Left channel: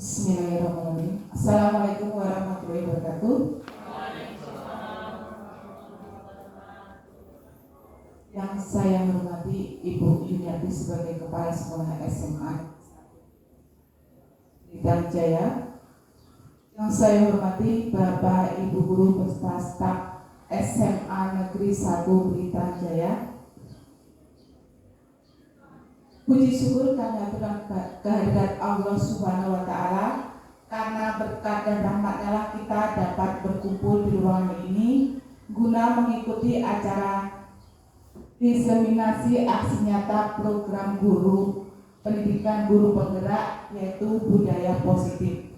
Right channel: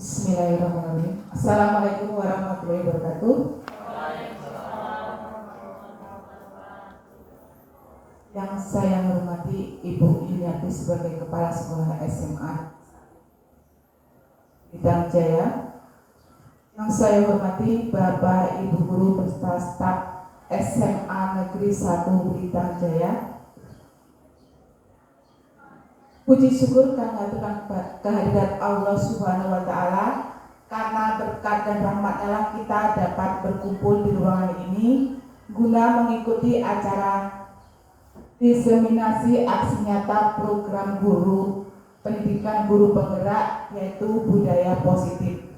Bismillahirrahmanirrahim. Assalamualaikum warahmatullahi wabarakatuh. Yang saya hormati Ibu Yuniati sebagai Kepala Sekolah SMA Blitar Jaya. Yang saya hormati Bapak Ibu Guru beserta staf SMA Negeri 1 Blitar Jaya. Puji syukur kehadiran Allah Subhanahu wa Ta'ala, karena berkat dan rahmat-Nya kita dapat berkumpul di ruangan ini guna mengikuti acara diseminasi aksi nyata program guru pendidikan guru penggerak, yaitu budaya positif.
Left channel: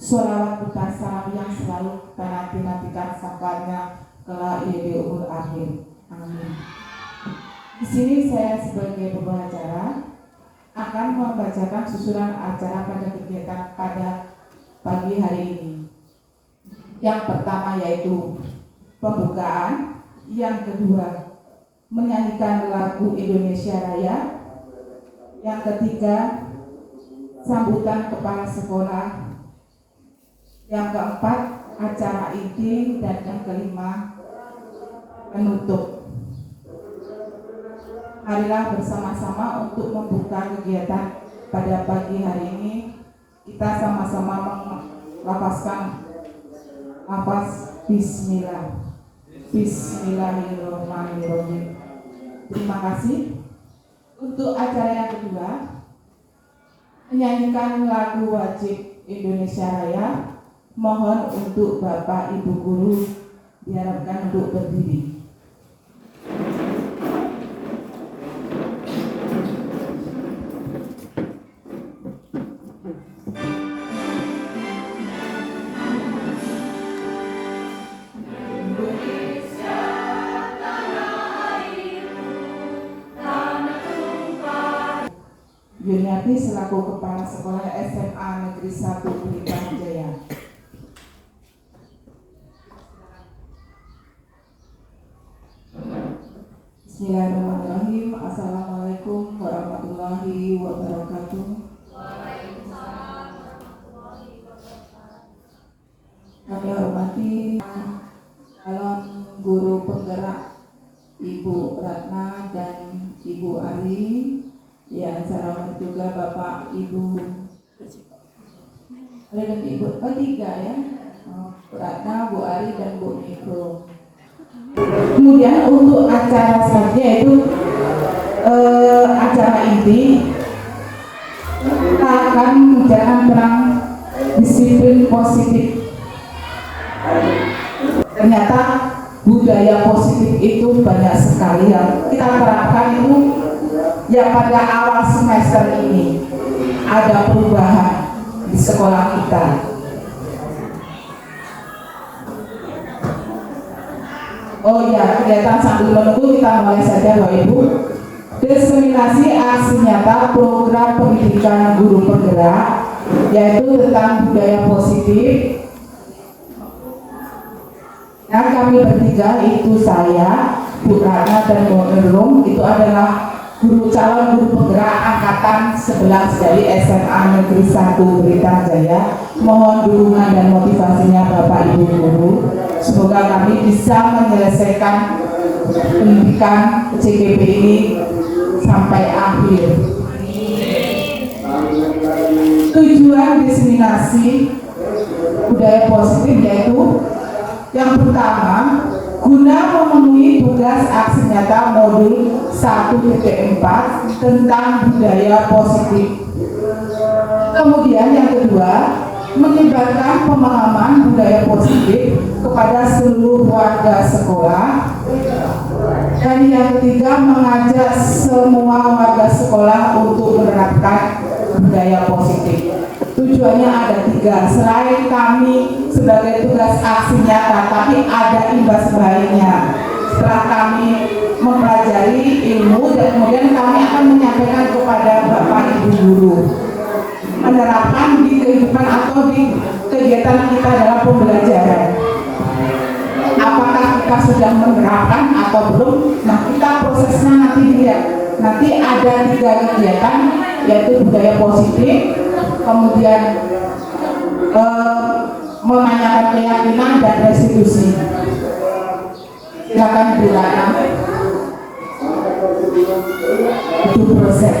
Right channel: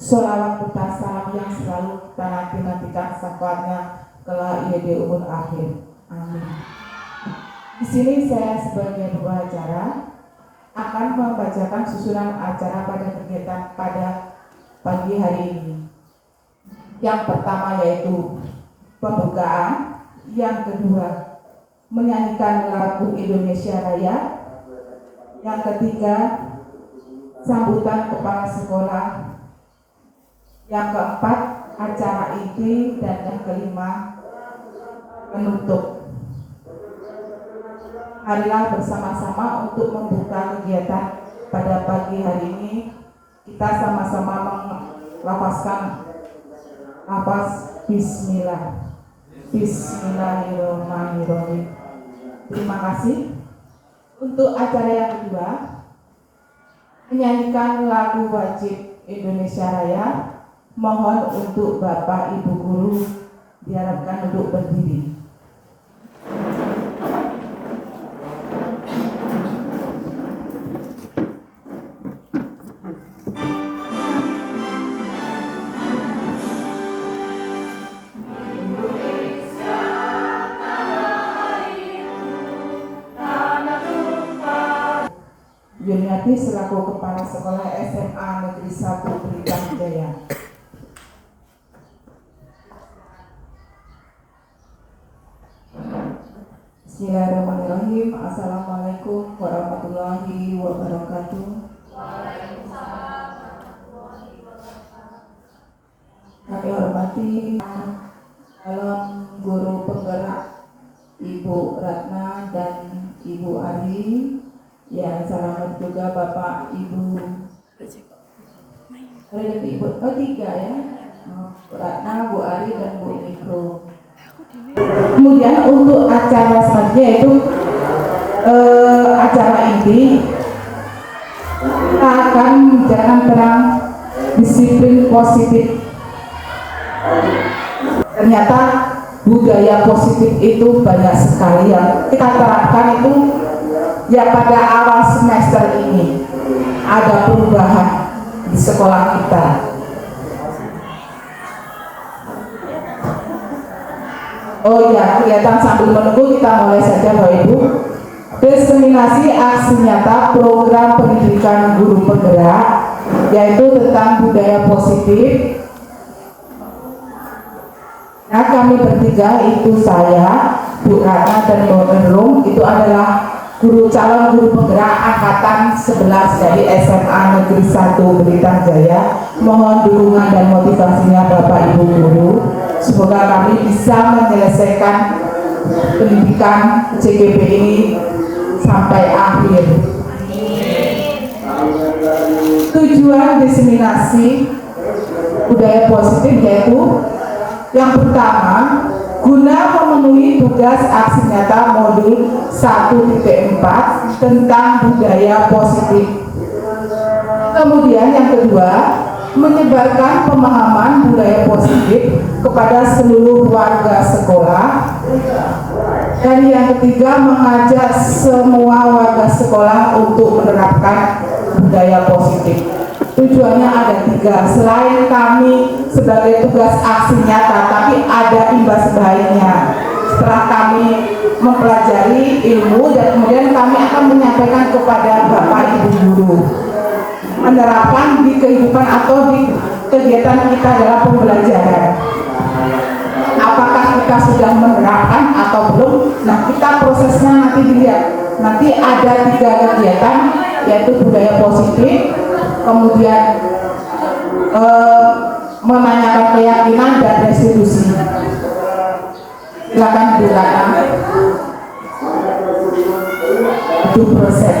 Sholawat serta salam yang selalu kita nantikan syafaatnya kelak IED umur akhir. Amin. Di sini saya sebagai pembacara akan membacakan susunan acara pada kegiatan pada pagi hari ini. Yang pertama yaitu pembukaan, yang kedua menyanyikan lagu Indonesia Raya, yang ketiga sambutan kepala sekolah, yang keempat acara inti, dan yang kelima menutup. Marilah bersama-sama untuk membuka kegiatan pada pagi hari ini. Kita sama-sama melafazkan lafaz Bismillah. Bismillahirrahmanirrahim. Terima kasih. Untuk acara yang kedua, menyanyikan lagu wajib Indonesia Raya. Mohon untuk Bapak Ibu Guru diharapkan untuk berdiri. Yuniati selaku Kepala Sekolah SMA Negeri 1 Blitar Jaya. Bismillahirrahmanirrahim. Assalamualaikum warahmatullahi wabarakatuh. Kami hormati calon guru penggerak Ibu Ratna dan Ibu Ari. Ya, selamat juga Bapak Ibu tiga ya, Ratna, Bu Ari, dan Bu Mikro. Kemudian untuk acara selanjutnya yaitu acara inti, kita akan menjalankan perang disiplin positif. Ternyata budaya positif itu banyak sekali yang kita terapkan itu. Ya, pada awal semester ini ada perubahan di sekolah kita. Oh ya, kelihatan sambil menunggu, kita mulai saja Bapak Ibu. Diseminasi aksi nyata program pendidikan guru penggerak, yaitu tentang budaya positif. Nah, kami bertiga, itu saya, Bu Ratna, dan Bu Nurul, itu adalah calon guru penggerak angkatan 11 dari SMA Negeri 1 Blitar Jaya. Mohon dukungan dan motivasinya Bapak Ibu Guru. Semoga kami bisa menyelesaikan pendidikan CPP ini sampai akhir. Tujuan diseminasi budaya positif yaitu yang pertama, guna memenuhi tugas aksi nyata modul 1.4 tentang budaya positif. Kemudian yang kedua, menyebarkan pemahaman budaya positif kepada seluruh warga sekolah. Dan yang ketiga, mengajak semua warga sekolah untuk menerapkan budaya positif. Tujuannya ada tiga. Selain kami sebagai tugas aksi nyata, tapi ada imbas baiknya. Setelah kami mempelajari ilmu, dan kemudian kami akan menyampaikan kepada Bapak Ibu Guru, menerapkan di kehidupan atau di kegiatan kita dalam pembelajaran. Apakah kita sudah menerapkan atau belum? Nah, kita prosesnya nanti dilihat. Nanti ada 3 kegiatan yaitu budaya positif, kemudian menanyakan keyakinan dan restitusi. Silakan dilakukan itu proses.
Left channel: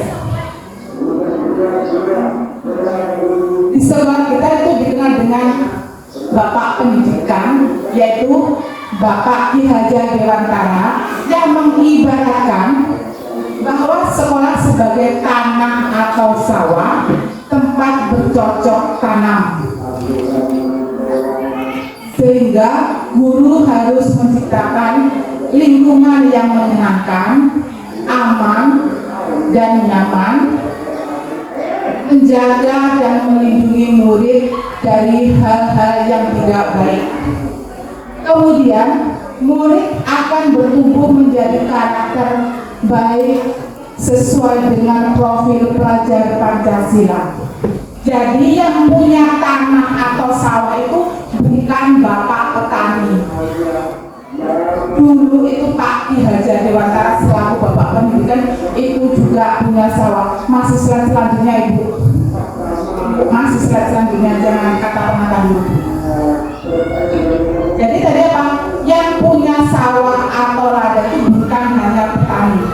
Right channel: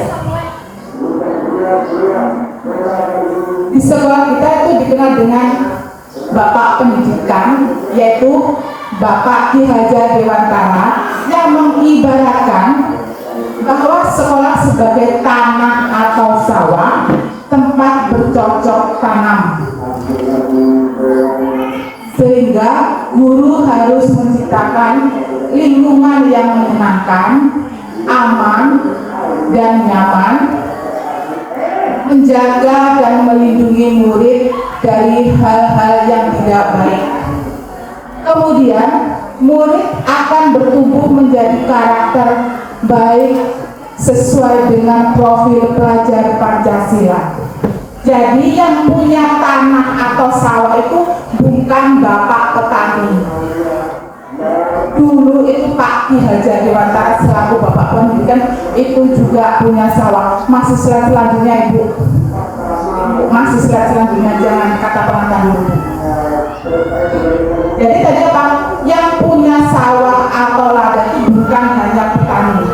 Di sekolah kita itu dikenal dengan Bapak Pendidikan, yaitu Bapak Ki Hajar Dewantara, yang mengibaratkan bahwa sekolah sebagai tanah atau sawah, tempat bercocok tanam, sehingga guru harus menciptakan lingkungan yang menyenangkan, aman dan nyaman, menjaga dan melindungi murid dari hal-hal yang tidak baik. Kemudian murid akan bertumbuh menjadi karakter baik sesuai dengan profil pelajar Pancasila. Jadi yang punya tanah atau sawah itu bukan Bapak petani. Dulu itu Pak Ki Hajar Dewantara selaku Bapak Pendidikan itu juga punya sawah. Masih slide selanjutnya Ibu. Masih slide selanjutnya, jangan kata pengantar dulu. Jadi tadi apa? Yang punya sawah atau ladang itu bukan hanya petani.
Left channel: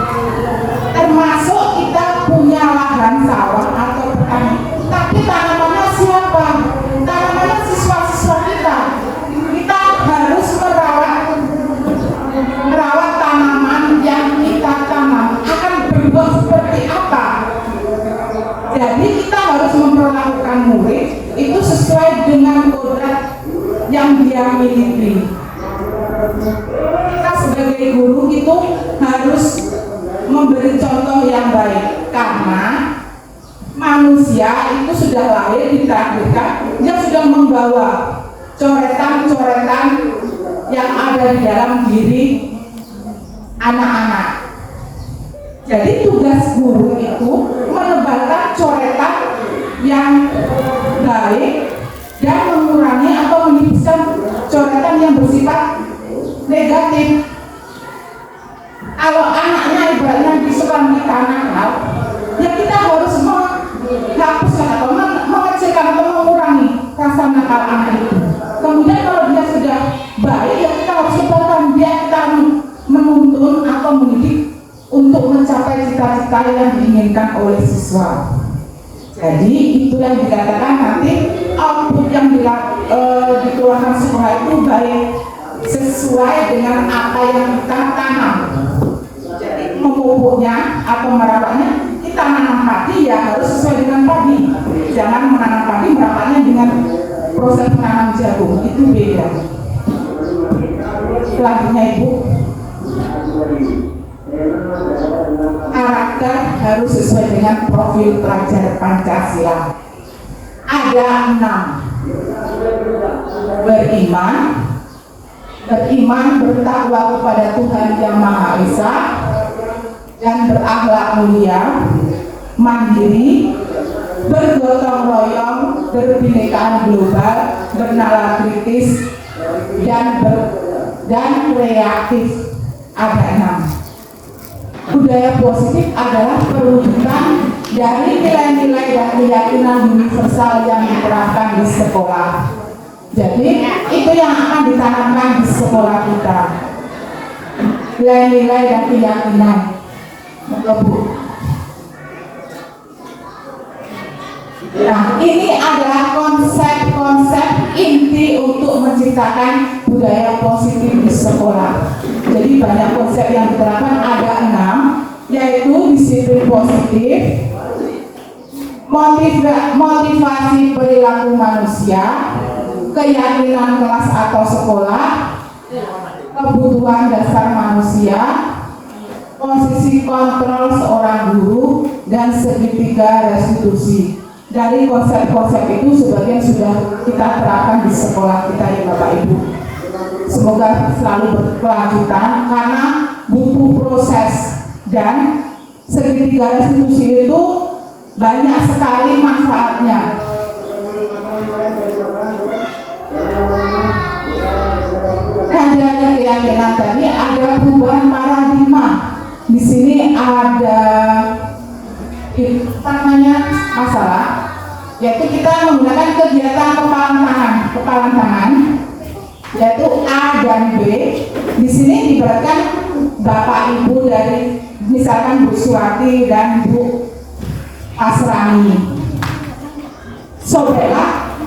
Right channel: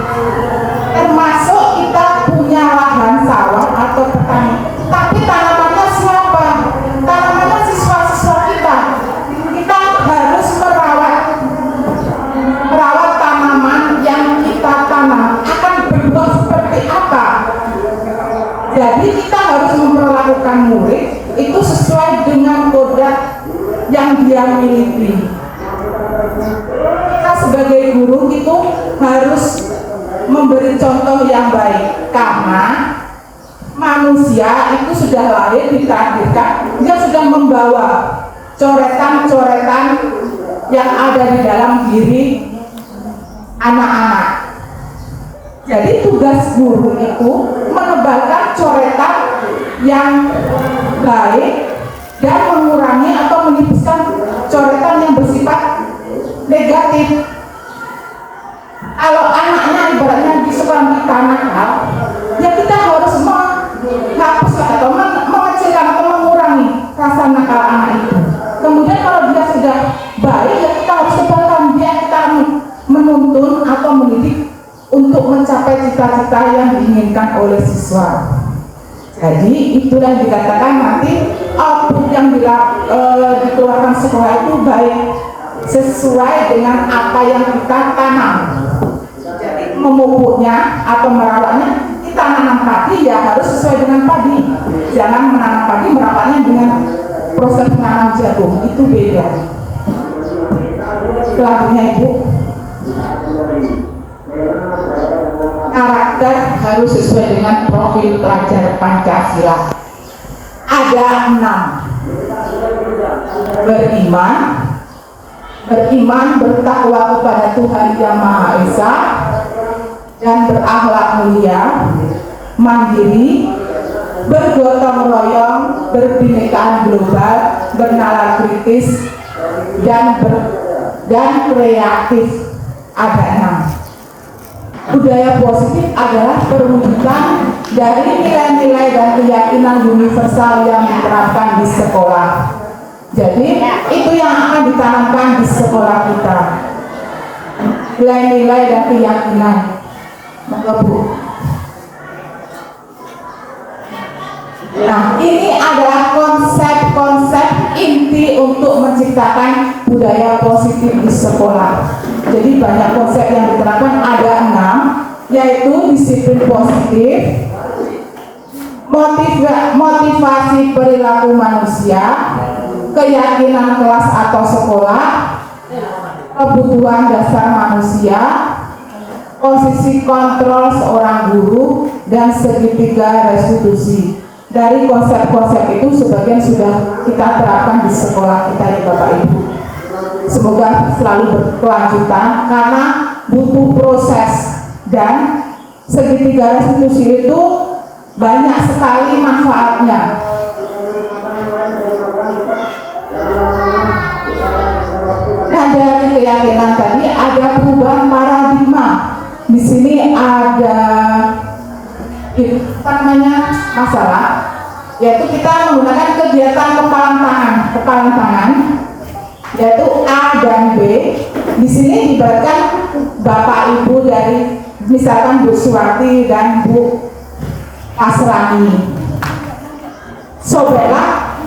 Termasuk kita punya lahan sawah atau petani. Tapi tanamannya siapa? Tanamannya siswa-siswa kita. Kita harus merawat tanaman yang kita tanam akan berbuah seperti apa. Jadi kita harus memperlakukan murid itu sesuai dengan kodrat yang dia miliki. Kita sebagai guru itu harus memberi contoh yang baik, karena manusia itu sudah lahir ditakdirkan dia sudah membawa coretan-coretan yang ada di dalam diri anak-anak. Jadi tugas guru itu menebalkan coretan yang baik dan mengurangi atau menipiskan coretan yang bersifat negatif. Kalau anaknya ibaratnya di sekolah kita nakal, ya kita harus menghapuskan atau mengecilkan atau mengurangi rasa nakal anak itu. Kemudian kalau dia sudah baik, ya kita harus sebarkan dia, kita menuntun atau mendidik untuk mencapai cita-cita yang diinginkan oleh siswa. Jadi itulah yang dikatakan nanti output yang dikeluarkan sekolah itu baik sesuai dengan apa yang kita tanam. Jadi memupuknya atau merawatnya, kita menanam padi ya harus sesuai dengan padi. Jangan menanam padi merawatnya dengan proses menanam jagung, itu beda. Selanjutnya Ibu, karakter harus sesuai dengan profil pelajar Pancasila. Ada 6. Beriman, bertakwa kepada Tuhan Yang Maha Esa, dan berakhlak mulia, mandiri, bergotong royong, berbinekaan global, bernalar kritis, dan kreatif. Ada 6. Budaya positif adalah perwujudan dari nilai-nilai dan keyakinan universal yang diterapkan di sekolah. Jadi itu yang akan ditanamkan di sekolah kita, nilai-nilai dan keyakinan. Nah, ini adalah konsep-konsep inti untuk menciptakan budaya positif di sekolah. Jadi banyak konsep yang diterapkan, ada 6, yaitu disiplin positif, motivasi perilaku manusia, keyakinan kelas atau sekolah, kebutuhan dasar manusia, posisi kontrol seorang guru, dan segitiga restitusi. Dari konsep-konsep itu sebagian sudah kita terapkan di sekolah kita ya Bapak Ibu. Semoga selalu berkelanjutan karena butuh proses, dan segitiga restitusi itu banyak sekali manfaatnya. Dan dari keyakinan tadi ada perubahan paradigma. Di sini ada yaitu kita menggunakan kegiatan kepalan tangan, yaitu A dan B. Di sini diberikan Bapak Ibu dari misalkan Bu Suwati dan Bu Asrani. Sobeklah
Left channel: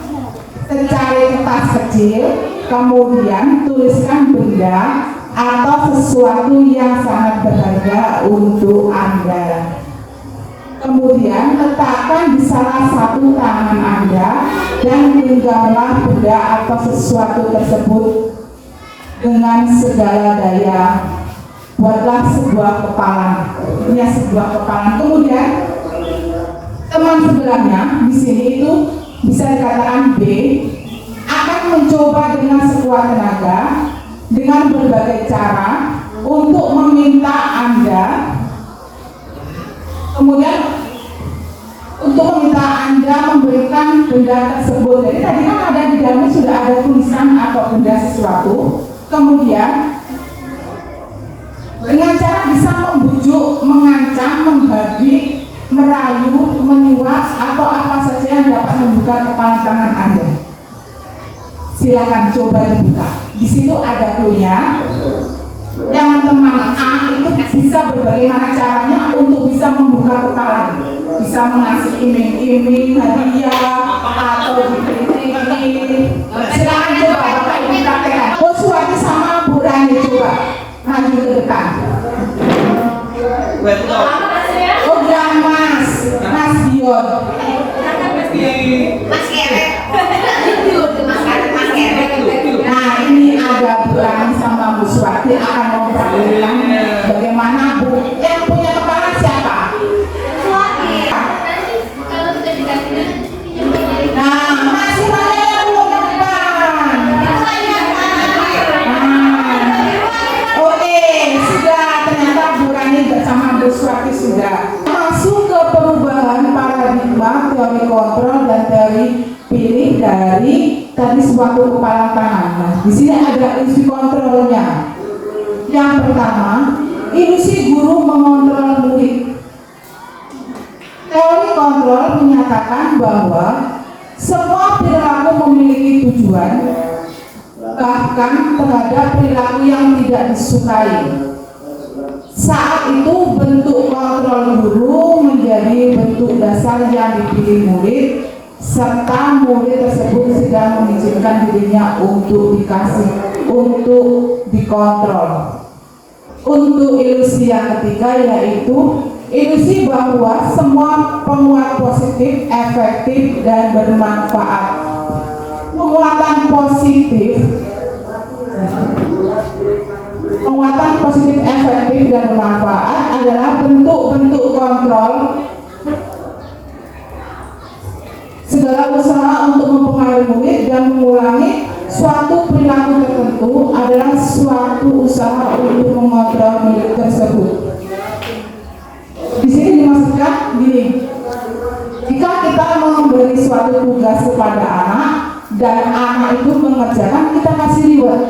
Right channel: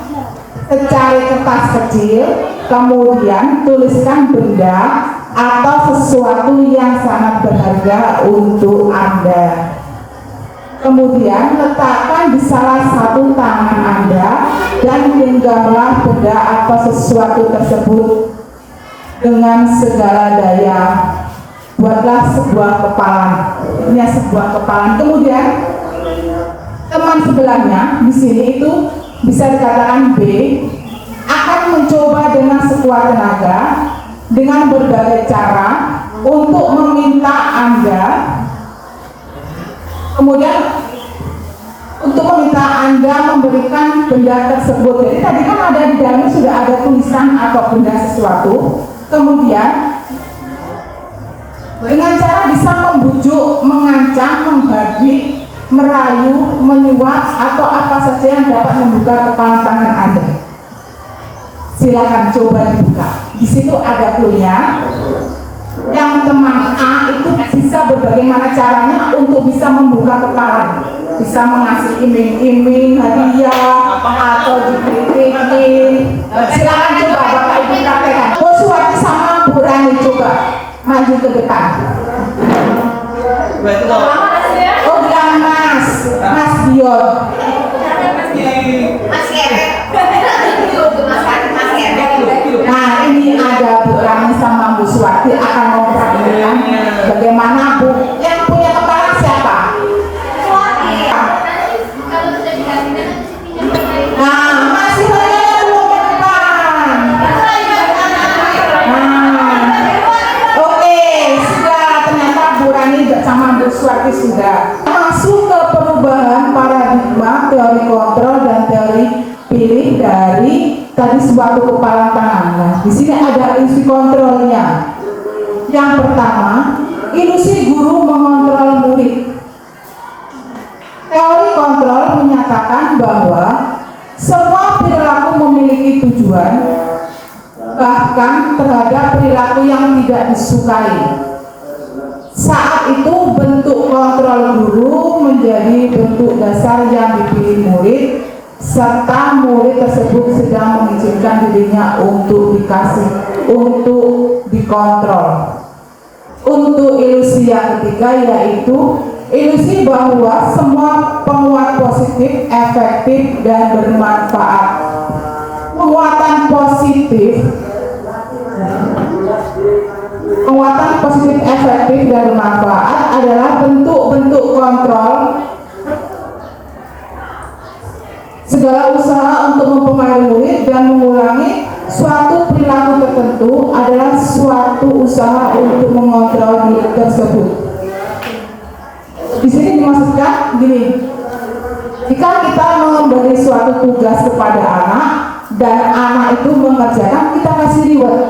secari kertas kecil, kemudian tuliskan benda atau sesuatu yang sangat berharga untuk Anda. Kemudian letakkan di salah satu tangan Anda dan genggamlah benda atau sesuatu tersebut dengan segala daya. Buatlah sebuah kepalan. Ini sebuah kepalan. Kemudian teman sebelahnya di sini itu bisa dikatakan B akan mencoba dengan sekuat tenaga dengan berbagai cara untuk meminta Anda, kemudian untuk meminta Anda memberikan benda tersebut. Jadi tadi kan ada di dalamnya sudah ada tulisan atau benda sesuatu. Kemudian dengan cara bisa membujuk, mengancam, membagi, merayu, menyuap atau apa saja yang dapat membuka kepala tangan Anda. Silakan coba dibuka. Di situ ada kuliah. Yang teman A itu bisa bagaimana caranya untuk bisa membuka kepala, bisa mengasih iming-iming, hadiah atau dikritik. Silakan coba Bapak Ibu praktekkan. Oh, Suwati sama Bu Rani coba maju ke depan. Oh, yang Mas Dion. Nah, ini ada Bu Rani sama Bu Suwati akan memperlihatkan bagaimana Bu yang punya kepala siapa? Nah, masih banyak yang belum ke depan. Oke, sudah ternyata Bu Rani sama Bu Suwati sudah masuk ke perubahan paradigma teori kontrol dan teori pilih dari tadi suatu kepala tangan. Nah, di sini ada ilusi kontrolnya. Yang pertama, ilusi guru mengontrol murid. Teori kontrol menyatakan bahwa semua perilaku memiliki tujuan, bahkan terhadap perilaku yang tidak disukai. Saat itu bentuk kontrol guru menjadi bentuk dasar yang dipilih murid, serta murid tersebut sedang mengizinkan dirinya untuk dikontrol. Untuk ilusi yang ketiga yaitu ilusi bahwa semua penguat positif efektif dan bermanfaat. Penguatan positif efektif dan bermanfaat adalah bentuk-bentuk kontrol. Segala usaha untuk mempengaruhi murid dan mengulangi suatu perilaku tertentu adalah suatu usaha untuk mengontrol murid tersebut. Di sini dimaksudkan gini, jika kita memberi suatu tugas kepada anak dan anak itu mengerjakan, kita kasih reward.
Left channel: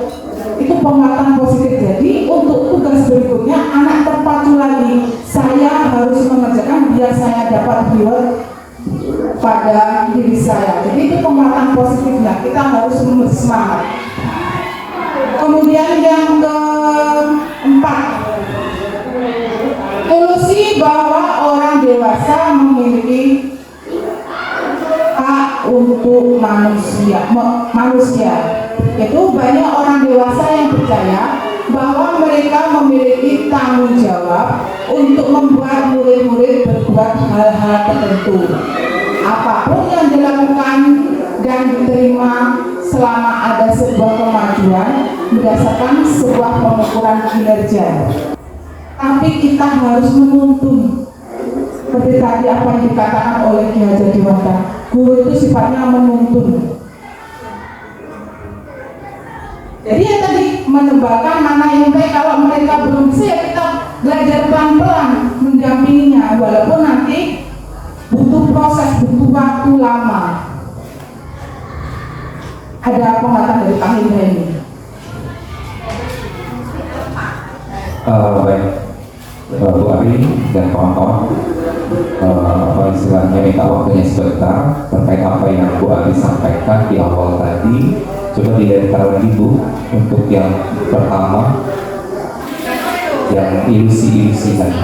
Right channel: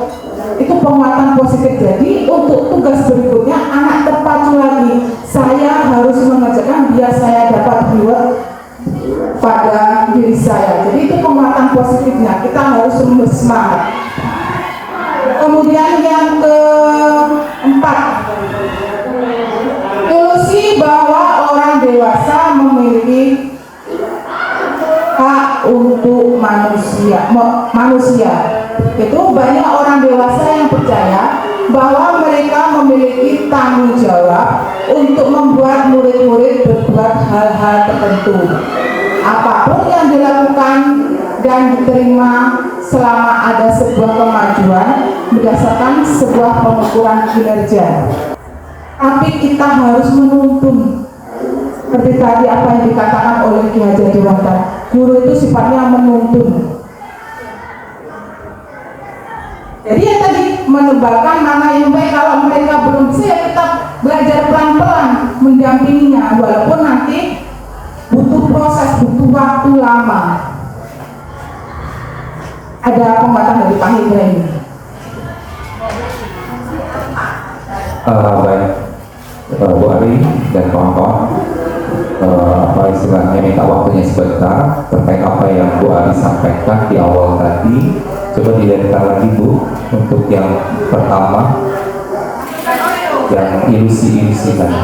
Itu penguatan positif. Jadi untuk tugas berikutnya anak terpacu lagi, saya harus mengerjakan biar saya dapat reward pada diri saya. Jadi itu penguatan positifnya, kita harus bersemangat. Kemudian yang keempat, ilusi bahwa orang dewasa memiliki hak untuk manusia. Itu banyak orang dewasa yang percaya bahwa mereka memiliki tanggung jawab untuk membuat murid-murid berbuat hal-hal tertentu. Apapun yang dilakukan dan diterima selama ada sebuah kemajuan berdasarkan sebuah pengukuran kinerja. Tapi kita harus menuntun. Seperti tadi apa yang dikatakan oleh Ki Hajar Dewantara, guru itu sifatnya menuntun. Jadi yang tadi menebakkan mana yang baik. Kalau mereka belum bisa, ya kita belajar pelan-pelan mendampinginya, walaupun nanti butuh proses, butuh waktu lama. Ada pembahasan dari Pak Hendra ini. Baik, Bu Ari dan kawan-kawan, apa istilahnya, minta waktunya sebentar terkait apa yang Bu Ari sampaikan di awal tadi. Coba dilihat lagi Bu, untuk yang pertama, yang ilusi-ilusi tadi.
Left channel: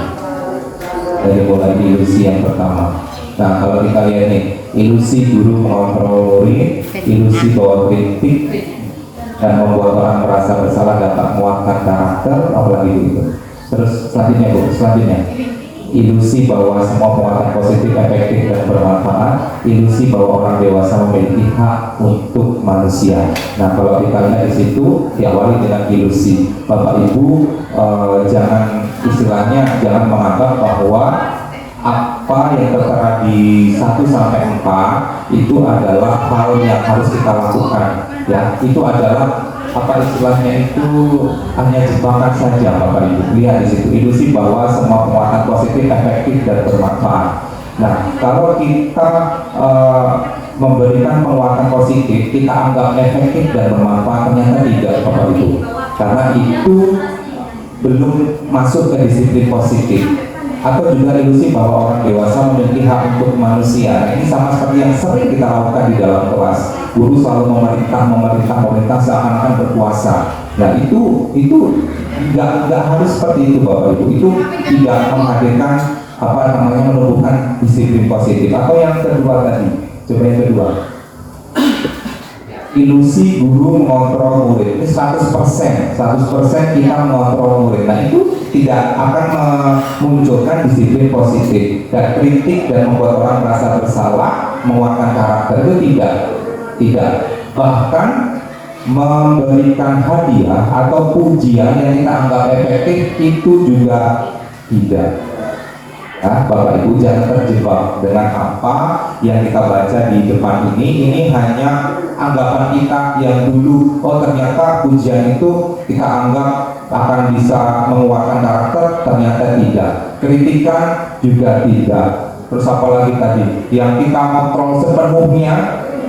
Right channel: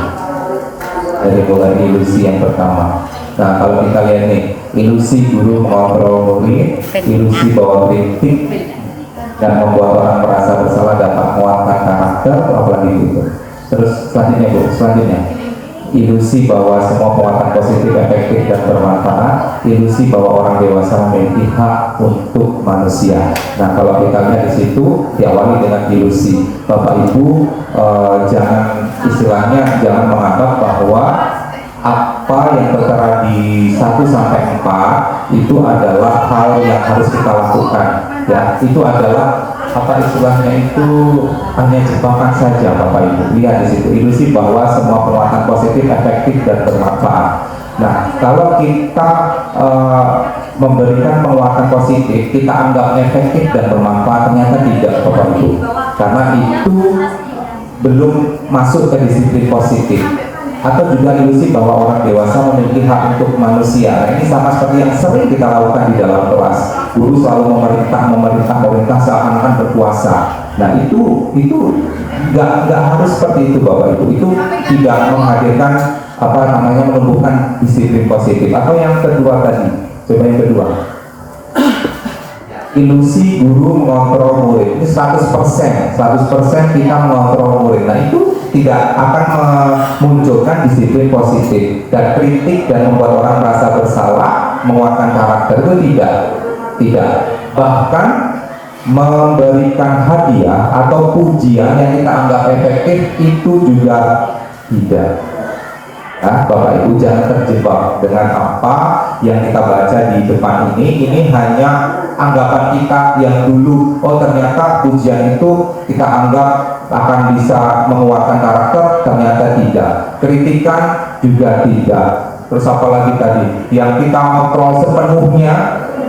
Dari mulai ilusi yang pertama. Nah, kalau kita lihat nih, ilusi guru mengontrol murid, ilusi bahwa kritik dan membuat orang merasa bersalah dapat menguatkan karakter, apalagi itu. Terus selanjutnya Bu, ilusi bahwa semua penguatan positif, efektif dan bermanfaat, ilusi bahwa orang dewasa memiliki hak untuk manusia. Nah, kalau kita lihat di situ diawali dengan ilusi. Bapak Ibu jangan istilahnya jangan menganggap bahwa apa yang tertera di 1 sampai 4 itu adalah hal yang harus kita lakukan. Ya, itu adalah apa istilahnya itu hanya jebakan saja Bapak Ibu. Lihat di situ ilusi bahwa semua penguatan positif, efektif dan bermanfaat. Nah, kalau kita memberikan penguatan positif, kita anggap efektif dan bermanfaat, ternyata tidak Bapak Ibu. Karena itu belum masuk ke disiplin positif. Atau juga ilusi bahwa orang dewasa memiliki hak untuk manusia. Nah, ini sama seperti yang sering kita lakukan di dalam kelas. Guru selalu memerintah seakan-akan berkuasa. Nah, itu nggak harus seperti itu Bapak Ibu. Itu tidak menghadirkan apa namanya menumbuhkan disiplin positif. Atau yang kedua tadi, coba yang kedua. Ilusi guru mengontrol murid, itu 100% kita mengontrol murid. Nah, itu tidak akan memunculkan disiplin positif, dan kritik dan membuat orang merasa bersalah, menguatkan karakter itu tidak. Bahkan memberikan hadiah atau pujian yang kita anggap efektif itu juga tidak. Nah, Bapak Ibu jangan terjebak dengan apa yang kita baca di depan ini. Ini hanya anggapan kita yang dulu, oh ternyata pujian itu kita anggap akan bisa menguatkan karakter, ternyata tidak. Kritikan juga tidak. Terus apalagi tadi yang kita kontrol sepenuhnya,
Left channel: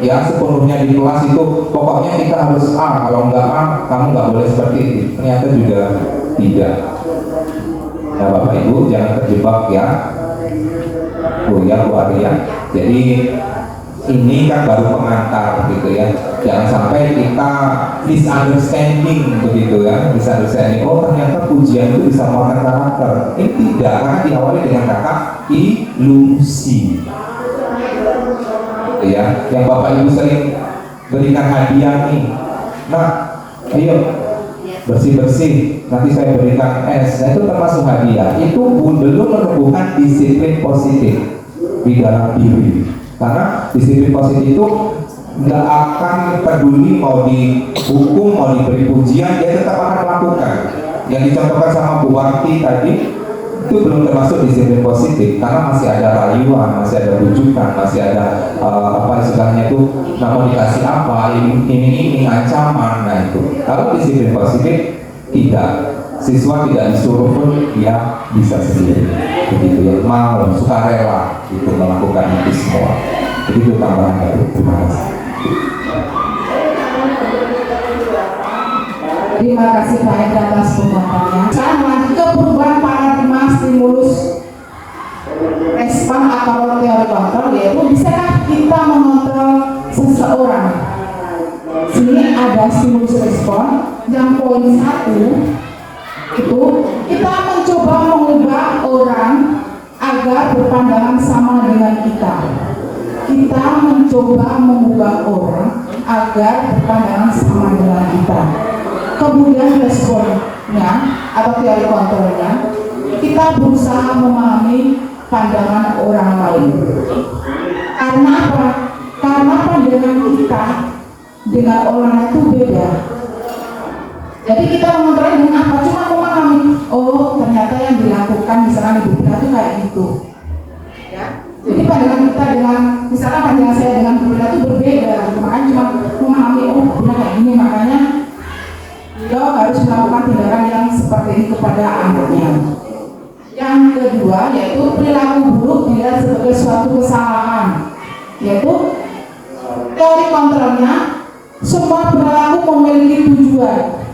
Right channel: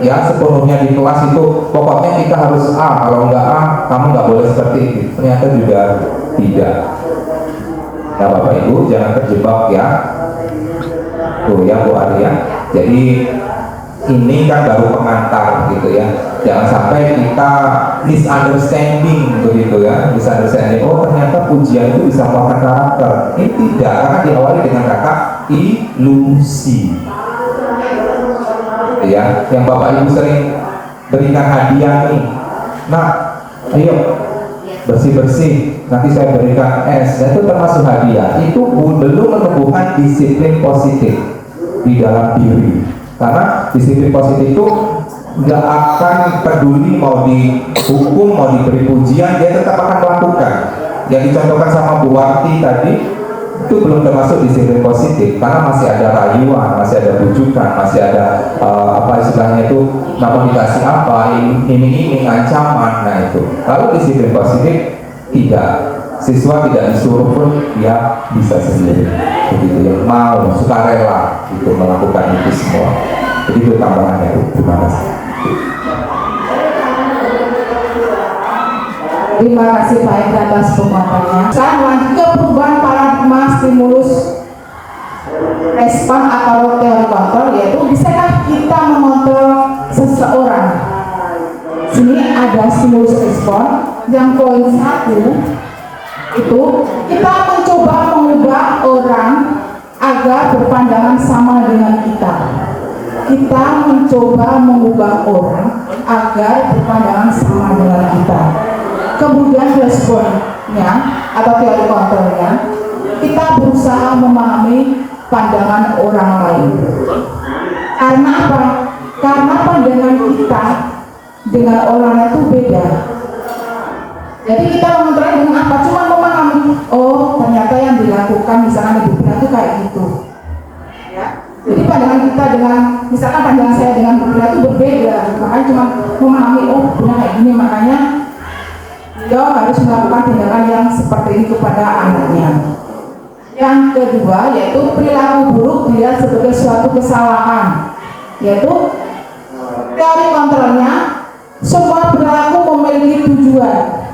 ya sepenuhnya di kelas itu pokoknya kita harus A, kalau enggak A kamu nggak boleh seperti itu, ternyata juga tidak. Nah, Bapak Ibu jangan terjebak ya. Tuh ya Bu Ari ya. Jadi ini kan baru pengantar gitu ya. Jangan sampai kita misunderstanding begitu ya. Misunderstanding, oh ternyata pujian itu bisa menguatkan karakter. Ini tidak, karena diawali dengan kata ilusi. Ya, yang Bapak Ibu sering berikan hadiah nih. Nah, ayo bersih-bersih, nanti saya berikan es. Nah, itu termasuk hadiah. Itu belum menumbuhkan disiplin positif di dalam diri. Karena disiplin positif itu nggak akan peduli mau dihukum, mau diberi pujian, dia tetap akan melakukan. Yang dicontohkan sama Bu Warti tadi itu belum termasuk disiplin positif, karena masih ada rayuan, masih ada bujukan, masih ada apa istilahnya itu, namun dikasih apa, ini ancaman. Nah itu. Lalu disiplin positif tidak, siswa tidak disuruh pun dia bisa sendiri, begitu ya, mau sukarela itu melakukan itu semua. Jadi itu tambahannya. Terima kasih. Terima kasih Pak Edi atas penguatannya. Sekarang lanjut ke perubahan paradigma stimulus respon atau teori kontrol, yaitu bisakah kita mengontrol seseorang. Sini ada stimulus respon yang poin 1 itu kita mencoba mengubah orang agar berpandangan sama dengan kita. Kita mencoba mengubah orang agar berpandangan sama dengan kita. Kemudian responnya atau teori kontrolnya, kita berusaha memahami pandangan orang lain. Karena apa? Karena pandangan kita dengan orang itu beda. Jadi kita mengontrol dengan apa? Cuma memahami, oh ternyata yang dilakukan misalnya di kita itu kayak gitu. Ya. Jadi pandangan kita dengan, misalnya pandangan saya dengan kita itu berbeda. Makanya cuma memahami, oh benar kayak gini, makanya beliau harus melakukan tindakan yang seperti ini kepada anaknya. Yang kedua yaitu perilaku buruk dilihat sebagai suatu kesalahan, yaitu teori kontrolnya semua perilaku memiliki tujuan.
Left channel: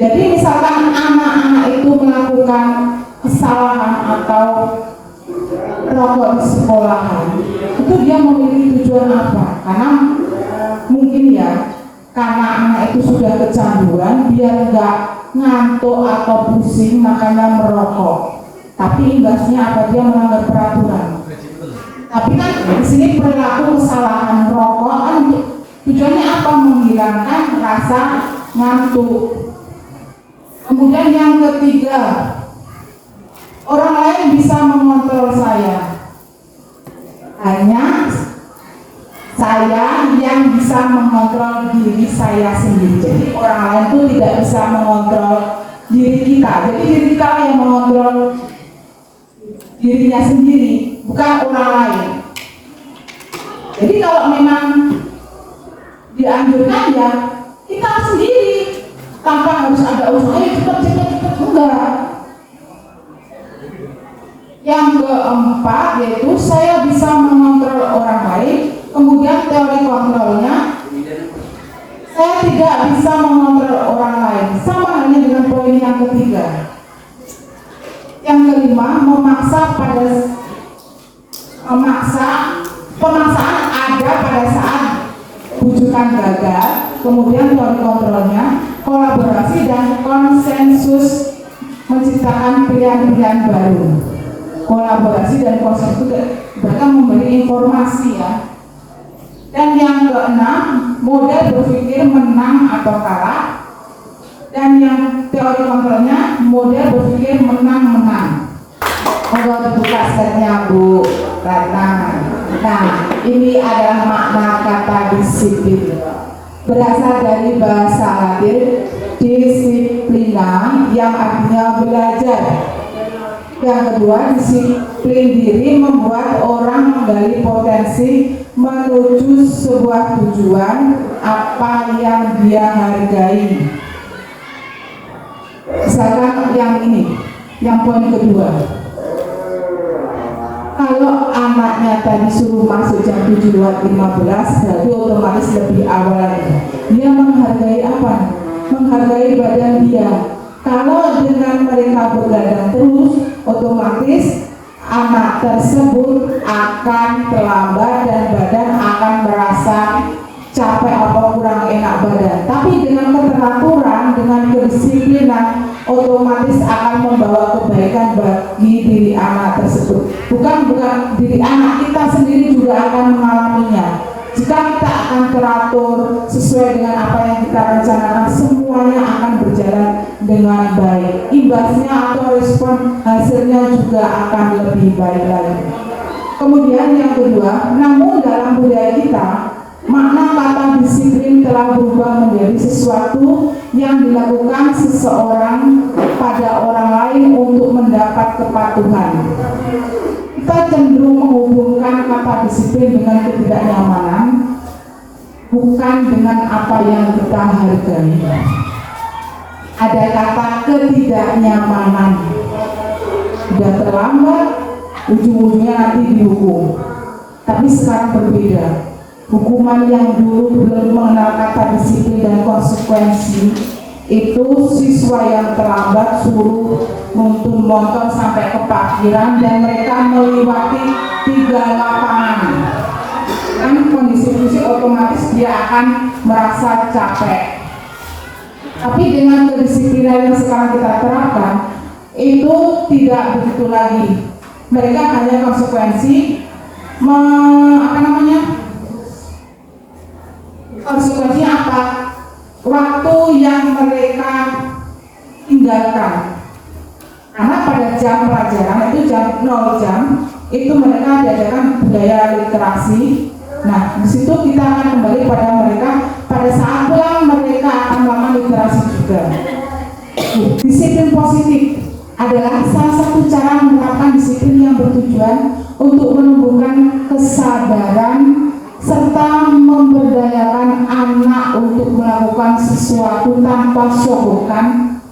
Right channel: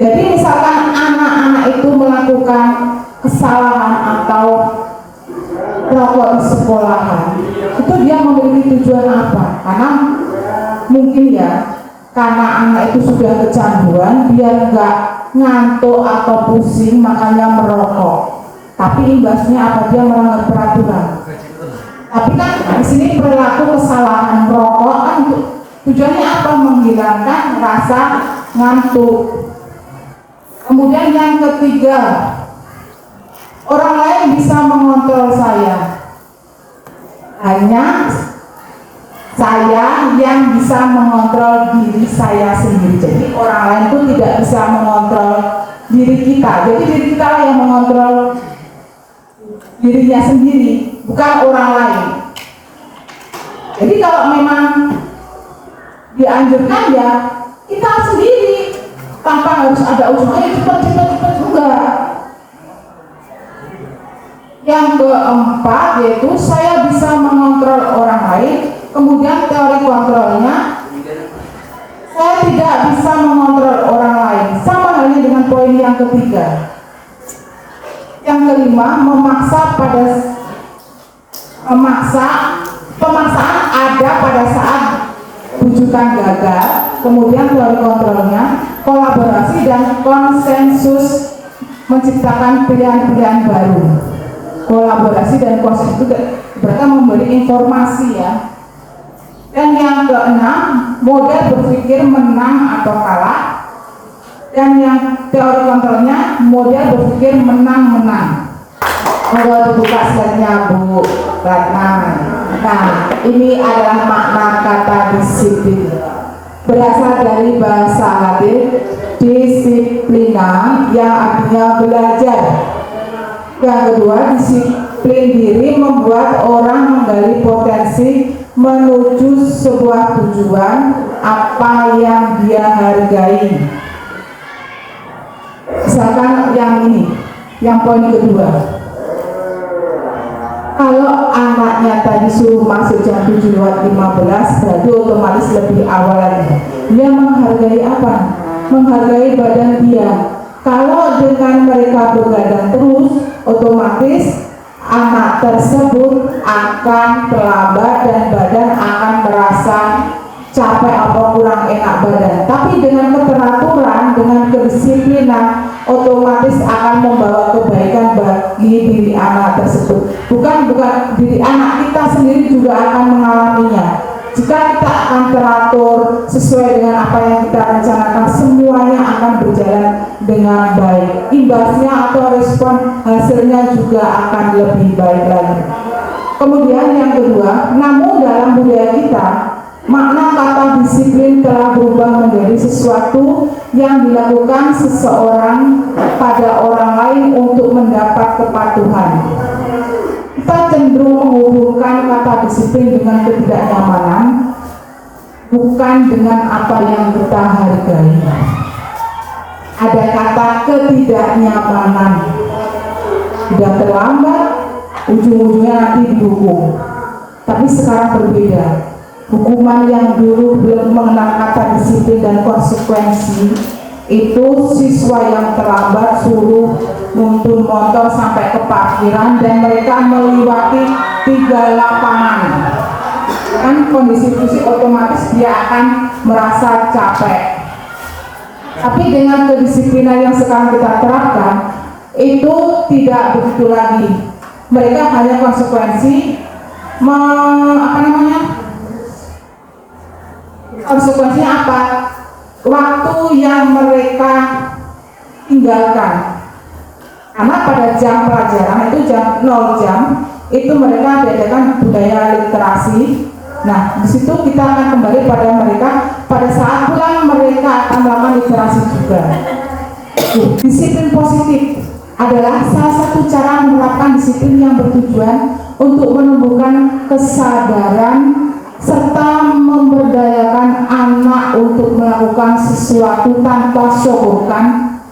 Jadi misalkan anak-anak itu melakukan kesalahan ngantuk atau pusing makanya merokok. Tapi imbasnya apa? Dia melanggar peraturan. Tapi kan di sini perilaku kesalahan merokok kan tujuannya apa? Menghilangkan rasa ngantuk. Kemudian yang ketiga, orang lain bisa mengontrol saya. Hanya saya yang bisa mengontrol diri saya sendiri. Jadi orang lain itu tidak bisa mengontrol diri kita. Jadi diri kita yang mengontrol dirinya sendiri, bukan orang lain. Jadi kalau memang dianjurkan ya kita sendiri, tanpa harus ada usaha cepat juga. Yang keempat yaitu saya bisa mengontrol orang lain. Kemudian teori kontrolnya, saya tidak bisa mengontrol orang lain. Sama halnya dengan poin yang ketiga. Yang kelima, pemaksaan ada pada saat rujukan gagal. Kemudian teori kontrolnya, kolaborasi dan konsensus menciptakan pilihan-pilihan baru. Kolaborasi dan konsensus itu mereka memberi informasi ya. Dan yang keenam, model berpikir menang atau kalah. Dan yang teori kontrolnya, model berpikir menang-menang. Kalau buka slide-nya Bu Ratna. Nah, ini adalah makna kata disiplin. Berasal dari bahasa Latin disiplina yang artinya belajar. Yang kedua, disiplin diri membuat orang menggali potensi menuju sebuah tujuan apa yang dia hargai. Misalkan yang ini, yang poin kedua. Kalau anaknya tadi suruh masuk jam 7:15, berarti otomatis lebih awal lagi. Dia menghargai apa? Menghargai badan dia. Kalau dengan mereka begadang terus, otomatis anak tersebut akan terlambat dan badan akan merasa capek atau kurang enak badan. Tapi dengan keteraturan, dengan kedisiplinan, otomatis akan membawa kebaikan bagi diri anak tersebut. Bukan diri anak, kita sendiri juga akan mengalaminya. Jika kita akan teratur sesuai dengan apa yang kita rencanakan, semuanya akan berjalan dengan baik. Imbasnya atau respon hasilnya juga akan lebih baik lagi. Kemudian yang kedua, namun dalam budaya kita, makna kata disiplin telah berubah menjadi sesuatu yang dilakukan seseorang pada orang lain untuk mendapat kepatuhan. Kita cenderung menghubungkan kata disiplin dengan ketidaknyamanan, bukan dengan apa yang kita hargai. Ada kata ketidaknyamanan, sudah terlambat, ujung-ujungnya nanti dihukum. Tapi sekarang berbeda. Hukuman yang dulu belum mengenal kata disiplin dan konsekuensi, itu siswa yang terlambat suruh nuntun motor sampai ke parkiran dan mereka melewati 3 lapangan. Kan kondisi fisik otomatis dia akan merasa capek. Tapi dengan kedisiplinan yang sekarang kita terapkan, itu tidak begitu lagi. Mereka hanya konsekuensi konsekuensinya apa? Waktu yang mereka tinggalkan. Karena pada jam pelajaran itu jam 0 jam itu mereka diajarkan budaya literasi. Nah, di situ kita akan kembali pada mereka pada saat pulang mereka akan melakukan literasi juga. Disiplin positif adalah salah satu cara menerapkan disiplin yang bertujuan untuk menumbuhkan kesadaran serta memberdayakan anak untuk melakukan sesuatu tanpa sogokan,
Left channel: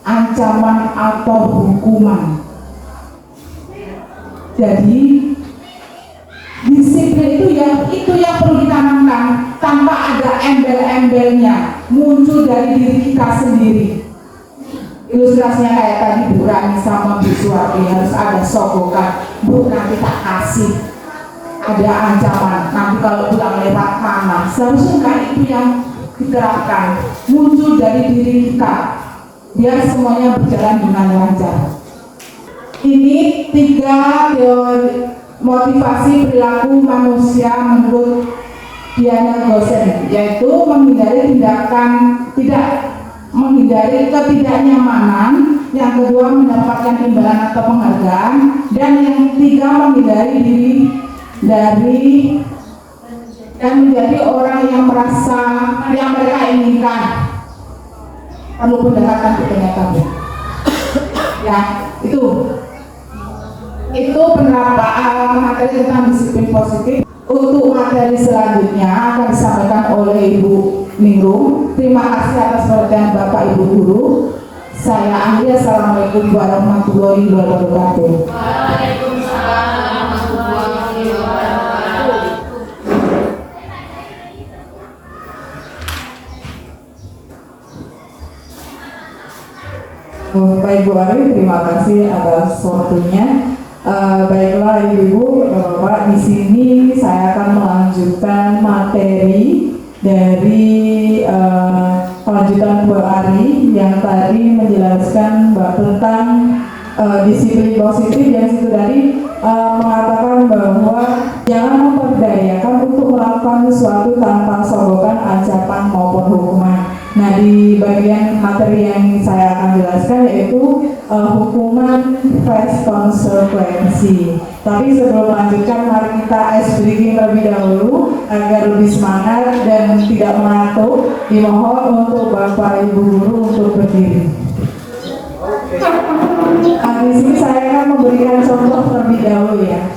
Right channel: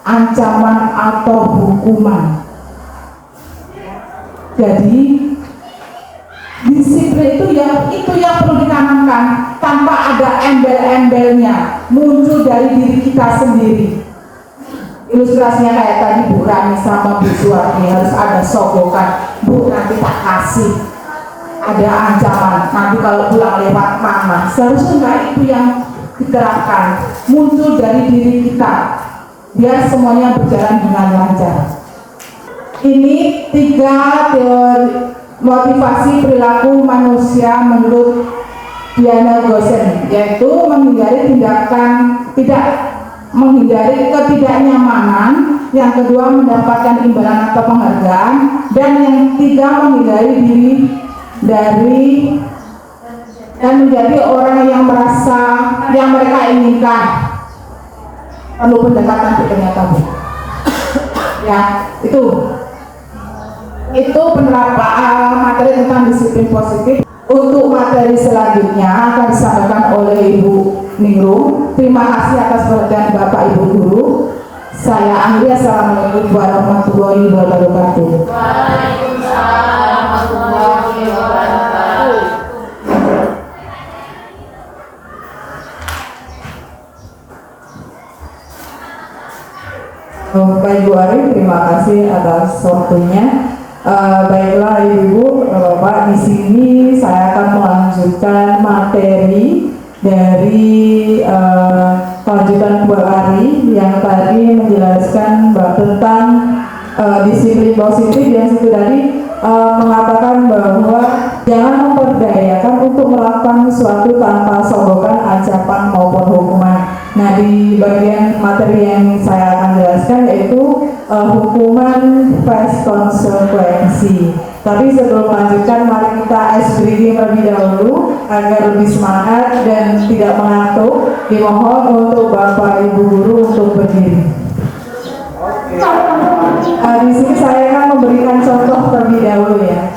ancaman atau hukuman. Jadi disiplin itu yang perlu ditanamkan tanpa ada embel-embelnya, muncul dari diri kita sendiri. Ilustrasinya kayak tadi Bu Rani sama Bu Suwati, harus ada sogokan, Bu nanti tak kasih, ada ancaman, nanti kalau pulang lewat mana. Seharusnya itu yang diterapkan, muncul dari diri kita. biar semuanya berjalan dengan lancar. Ini 3 teori motivasi perilaku manusia menurut Diana Gosen, yaitu menghindari ketidaknyamanan, yang kedua mendapatkan imbalan atau penghargaan, dan yang ketiga menghindari diri dari dan menjadi orang yang merasa yang mereka inginkan. Perlu pendekatan ternyata. Ya, itu penerapan materi tentang disiplin positif. Untuk materi selanjutnya akan disampaikan oleh Ibu Ningrum. Terima kasih atas perhatian Bapak Ibu Guru. Saya akhiri. Assalamualaikum warahmatullahi wabarakatuh. Waalaikumsalam warahmatullahi wabarakatuh. Bapak Ibu Ari, terima kasih atas waktunya. Baiklah Ibu, Bapak, di sini saya akan melanjutkan materi dari lanjutan Bu Ari yang tadi menjelaskan tentang disiplin positif, yang itu tadi mengatakan bahwa jangan memperdayakan untuk melakukan sesuatu tanpa sorotan, acapan maupun hukuman. Nah, di bagian materi yang saya akan jelaskan yaitu hukuman face konsekuensi. Tapi sebelum melanjutkan, mari kita ice breaking terlebih dahulu agar lebih semangat dan tidak mengantuk. Dimohon untuk Bapak Ibu Guru untuk berdiri. Di sini saya akan memberikan contoh terlebih dahulu ya.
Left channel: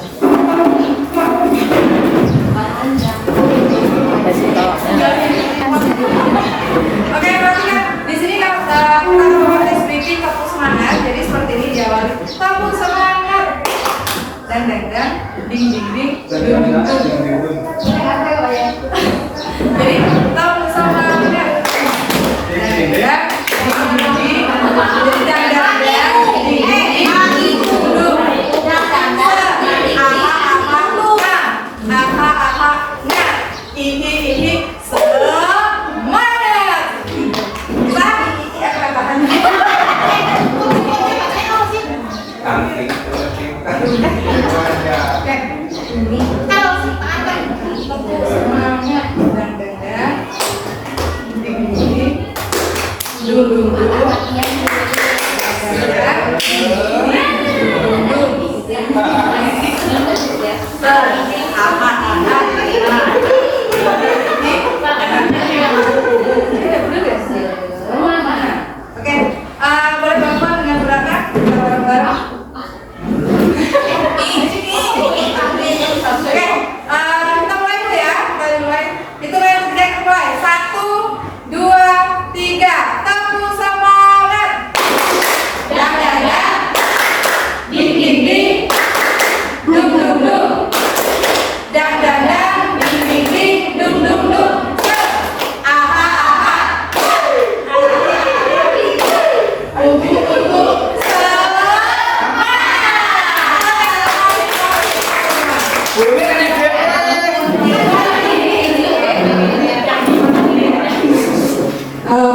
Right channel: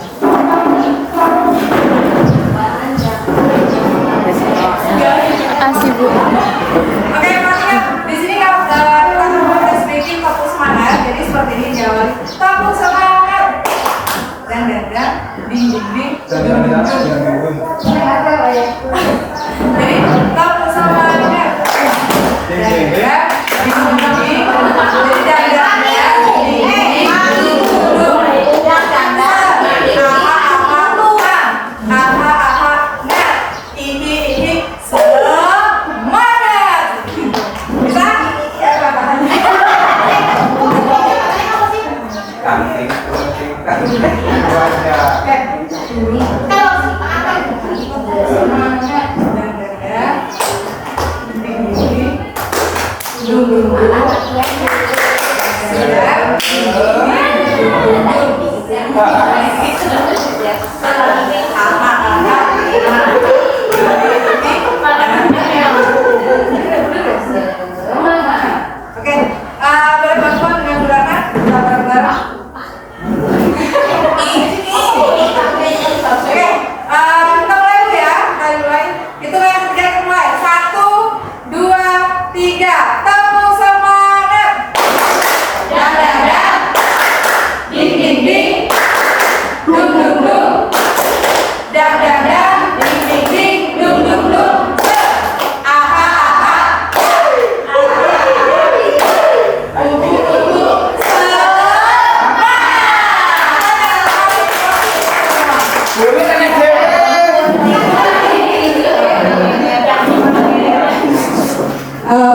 Oke, perhatikan di sini kalau kita ngomong speaking fokus semangat, jadi seperti ini jawab. Fokus semangat. Dan ding ding ding. Jadi fokus semangat. Boleh bantuan dengan gerakan? Bareng-bareng. Oke, kita mulai dulu ya. Kita mulai. Itu yang ketiga kita mulai. 1, 2, 3. Tepuk semangat. Dan. Ding ding ding. Dum dum dum. Dan. Ding ding ding. Dum dum dum. Aha.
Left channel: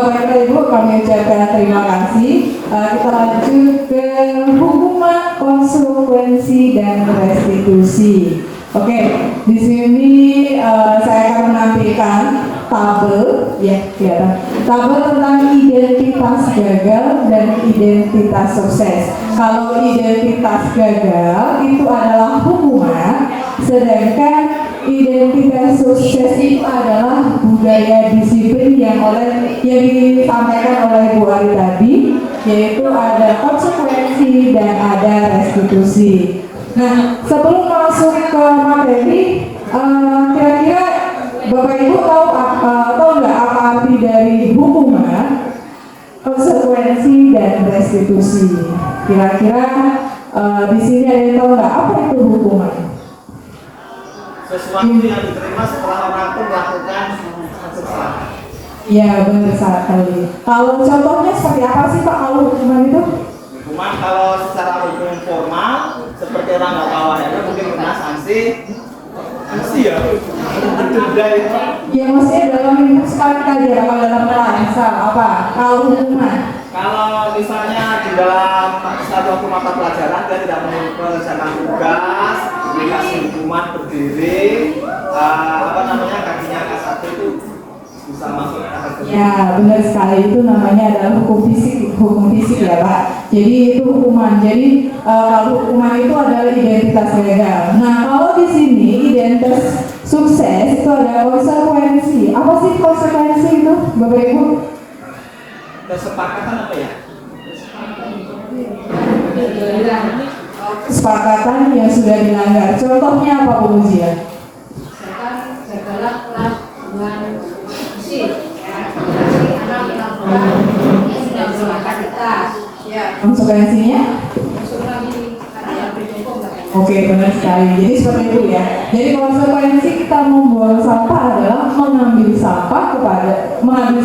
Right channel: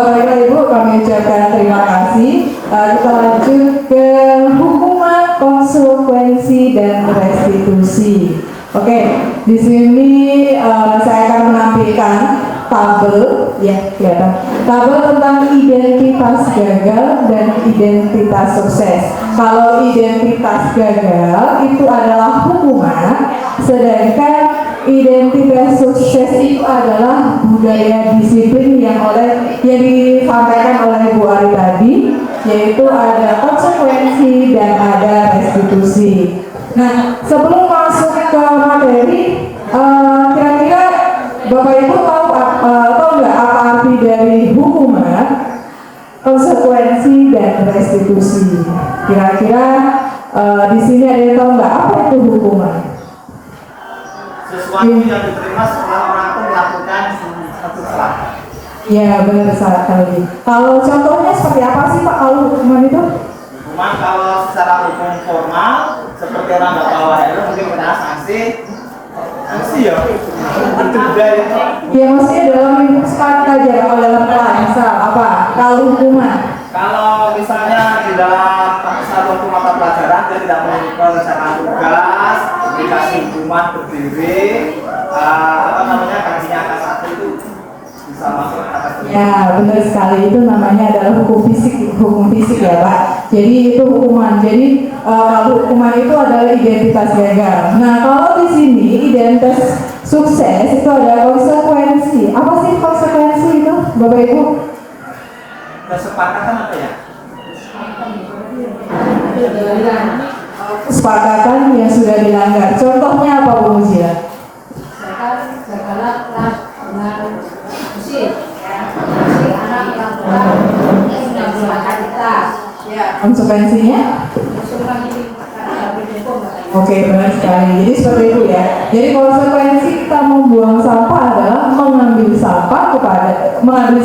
Baiklah Ibu, kami ucapkan terima kasih. Kita lanjut ke hukuman, konsekuensi, dan restitusi. Oke, di sini saya akan menampilkan tabel, ya kelihatan. Tabel tentang identitas gagal dan identitas sukses. Kalau identitas gagal itu adalah hukuman, sedangkan identitas sukses itu adalah budaya disiplin yang disampaikan oleh Bu Ari tadi, yaitu ada konsekuensi dan ada restitusi. Nah, sebelum masuk ke materi, kira-kira Bapak Ibu tahu nggak apa arti dari hukuman, konsekuensi dan restitusi? Kira-kira di sini ada yang tahu nggak apa itu hukuman? Sesuatu yang diterima setelah orang itu melakukan satu kesalahan. Ya, benar sekali. Kalau contohnya seperti apa sih Pak kalau hukuman itu? Hukuman kalau secara hukum formal seperti orang nggak bawa helm mungkin kena sanksi ya. Itu budaya. Ya maksudnya dalam lingkup sekolah aja, kalau dalam kelas misal apa? Kalau hukuman Kalau misalnya di dalam satu mata pelajaran dia tidak mengerjakan tugas, dikasih hukuman berdiri, kakinya angkat satu itu bisa masuk kategori. Ya, benar sekali, itu namanya adalah hukum fisik ya Pak. Jadi itu hukuman. Jadi hukuman itu adalah identitas gagal. Nah, kalau di sini identitas sukses itu ada konsekuensi. Apa sih konsekuensi itu, Bapak Ibu? Kesepakatan apa ya? Kesepakatan yang sudah dilanggar. Contohnya apa Bu Mujia? Konsekuensinya? Oke, benar sekali. Jadi seperti itu ya. Jadi konsekuensi kita membuang sampah adalah mengambil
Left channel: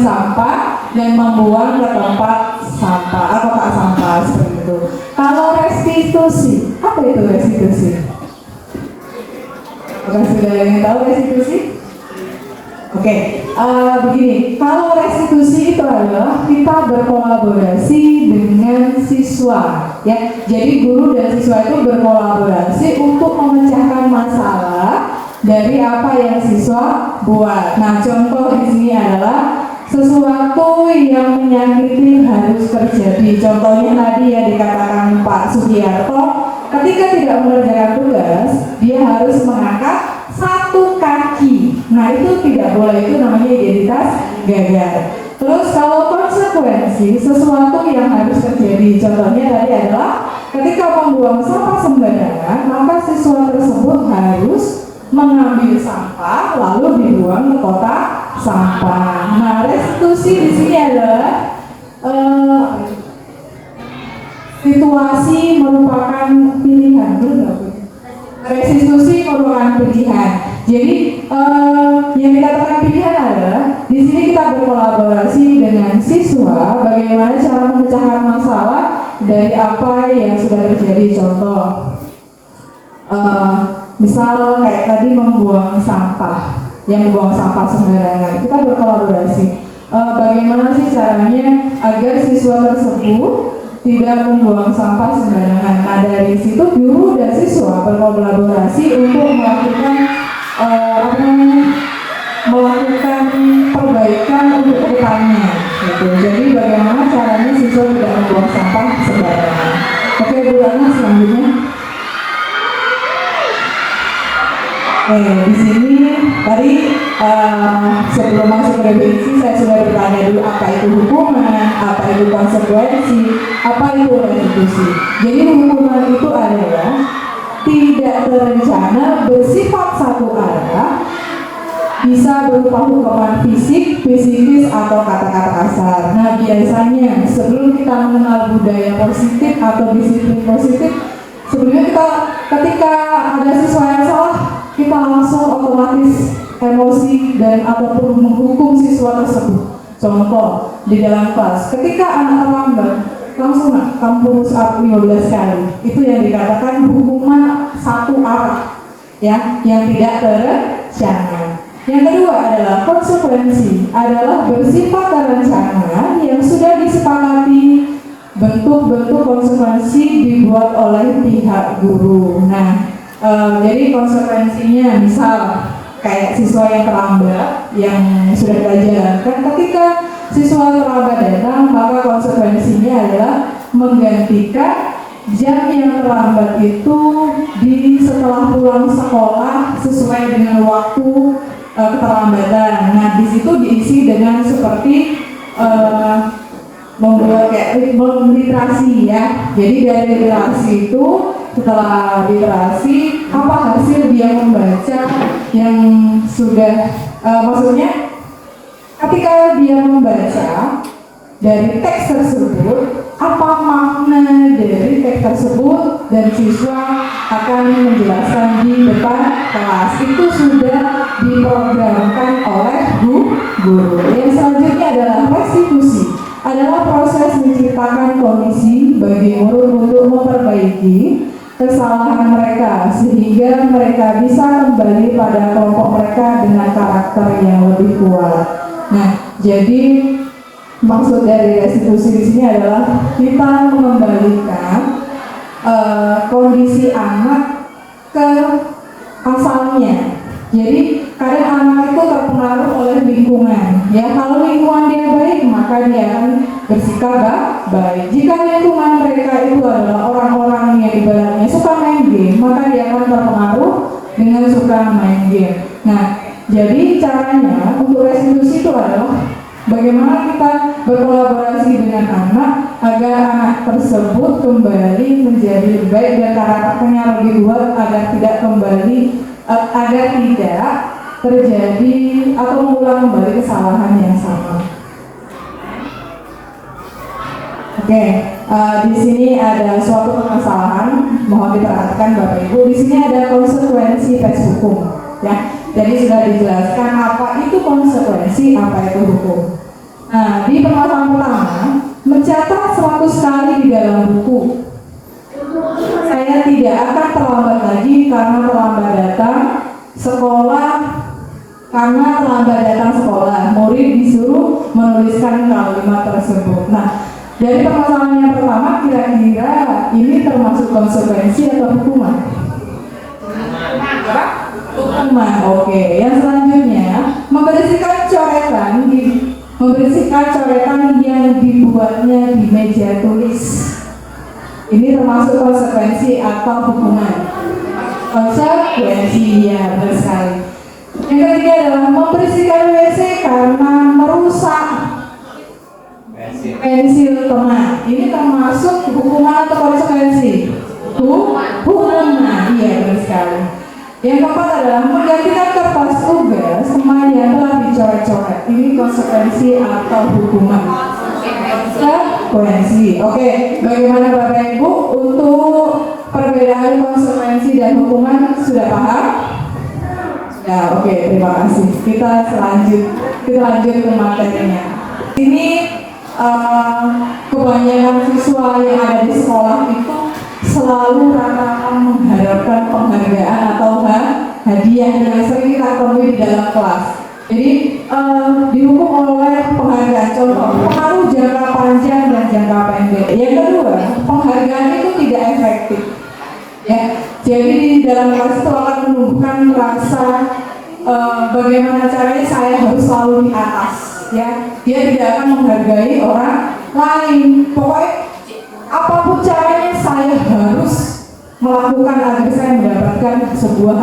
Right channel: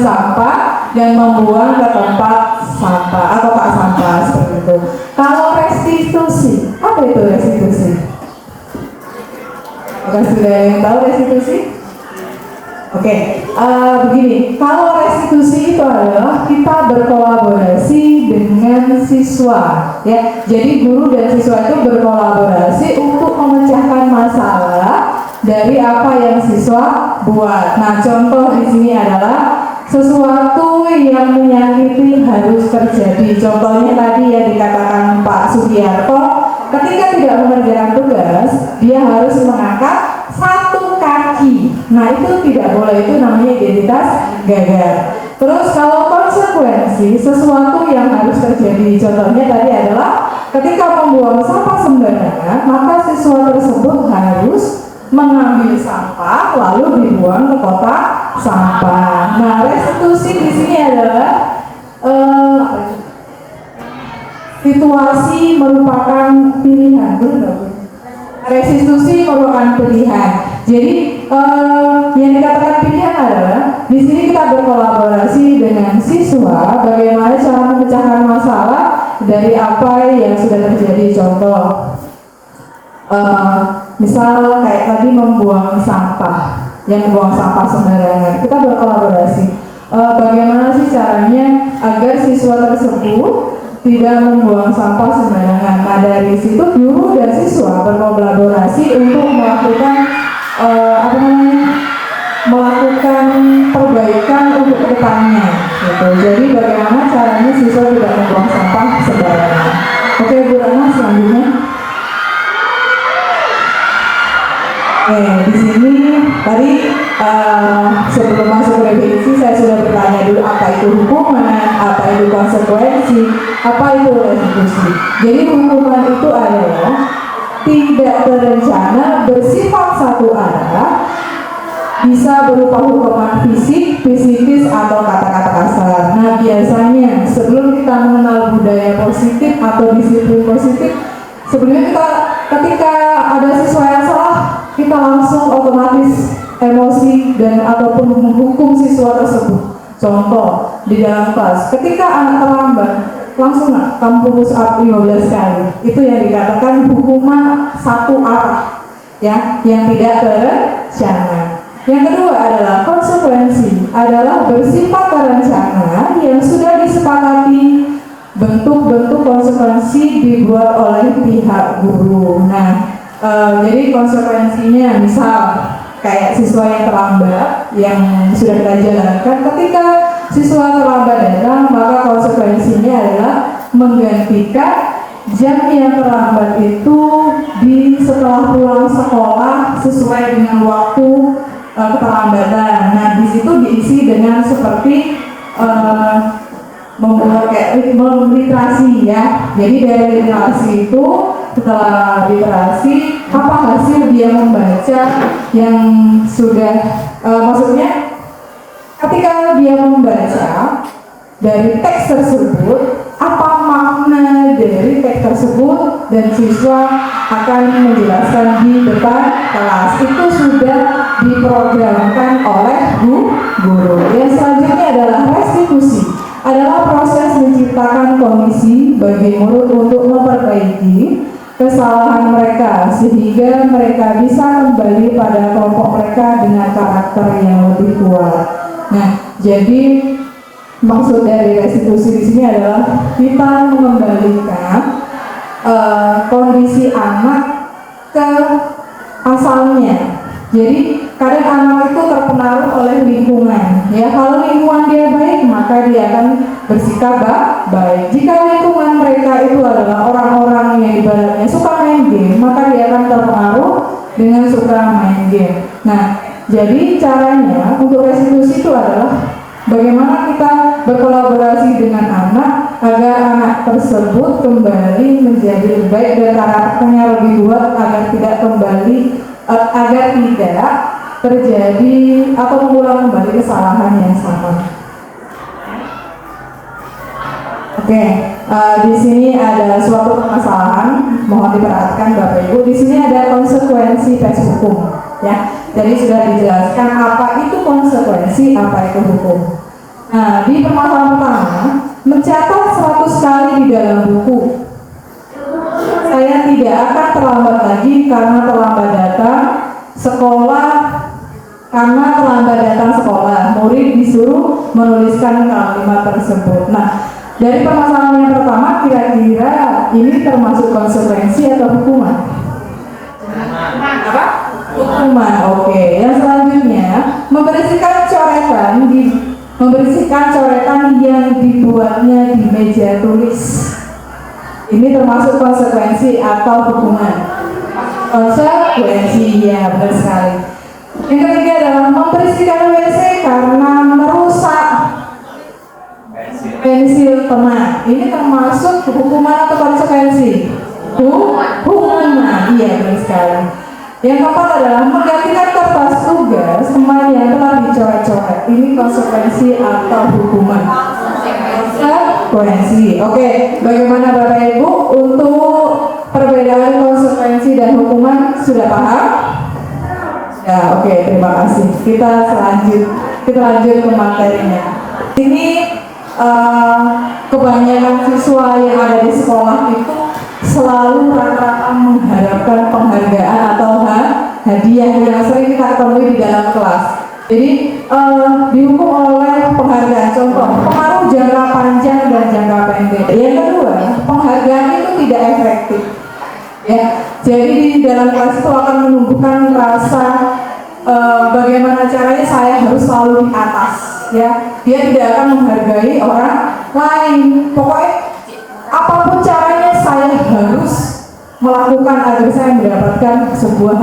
sampah dan membuang ke tempat sampah atau tak sampah seperti itu. Kalau restitusi, apa itu restitusi? Apakah sudah yang tahu restitusi? Oke, begini. Kalau restitusi itu adalah kita berkolaborasi dengan siswa, ya. Jadi guru dan siswa itu berkolaborasi untuk memecahkan masalah dari apa yang siswa buat. Nah, contoh di sini adalah sesuatu yang menyakiti harus terjadi. Contohnya tadi yang dikatakan Pak Sugiarto, ketika tidak mengerjakan tugas, dia harus mengangkat satu kaki. Nah, itu tidak boleh, itu namanya identitas gagal. Terus kalau konsekuensi, sesuatu yang harus terjadi, contohnya tadi adalah ketika membuang sampah sembarangan, maka siswa tersebut harus mengambil sampah lalu dibuang ke kotak sampah. Nah, restitusi di sini adalah situasi merupakan pilihan, benar? Restitusi merupakan pilihan. Jadi yang dikatakan pilihan adalah di sini kita berkolaborasi dengan siswa bagaimana cara memecahkan masalah dari apa yang sudah terjadi. Contoh, misal kayak tadi membuang sampah, yang membuang sampah sembarangan, kita berkolaborasi. Bagaimana sih caranya agar siswa tersebut tidak membuang sampah sembarangan? Nah, dari situ guru dan siswa berkolaborasi untuk melakukan perbaikan untuk kedepannya. Gitu. Jadi bagaimana caranya siswa tidak membuang sampah sembarangan? Oke, Bu Rana, selanjutnya. Di sini tadi sebelum masuk ke definisi saya sudah bertanya dulu apa itu hukuman, apa itu konsekuensi, apa itu restitusi. Jadi hukuman itu adalah tidak terencana, bersifat satu arah, bisa berupa hukuman fisik, psikis, atau kata-kata kasar. Nah, biasanya sebelum kita mengenal budaya positif atau disiplin positif, sebenarnya kita ketika ada siswa yang salah, kita langsung otomatis emosi dan ataupun menghukum siswa tersebut. Contoh di dalam kelas, ketika anak terlambat, langsung kamu push up 15 kali. Itu yang dikatakan hukuman satu arah, ya, yang tidak terencana. Yang kedua adalah konsekuensi, adalah bersifat terencana yang sudah disepakati. Bentuk-bentuk konsekuensi dibuat oleh pihak guru. Nah, jadi konsekuensinya misal kayak siswa yang terlambat yang sudah kita jalankan, ketika siswa terlambat datang, maka konsekuensinya adalah menggantikan jam yang terlambat itu di setelah pulang sekolah sesuai dengan waktu keterlambatan. Nah, di situ diisi dengan seperti membuat kayak literasi, ya. Jadi dari literasi itu, setelah literasi, apa hasil dia membaca yang sudah maksudnya ketika dia membaca dari teks tersebut, apa makna dari teks tersebut, dan siswa akan menjelaskan di depan kelas. Itu sudah diprogramkan oleh guru. Yang selanjutnya adalah restitusi, adalah proses menciptakan kondisi bagi murid untuk memperbaiki kesalahan mereka sehingga mereka bisa kembali pada kelompok mereka dengan karakter yang lebih kuat. Nah, jadi Maksud dari restitusi di sini adalah kita mengembalikan kondisi anak ke asalnya. Jadi kadang anak itu terpengaruh oleh lingkungan. Ya, kalau lingkungan dia baik, maka dia akan bersikap baik. Jika lingkungan mereka itu adalah orang-orang yang ibaratnya suka main game, maka dia akan terpengaruh dengan suka main game. Nah, jadi caranya untuk restitusi itu adalah bagaimana kita berkolaborasi dengan anak agar anak tersebut kembali menjadi lebih baik dan karakternya lebih kuat agar tidak kembali agar tidak terjadi atau mengulang kembali kesalahan yang sama. Oke, di sini ada suatu permasalahan, mohon diperhatikan Bapak Ibu. Di sini ada konsekuensi tes hukum, ya. Jadi sudah dijelaskan apa itu konsekuensi, apa itu hukum. Nah, di permasalahan pertama, mencatat 100 kali di dalam buku. Saya tidak akan terlambat lagi karena terlambat datang sekolah. Karena terlambat datang sekolah, murid disuruh menuliskan kalimat tersebut. Nah, dari permasalahan yang pertama, kira-kira ini termasuk konsekuensi atau hukuman? Hukuman, oke. Yang selanjutnya, membersihkan coretan yang dibuatnya di meja tulis. Ini termasuk konsekuensi atau hukuman? Konsekuensi, ya, benar sekali. Yang ketiga adalah membersihkan WC karena merusak pensil teman. Ini termasuk hukuman atau konsekuensi? Hukuman, iya, benar sekali. Yang keempat adalah menggantikan kertas tugas yang telah dicoret-coret. Ini konsekuensi atau hukuman? Konsekuensi. Oke, bagaimana Bapak Ibu untuk perbedaan konsekuensi dan hukuman sudah paham? Ya, oke, terima kasih. Kita lanjut ke materinya. Ini kebanyakan siswa yang ada di sekolah itu selalu rata-rata mengharapkan penghargaan atau hadiah yang sering kita temui di dalam kelas. Jadi dihukum oleh penghargaan. Contoh, pengaruh jangka panjang dan jangka pendek. Yang kedua, penghargaan itu tidak efektif. Ya, jadi di dalam kelas itu akan menumbuhkan rasa bagaimana caranya saya harus selalu di atas. Ya, dia tidak akan menghargai orang lain. Pokoknya apapun caranya saya harus melakukan agar saya mendapatkan sebuah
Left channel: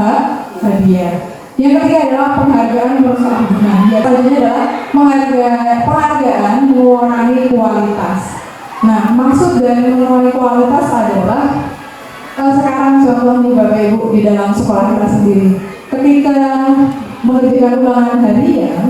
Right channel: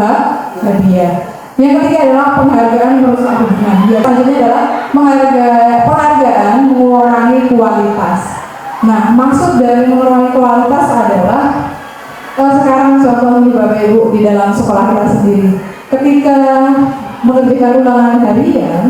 hadiah. Yang ketiga adalah penghargaan merusak hubungan. Yang selanjutnya adalah penghargaan mengurangi kualitas. Nah, maksud dari mengurangi kualitas adalah sekarang contoh nih Bapak Ibu di dalam sekolah kita sendiri. Ketika mengerjakan ulangan harian,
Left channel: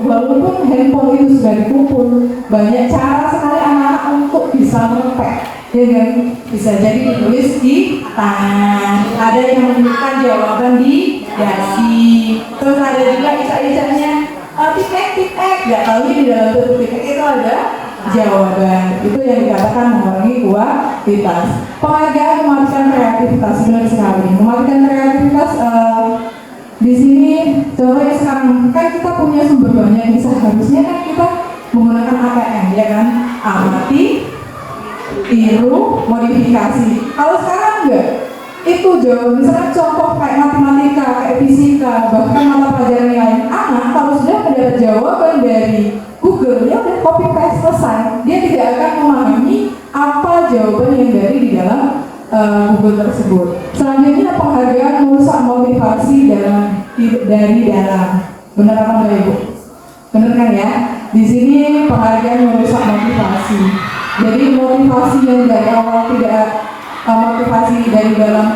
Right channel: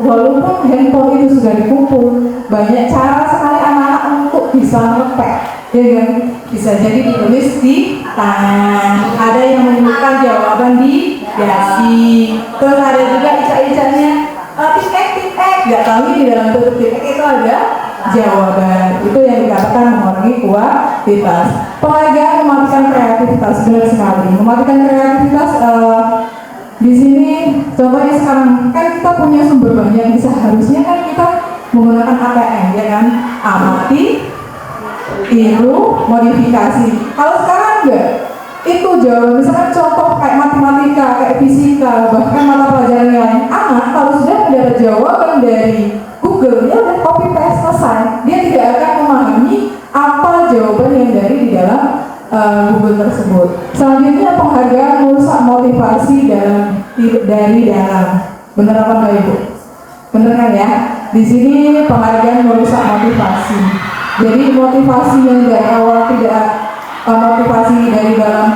walaupun handphone itu sudah dikumpul, banyak cara sekali anak-anak untuk bisa ngetek. Ya, bisa jadi ditulis di tangan. Ada yang menyebutkan jawaban di dasi. Terus ada juga icak-icaknya titik, nggak tahu di dalam bentuk titik itu ada jawaban. Itu yang dikatakan mengurangi kualitas. Penghargaan mematikan kreativitas, benar sekali. Mematikan kreativitas di sini contohnya sekarang kan kita punya sumber banyak, bisa harusnya kan kita menggunakan ATM, ya kan? Amati, tiru, modifikasi. Kalau sekarang enggak, itu jawaban misalkan contoh kayak matematika, kayak fisika, bahkan mata pelajaran lain. Anak kalau sudah mendapat jawaban dari Google, dia udah copy paste selesai. Dia tidak akan memahami apa jawaban yang dari di dalam Google tersebut. Selanjutnya penghargaan merusak motivasi dari dalam. Benar apa enggak Ibu? Benar kan ya? Di sini penghargaan merusak motivasi. Jadi motivasi yang dari awal tidak motivasi dari dalam,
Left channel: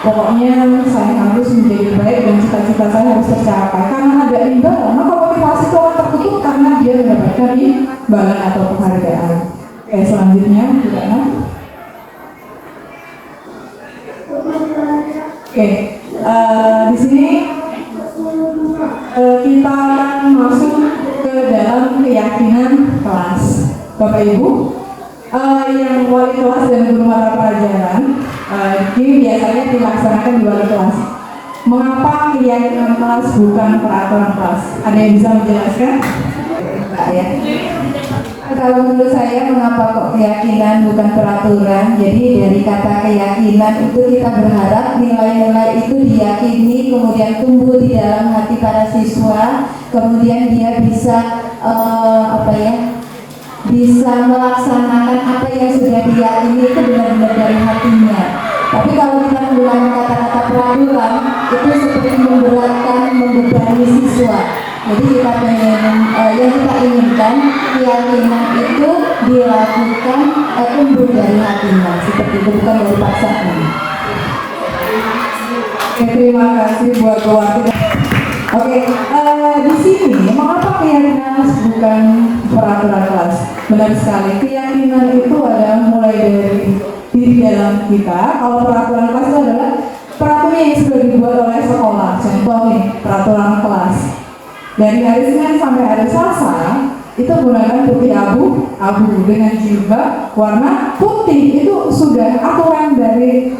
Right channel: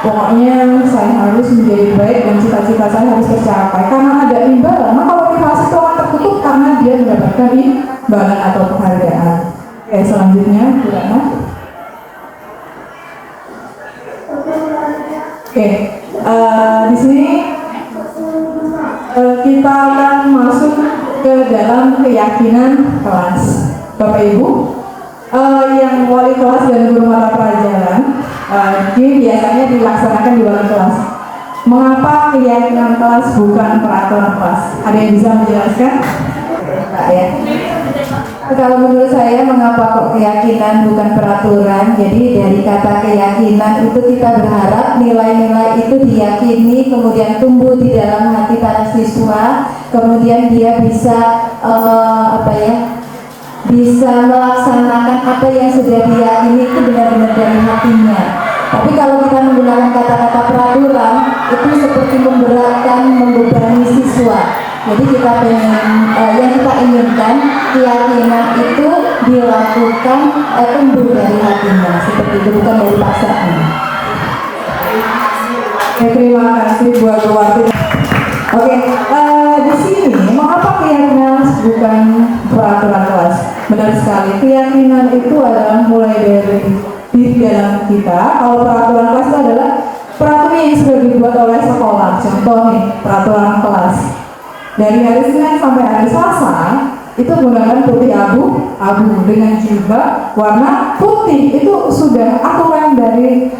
pokoknya saya harus menjadi baik dan cita-cita saya harus tercapai. Karena ada imbalan, maka motivasi itu akan tertutup karena dia mendapatkan imbalan atau penghargaan. Oke, selanjutnya gimana? Oke, di sini kita akan masuk ke dalam keyakinan kelas. Bapak Ibu, yang wali kelas dan guru mata pelajaran ini biasanya dilaksanakan di wali kelas. Mengapa keyakinan kelas bukan peraturan kelas? Ada yang bisa menjelaskan? Mbak ya. kalau menurut saya mengapa kok keyakinan bukan peraturan? Jadi dari kata keyakinan itu kita berharap nilai-nilai itu diyakini, kemudian tumbuh di dalam hati para siswa, kemudian dia bisa bisa melaksanakan apa yang sudah diyakini itu benar-benar dari hatinya. Tapi kalau kita menggunakan kata-kata peraturan itu seperti memberatkan, membebani siswa. Jadi kita yang kita inginkan keyakinan itu dilakukan tumbuh dari hatinya, seperti itu, bukan dari paksaan. Terima kasih buat waktu. Oke, di sini mengapa keyakinan bukan peraturan kelas? Benar sekali, keyakinan itu adalah mulai dari diri dalam kita. Kalau peraturan kelas itu adalah peraturan yang sudah dibuat oleh sekolah. Contoh nih, peraturan kelas. Dari hari Senin sampai hari Selasa itu menggunakan putih abu dengan juga warna putih. Itu sudah aturan dari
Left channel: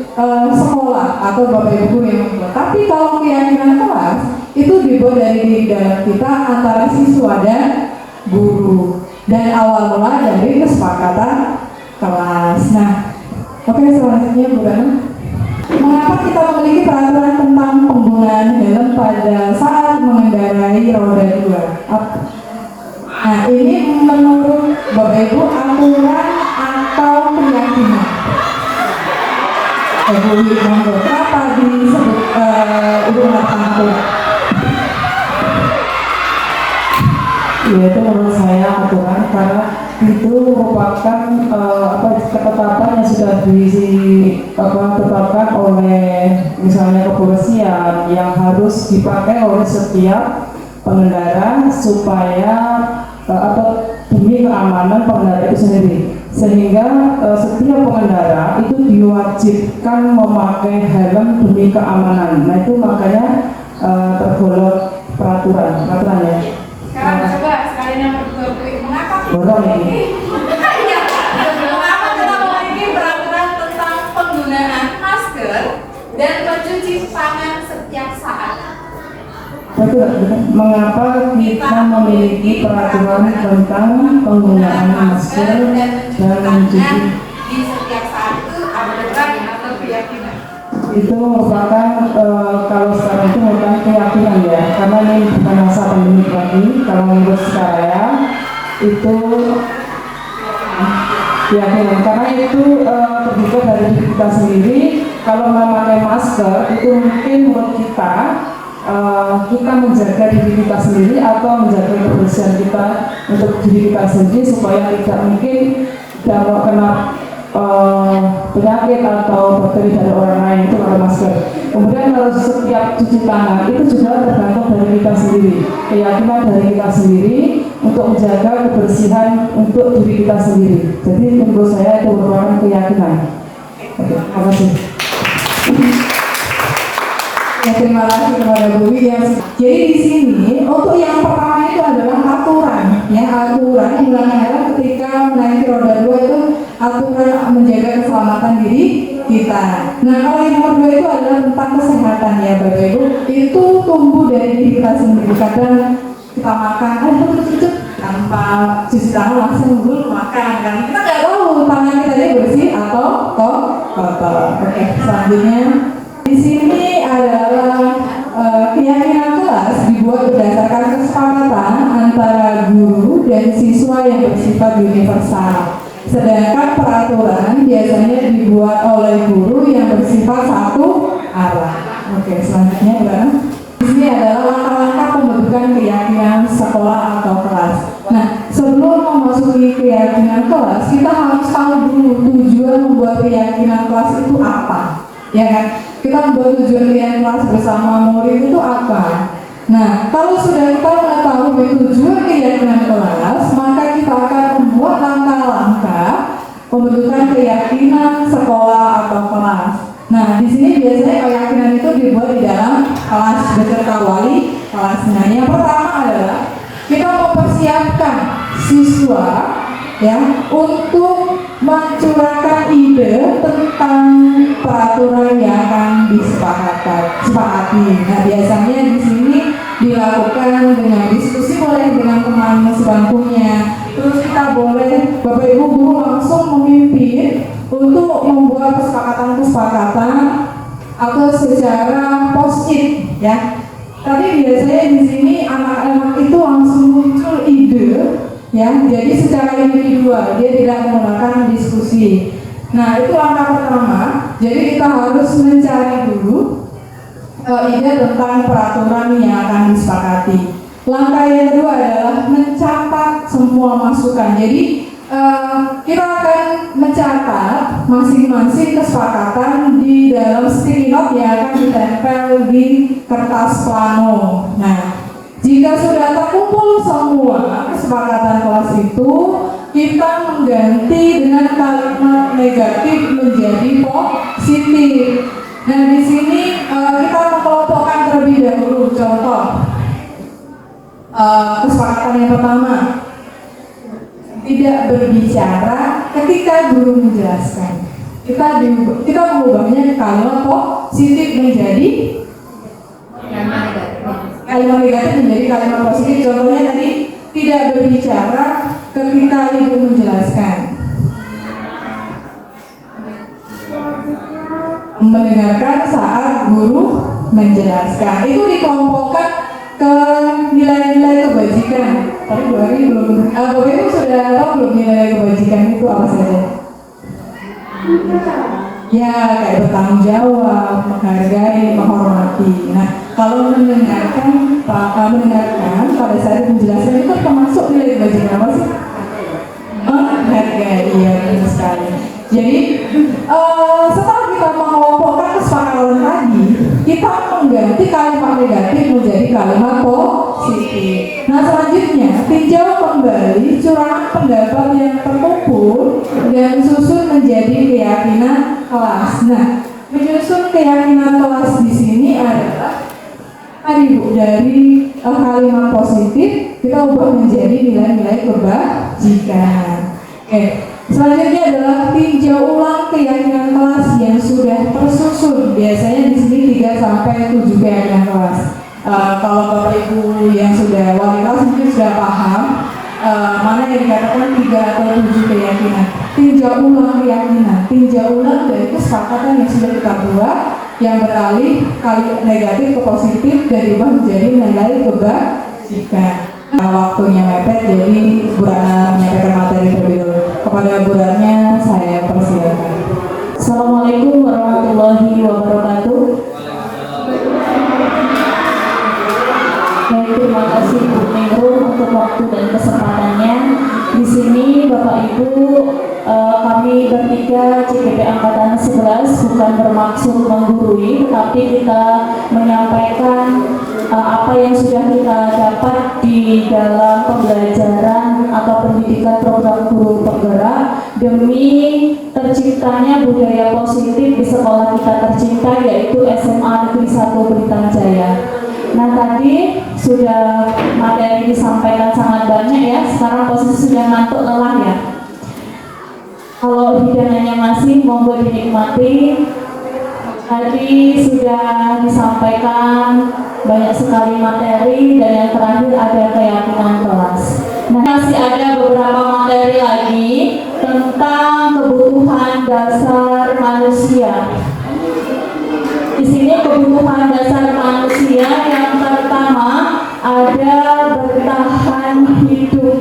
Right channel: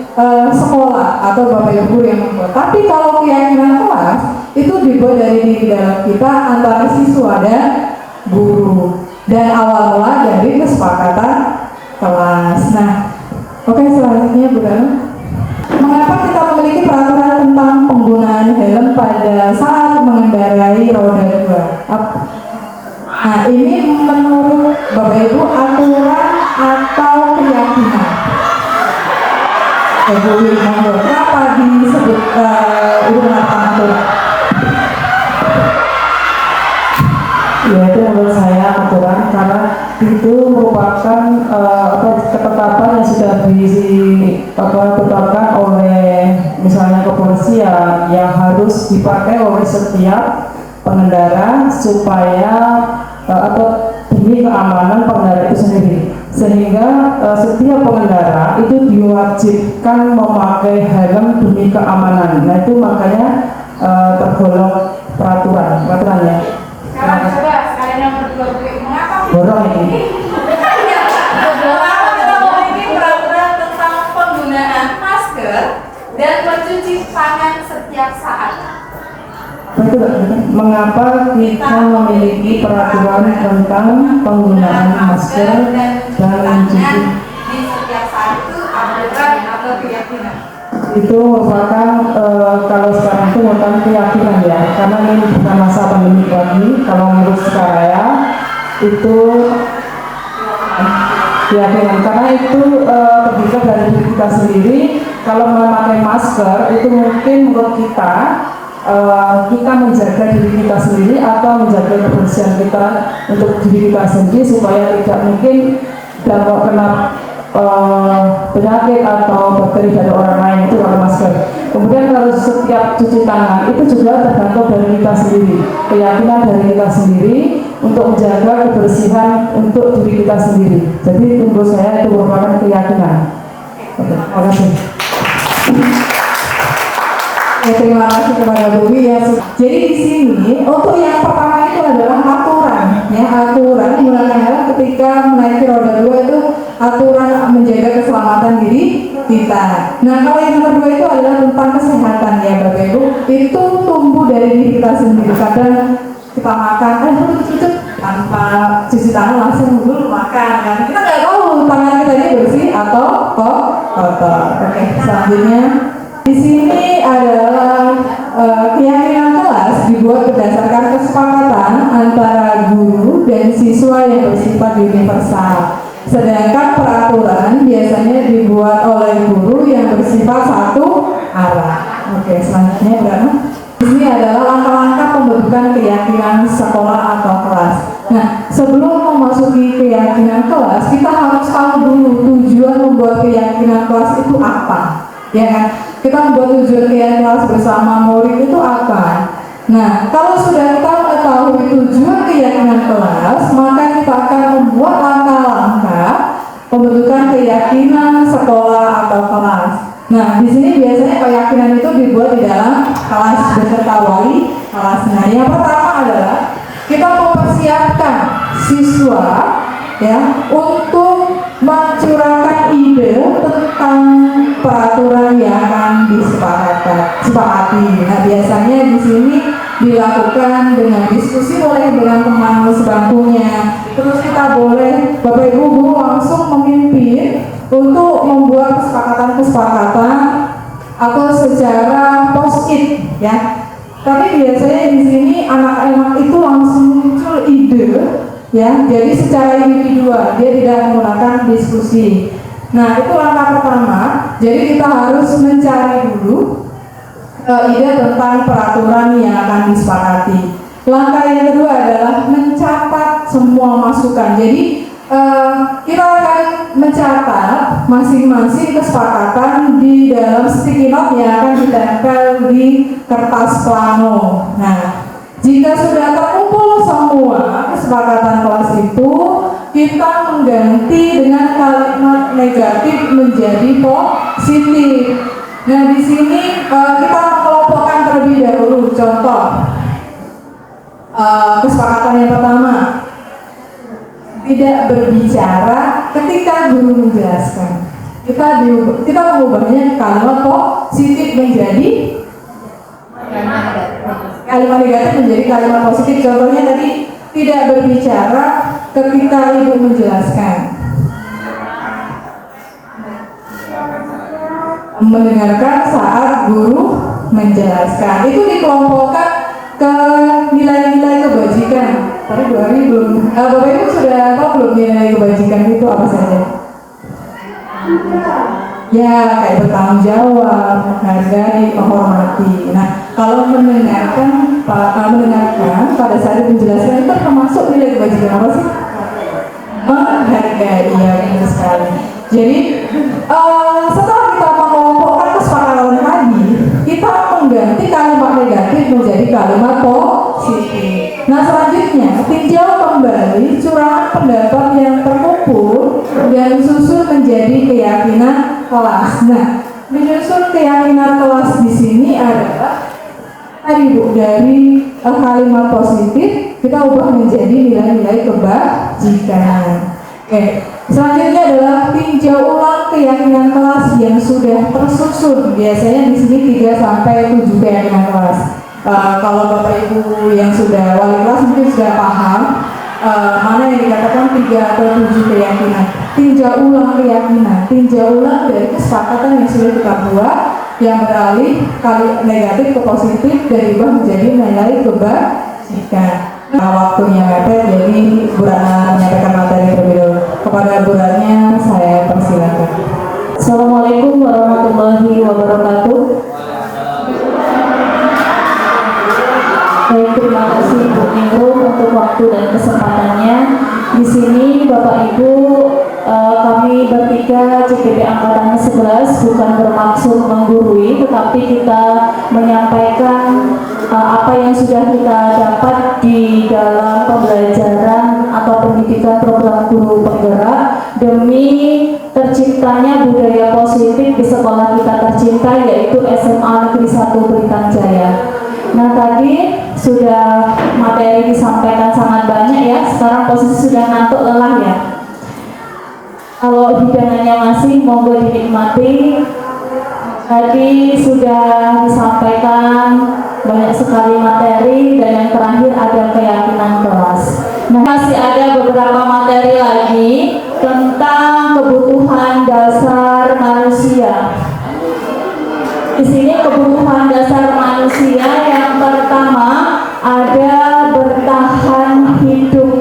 sekolah atau bapak ibu yang membuat. Tapi kalau keyakinan kelas itu dibuat dari diri dalam kita antara siswa dan guru, dan awal mula dari kesepakatan kelas. Nah, oke, selanjutnya Bu Dana. Mengapa kita memiliki peraturan tentang penggunaan helm pada saat mengendarai roda 2? Nah, ini menurut Bapak Ibu aturan atau keyakinan? Bu Wimon, kenapa disebut itu aturan? Ya, itu menurut saya aturan karena itu merupakan ketetapan yang sudah ditetapkan oleh misalnya kepolisian yang harus dipakai oleh setiap pengendara supaya atau demi keamanan pengendara itu sendiri, sehingga setiap pengendara itu diwajibkan memakai helm demi keamanan. Nah, itu makanya tergolong peraturan ya. Sekarang coba sekalian nomor 2 Bu, mengapa? Borong ini. Iya, mengapa kita memiliki peraturan tentang penggunaan masker dan mencuci tangan setiap saat? Mengapa kita memiliki peraturan tentang penggunaan masker dan mencuci? Di setiap saat itu aturan atau keyakinan? Itu merupakan kalau sekarang itu merupakan keyakinan ya, karena ini bukan masa pandemi lagi. Kalau menurut saya itu keyakinan, karena itu terbuka dari diri kita sendiri. Kalau memakai masker itu mungkin menurut kita menjaga diri kita sendiri atau menjaga kebersihan kita untuk diri kita sendiri supaya tidak mungkin dapat kena penyakit atau bakteri dari orang lain, itu pakai masker. Kemudian kalau setiap cuci tangan itu juga tergantung dari kita sendiri, keyakinan dari kita sendiri untuk menjaga kebersihan untuk diri kita sendiri. Jadi menurut saya itu merupakan keyakinan. Terima kasih. Ya, terima kasih kepada Bu ya. Jadi di sini untuk yang pertama itu adalah aturan, ya, aturan dimana ketika menaiki roda 2 itu aturan menjaga keselamatan diri kita. Nah, kalau yang nomor 2 itu adalah tentang kesehatan ya Bapak Ibu, itu tumbuh dari diri kita sendiri. Kadang kita makan, tanpa cuci tangan langsung dulu makan kan. Kita nggak tahu tangan kita ini bersih atau kotor. Oke, selanjutnya di sini adalah keyakinan kelas dibuat berdasarkan kesepakatan antara guru dan siswa yang bersifat universal. Sedangkan peraturan biasanya dibuat oleh guru yang bersifat satu arah. Oke, selanjutnya berapa? Ini adalah langkah-langkah pembentukan keyakinan sekolah atau kelas. Nah, sebelum memasuki keyakinan kelas, kita harus tahu dulu tujuan membuat keyakinan kelas itu apa. Ya kan? Kita membuat tujuan keyakinan kelas bersama murid itu apa? Nah, kalau sudah kita mengetahui tujuan keyakinan kelas, maka kita akan membuat langkah-langkah pembentukan keyakinan sekolah atau kelas. Nah, di sini biasanya keyakinan itu dibuat di dalam kelas beserta wali kelasnya. Yang pertama adalah kita mempersiapkan siswa ya untuk mencurahkan ide tentang peraturan yang akan disepakati. Nah, biasanya di sini dilakukan dengan diskusi mulai dengan teman sebangkunya. Terus kita boleh Bapak Ibu guru langsung memimpin untuk membuat kesepakatan-kesepakatan atau secara post-it ya. Tapi biasanya di sini anak-anak itu langsung muncul ide ya. Jadi secara individual dia tidak menggunakan diskusi. Nah itu langkah pertama. Jadi kita harus mencari dulu ide tentang peraturan yang akan disepakati. Langkah yang kedua adalah mencatat semua masukan. Jadi kita akan mencatat masing-masing kesepakatan di dalam sticky note yang akan ditempel di kertas plano. Nah, jika sudah terkumpul semua kesepakatan kelas itu, kita mengganti dengan kalimat negatif menjadi positif. Nah, di sini kita mengelompokkan terlebih dahulu. Contoh, kesepakatan yang pertama, tidak berbicara ketika guru menjelaskan. Kita mengubahnya kalimat positif menjadi kalimat negatif menjadi kalimat positif. Contohnya tadi, tidak berbicara ketika ibu menjelaskan. Mendengarkan saat guru menjelaskan. Itu dikelompokkan ke nilai-nilai kebajikan. Tapi Bu Ari belum, Bapak Ibu sudah tahu belum nilai kebajikan itu apa saja? Ya, kayak bertanggung jawab, menghargai, menghormati. Nah, kalau mendengarkan pada saat menjelaskan itu termasuk nilai kebajikan apa sih? Menghargai, ya benar sekali. Jadi setelah kita mengelompokkan kesepakatan tadi, kita mengganti kalimat negatif menjadi kalimat positif. Nah selanjutnya, tinjau kembali curahan pendapat yang terkumpul dan susun menjadi keyakinan kelas. Nah, menyusun keyakinan kelas di sini adalah tadi Bu, dari kalimat positif kita ubah menjadi nilai-nilai kebajikan. Oke, selanjutnya adalah tinjau ulang keyakinan kelas yang sudah tersusun. Biasanya di sini 3 sampai 7 keyakinan kelas. Kalau Bapak Ibu yang sudah wali kelas mungkin sudah paham mana yang dikatakan 3 atau 7 keyakinan. Tinjau ulang keyakinan, tinjau ulang dari kesepakatan yang sudah kita buat yang beralih kali negatif ke positif dan diubah menjadi nilai kebajikan. Waktunya mepet, jadi Bu Rana menyampaikan materi terlebih. Kepada Bu Rana saya persilakan. Assalamualaikum warahmatullahi wabarakatuh. Baik, terima kasih Bu Nero untuk waktu dan kesempatannya. Di sini Bapak Ibu, kami bertiga CPP Angkatan 11 bukan bermaksud menggurui, tetapi kita menyampaikan apa yang sudah kita dapat di dalam pembelajaran atau pendidikan program guru penggerak demi terciptanya budaya positif di sekolah kita tercinta, yaitu SMA Negeri 1 Belitung Jaya. Nah, tadi sudah materi disampaikan sangat banyak ya. Sekarang posisi sudah ngantuk, lelah ya. Kalau hidangannya masih, monggo dinikmati. Tadi sudah disampaikan banyak sekali materi dan yang terakhir ada keyakinan kelas. Nah, masih ada beberapa materi lagi tentang kebutuhan dasar manusia. Di sini kebutuhan dasar manusia yang pertama ada bertahan hidup.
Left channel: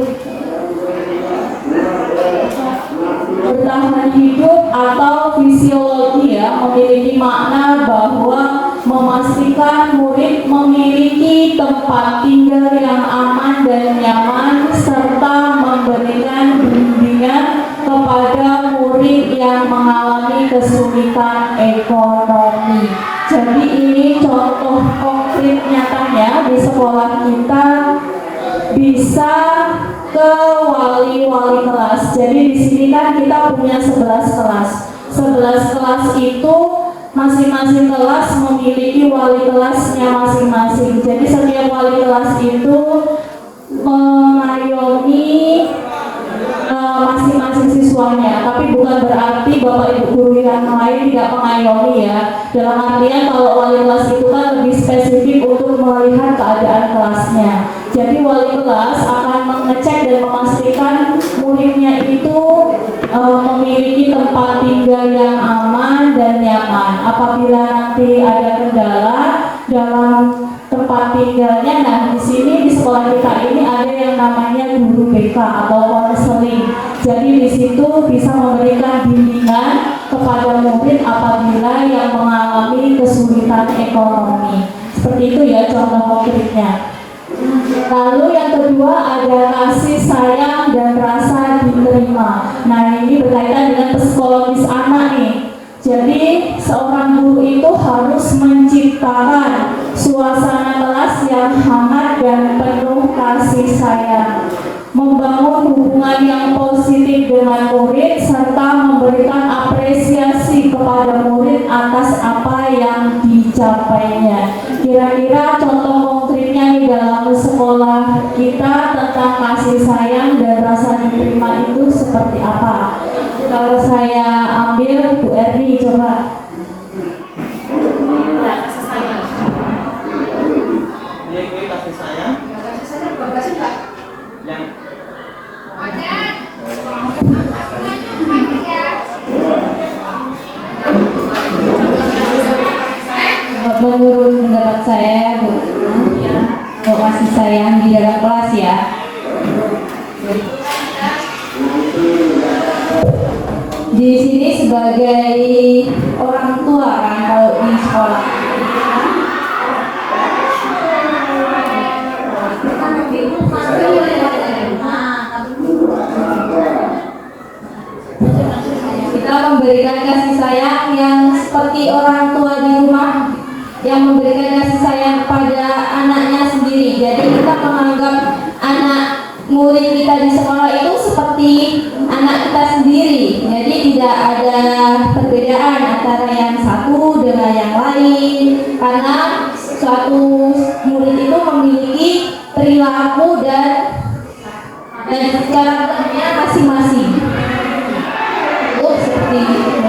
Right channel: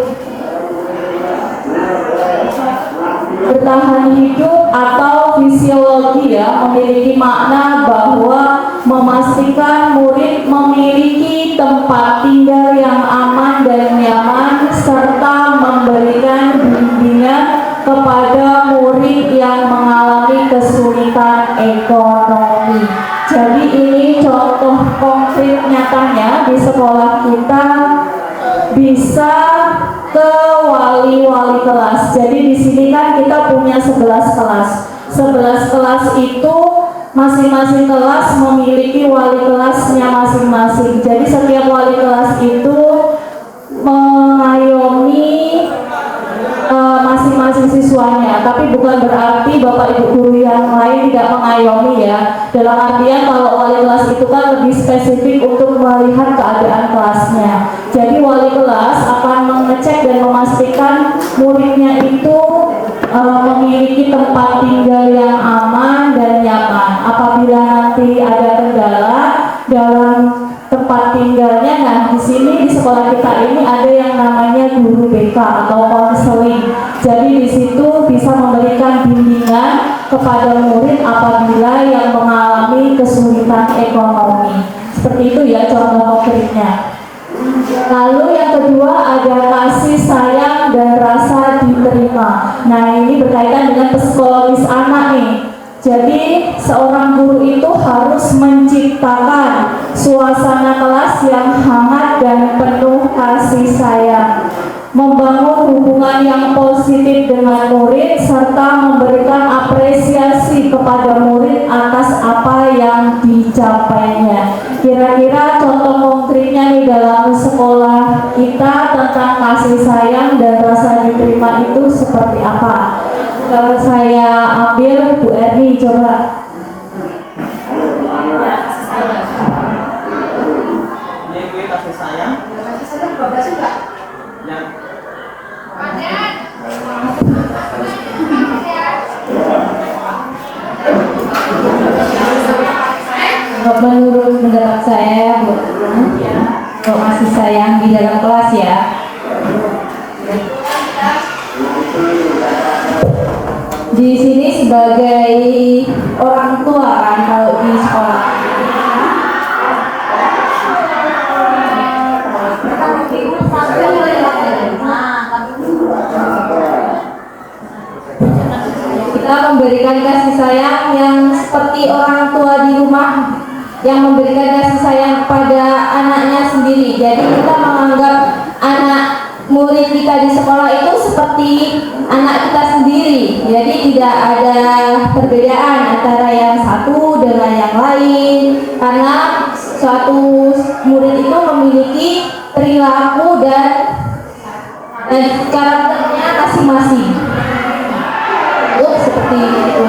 Bertahan hidup atau fisiologi ya, memiliki makna bahwa memastikan murid memiliki tempat tinggal yang aman dan nyaman serta memberikan bimbingan kepada murid yang mengalami kesulitan ekonomi. Jadi ini contoh konkret nyatanya di sekolah kita bisa ke wali-wali kelas. Jadi di sini kan kita punya 11 kelas. 11 kelas itu masing-masing kelas memiliki wali kelasnya masing-masing. Jadi setiap wali kelas itu mengayomi masing-masing siswanya, tapi bukan berarti Bapak Ibu guru yang lain tidak mengayomi ya. Dalam artian kalau wali kelas itu kan lebih spesifik untuk melihat keadaan kelasnya. Jadi wali kelas akan mengecek dan memastikan murid Jadi seorang guru itu harus menciptakan suasana kelas yang hangat dan penuh kasih sayang, membangun hubungan yang positif dengan murid, serta memberikan apresiasi kepada murid atas apa yang dicapainya. Kira-kira contoh konkretnya di dalam sekolah kita tentang kasih sayang dan rasa diterima itu seperti apa? Kalau saya ambil Bu Erni, coba. Ya, kasih sayang. Ini gue kasih sayang. Kasih sayang bagus juga. Yang Menurut pendapat saya, Bu, untuk kasih sayang di dalam kelas ya, di sini sebagai orang tua kan kalau di sekolah. Kita memberikan kasih sayang yang seperti orang tua di rumah yang memberikan kasih sayang kepada anaknya sendiri. Jadi kita menganggap anak murid kita di sekolah itu seperti anak kita sendiri. Jadi tidak ada perbedaan antara yang satu dengan yang lain, karena suatu murid itu memiliki perilaku dan karakternya masing-masing. Seperti itu.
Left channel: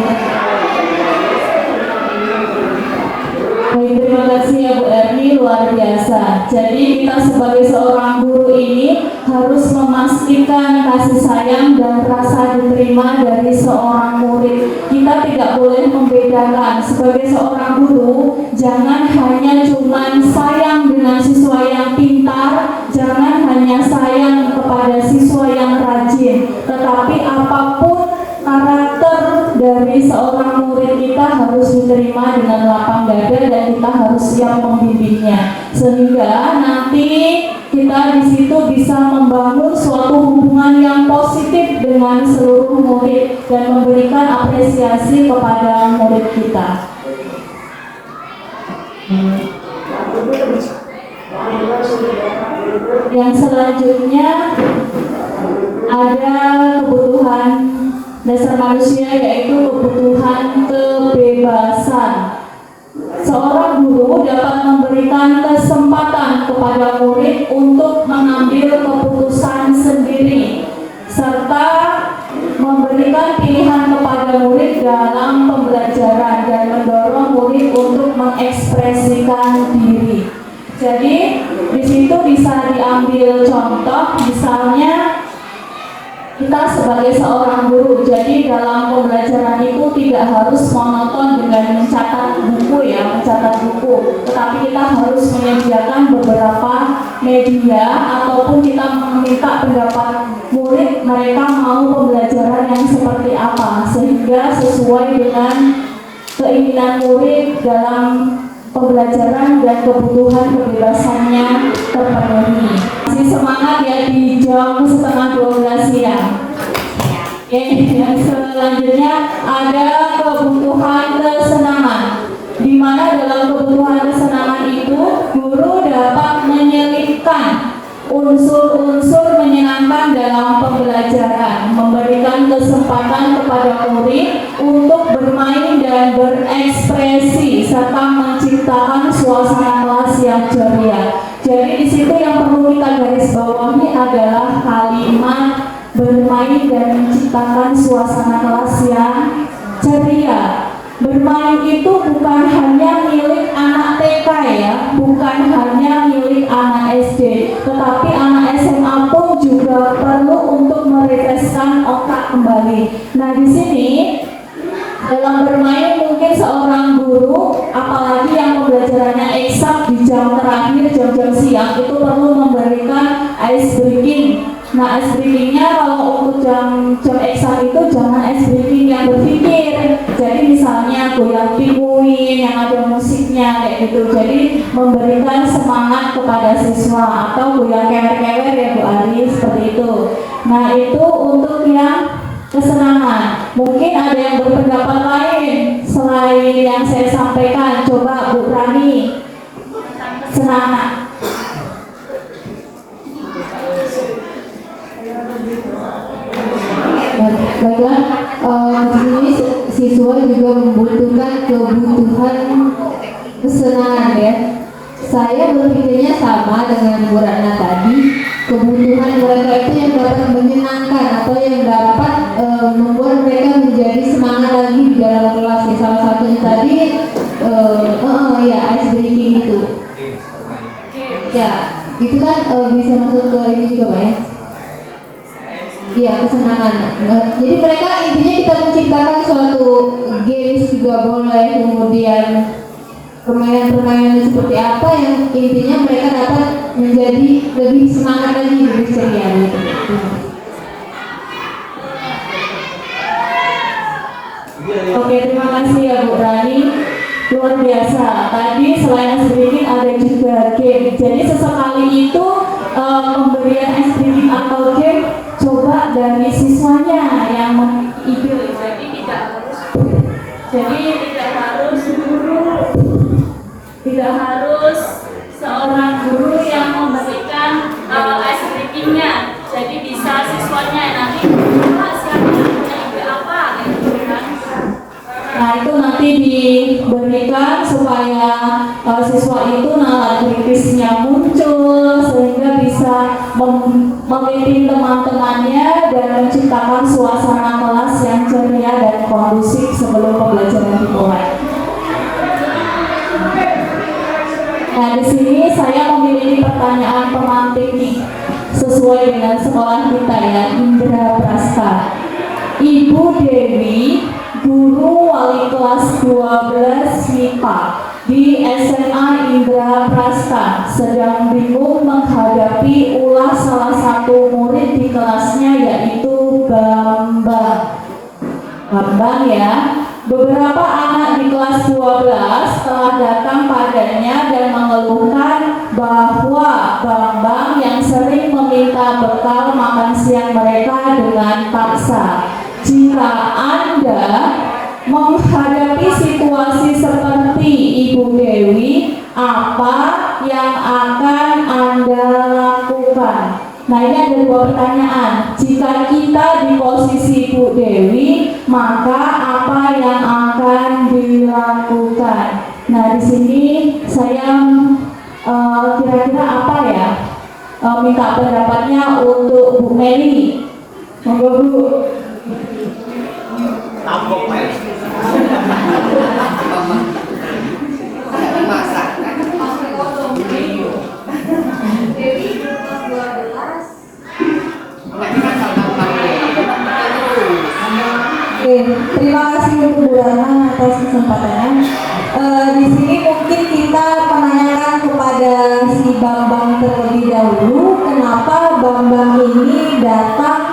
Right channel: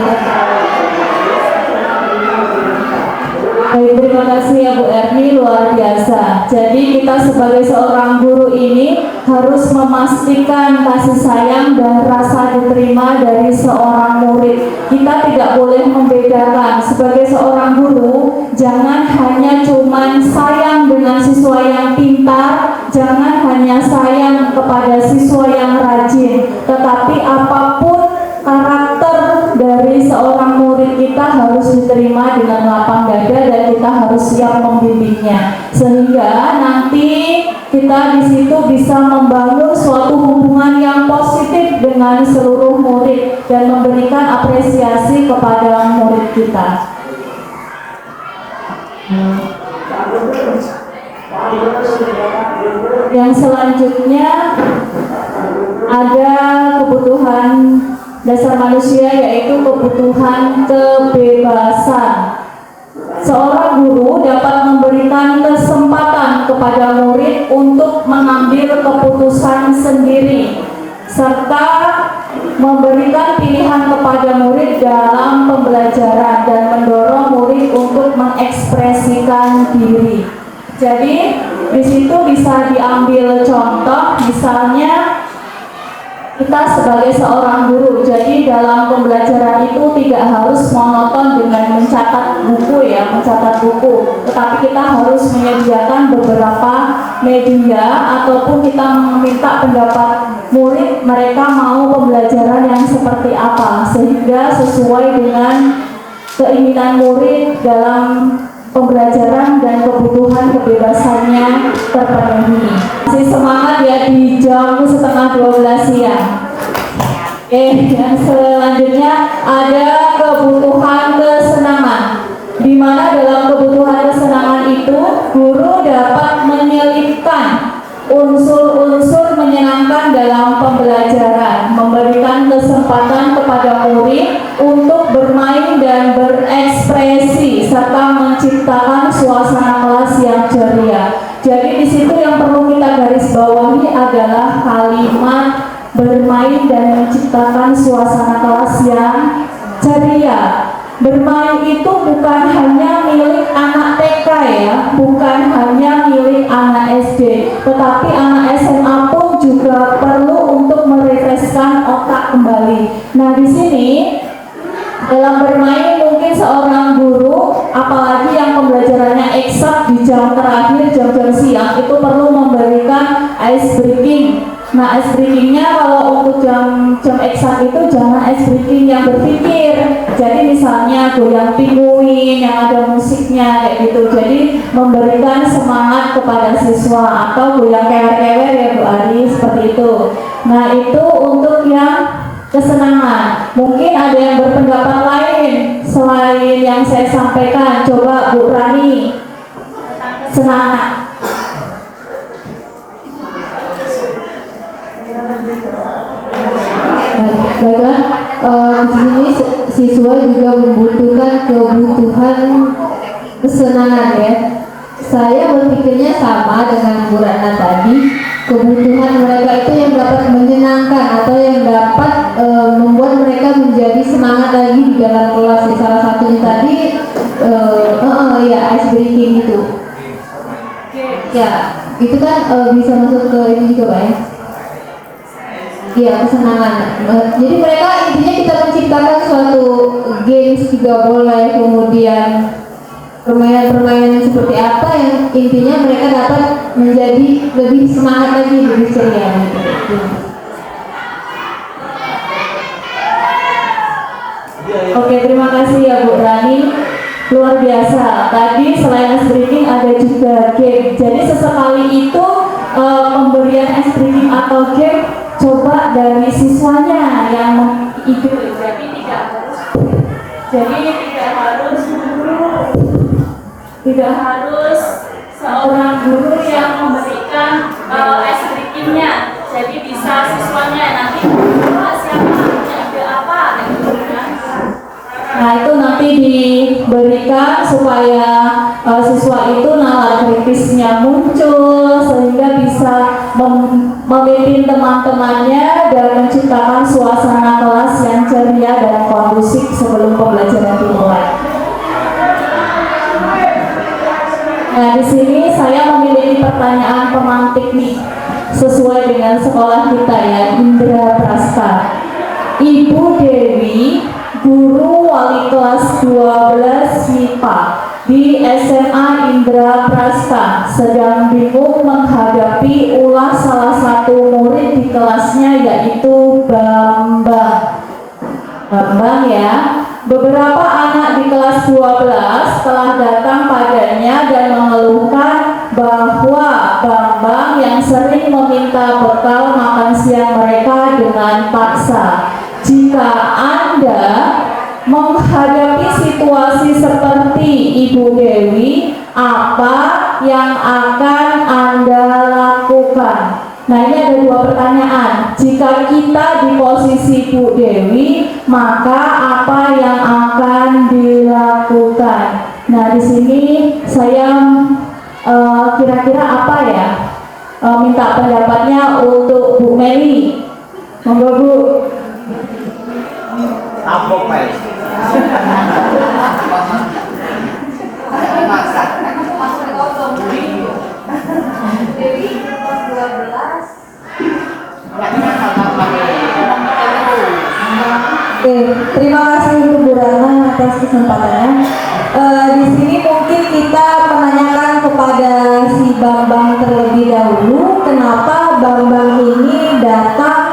Baik, terima kasih ya Bu Erni, luar biasa. Jadi kita sebagai seorang guru ini harus memastikan kasih sayang dan rasa diterima dari seorang murid. Kita tidak boleh membedakan. Sebagai seorang guru, jangan hanya cuman sayang dengan siswa yang pintar, jangan hanya sayang kepada siswa yang rajin, tetapi apapun karakter dari seorang murid kita harus diterima dengan lapang dada dan kita harus siap membimbingnya, sehingga nanti kita di situ bisa membangun suatu hubungan yang positif dengan seluruh murid dan memberikan apresiasi kepada murid kita. Yang selanjutnya ada kebutuhan dasar manusia, yaitu kebutuhan kebebasan. Seorang guru dapat memberikan kesempatan kepada murid untuk mengambil keputusan sendiri, serta memberikan pilihan kepada murid dalam pembelajaran dan mendorong murid untuk mengekspresikan diri. Jadi di situ bisa diambil contoh, misalnya kita sebagai seorang guru, jadi dalam pembelajaran itu tidak harus monoton dengan mencatat buku ya, mencatat buku, tetapi kita harus menyediakan beberapa media ataupun kita meminta pendapat murid, mereka mau pembelajaran yang seperti apa, sehingga sesuai dengan keinginan murid dalam pembelajaran dan kebutuhan kebebasannya terpenuhi. Masih semangat ya di jam 11:30 siang. Yang selanjutnya ada kebutuhan kesenangan, di mana dalam kebutuhan kesenangan itu guru dapat menyelipkan unsur-unsur menyenangkan dalam pembelajaran, memberikan kesempatan kepada murid untuk bermain dan berekspresi serta menciptakan suasana kelas yang ceria. Jadi di situ yang perlu kita garis bawahi adalah kalimat bermain dan menciptakan suasana kelas yang ceria. Bermain itu bukan hanya milik anak TK ya, bukan hanya milik anak SD, tetapi anak SMA pun juga perlu untuk merefreshkan otak kembali. Nah di sini dalam bermain mungkin seorang guru, apalagi yang pembelajarannya eksak di jam terakhir, jam-jam siang, itu perlu memberikan ice breaking. Nah ice breakingnya kalau untuk jam eksak itu jangan ice breaking yang berpikir. Jadi misalnya goyang pinguin yang ada musiknya kayak gitu. Jadi memberikan semangat kepada siswa, atau goyang kewer-kewer ya Bu Ari, seperti itu. Nah itu untuk yang kesenangan. Mungkin ada yang berpendapat lain, poin yang saya sampaikan. Coba Bu Rani, semangat. Baiklah, di sini siswa juga membutuhkan kebutuhan kesenangan ya. Saya berpikirnya sama dengan Bu Rana tadi. Kebutuhan mereka itu yang dapat menyenangkan atau yang dapat membuat mereka menjadi semangat lagi di dalam kelas. Salah satunya tadi ya ice breaking itu. Ya, itu kan bisa masuk ke ini juga Pak ya. Iya, kesenangan. Jadi mereka intinya kita menciptakan suatu games juga boleh, kemudian permainan-permainan seperti apa yang intinya mereka dapat menjadi lebih semangat lagi lebih ceria gitu. Oke, terima kasih ya Bu Rani. Luar biasa. Tadi selain ice breaking ada juga game. Jadi sesekali itu pemberian ice breaking atau game coba dari siswanya yang ikut. Jadi tidak harus guru, tidak harus seorang guru yang memberikan ice breakingnya. Jadi bisa siswanya nanti siapa punya ide apa gitu kan. Nah itu nanti diberikan supaya siswa itu nalar kritisnya muncul sehingga bisa memimpin teman-temannya dan menciptakan suasana kelas yang ceria dan kondusif sebelum pembelajaran dimulai. Nah di sini saya memiliki pertanyaan pemantik nih sesuai dengan sekolah kita ya, Indra Prasta. Ibu Dewi, guru wali kelas 12 MIPA di SMA Indra Prasta, sedang bingung menghadapi ulah salah satu murid di kelasnya yaitu Bambang. Bambang ya. Beberapa anak di kelas 12 telah datang padanya dan mengeluhkan bahwa Bambang yang sering meminta bekal makan siang mereka dengan paksa. Jika Anda menghadapi situasi seperti Ibu Dewi, apa yang akan Anda lakukan? Nah ini ada dua pertanyaan. Jika kita di posisi Bu Dewi, maka apa yang akan dilakukan? Nah di sini saya kira-kira apa ya? Minta pendapatnya untuk Bu Meli. Monggo Bu. Tampok Mel. Oke, terima kasih untuk Bu Rana atas kesempatannya. Di sini mungkin kita menanyakan kepada si Bambang terlebih dahulu, kenapa Bambang ini datang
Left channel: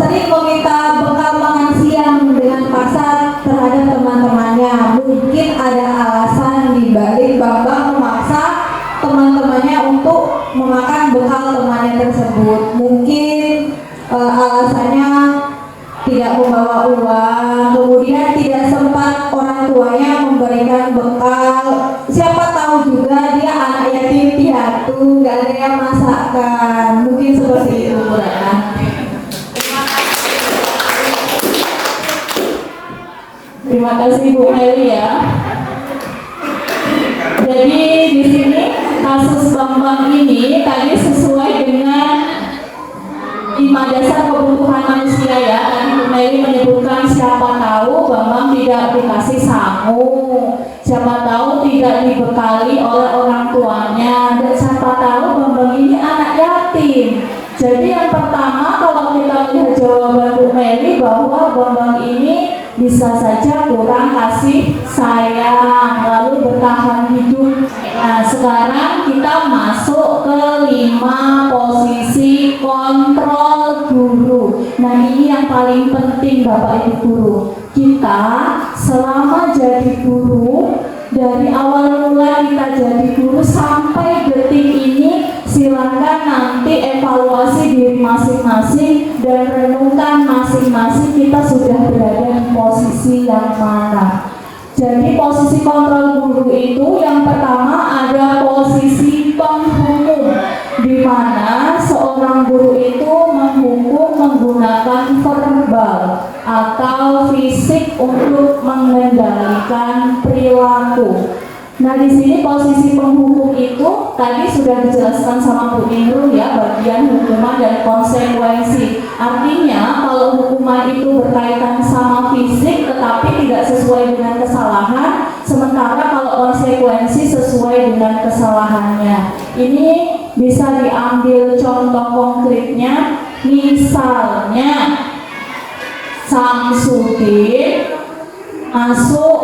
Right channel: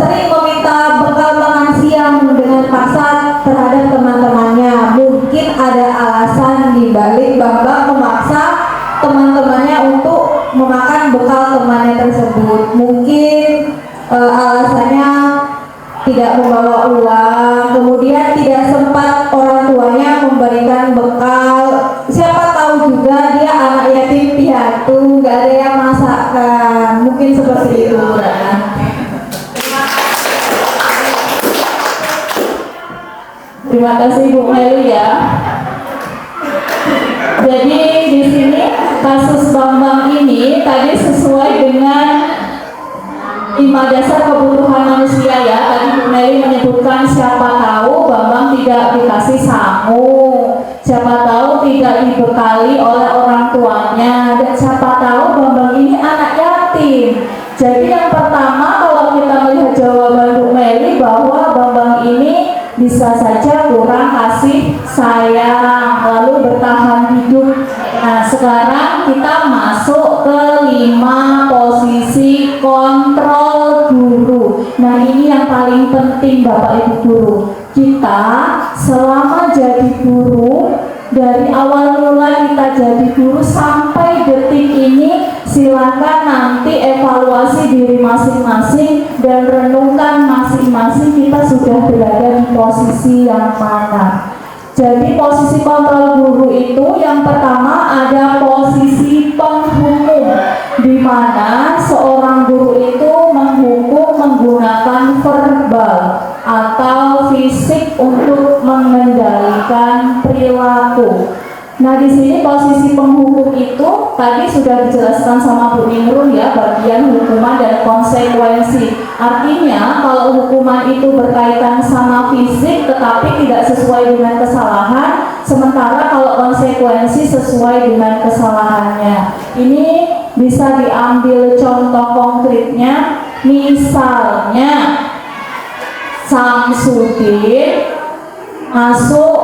sering meminta bekal makan siang dengan paksa terhadap teman-temannya. Mungkin ada alasan di balik Bambang memaksa teman-temannya untuk memakan bekal temannya tersebut. Mungkin alasannya tidak membawa uang, kemudian tidak sempat orang tuanya memberikan bekal. Siapa tahu juga dia anak yatim piatu, nggak ada yang masakkan. Mungkin seperti itu, Bu Rana. Terima kasih Bu Meli ya. Jadi di sini kasus Bambang ini tadi sesuai dengan 5 dasar kebutuhan manusia ya. Tadi Bu Meli menyebutkan siapa tahu Bambang tidak dikasih sangu, siapa tahu tidak dibekali oleh orang tuanya, dan siapa tahu Bambang ini anak yatim. Jadi yang pertama kalau kita melihat jawaban Bu Meli bahwa Bambang ini bisa saja kurang kasih sayang lalu bertahan hidup. Nah sekarang kita masuk ke 5 posisi kontrol guru. Nah ini yang paling penting Bapak Ibu guru. Kita selama jadi guru dari awal mulai kita yang mana. Jadi posisi kontrol guru itu yang pertama ada posisi penghukum, di mana seorang guru itu menghukum menggunakan verbal atau fisik untuk mengendalikan perilaku. Nah, di sini posisi penghukum itu tadi sudah dijelaskan sama Bu Imrun ya, bagian hukuman dan konsekuensi. Artinya kalau hukuman itu berkaitan sama fisik tetapi tidak sesuai dengan kesalahan, sementara kalau konsekuensi sesuai dengan kesalahannya. Ini bisa diambil contoh konkretnya, misalnya Samsudin masuk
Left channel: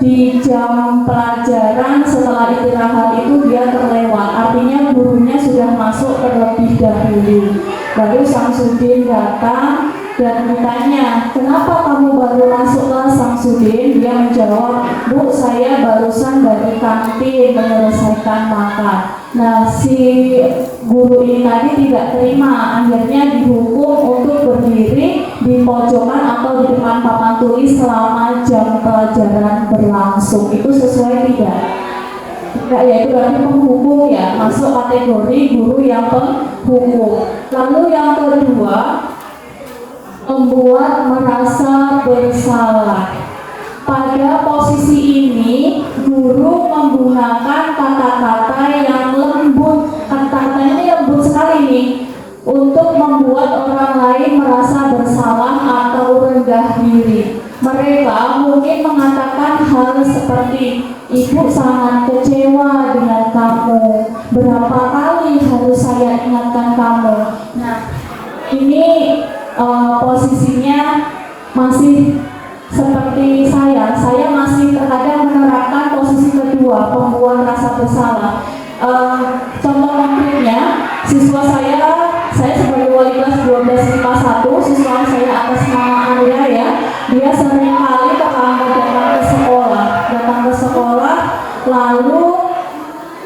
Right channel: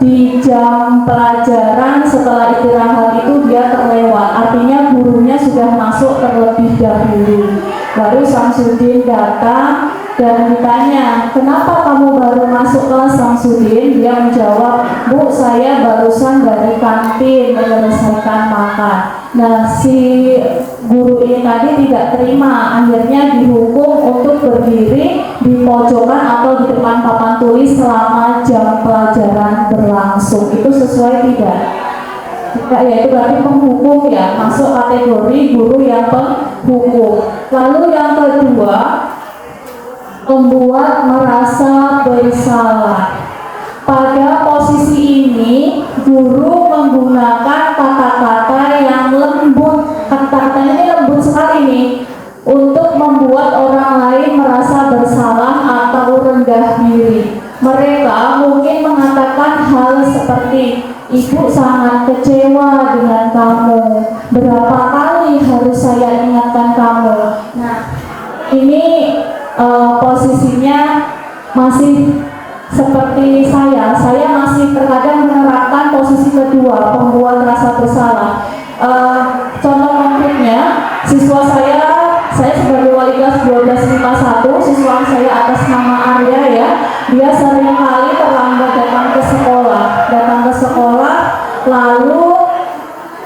di jam pelajaran setelah istirahat itu dia terlewat, artinya gurunya sudah masuk terlebih dahulu. Lalu Samsudin datang dan ditanya, kenapa kamu baru masuk kelas Samsudin? Dia menjawab, Bu, saya barusan dari kantin menyelesaikan makan. Nah, si guru ini tadi tidak terima, akhirnya dihukum untuk berdiri di pojokan atau di depan papan tulis selama jam pelajaran berlangsung. Itu sesuai tidak? Tidak, ya itu berarti penghukum ya, masuk kategori guru yang penghukum. Lalu yang kedua, membuat merasa bersalah. Pada posisi ini, guru menggunakan kata-kata yang lembut. Kata-kata ini lembut sekali nih, untuk membuat orang lain merasa bersalah atau rendah diri. Mereka mungkin mengatakan hal seperti, Ibu sangat kecewa dengan kamu. Berapa kali harus saya ingatkan kamu? Nah, ini posisinya masih seperti saya masih terkadang menerapkan posisi kedua, pembuat rasa bersalah. Contoh konkretnya, siswa saya sebagai wali kelas 12 IPA 1, siswa saya atas nama Arya ya, dia sering kali terlambat datang ke sekolah, lalu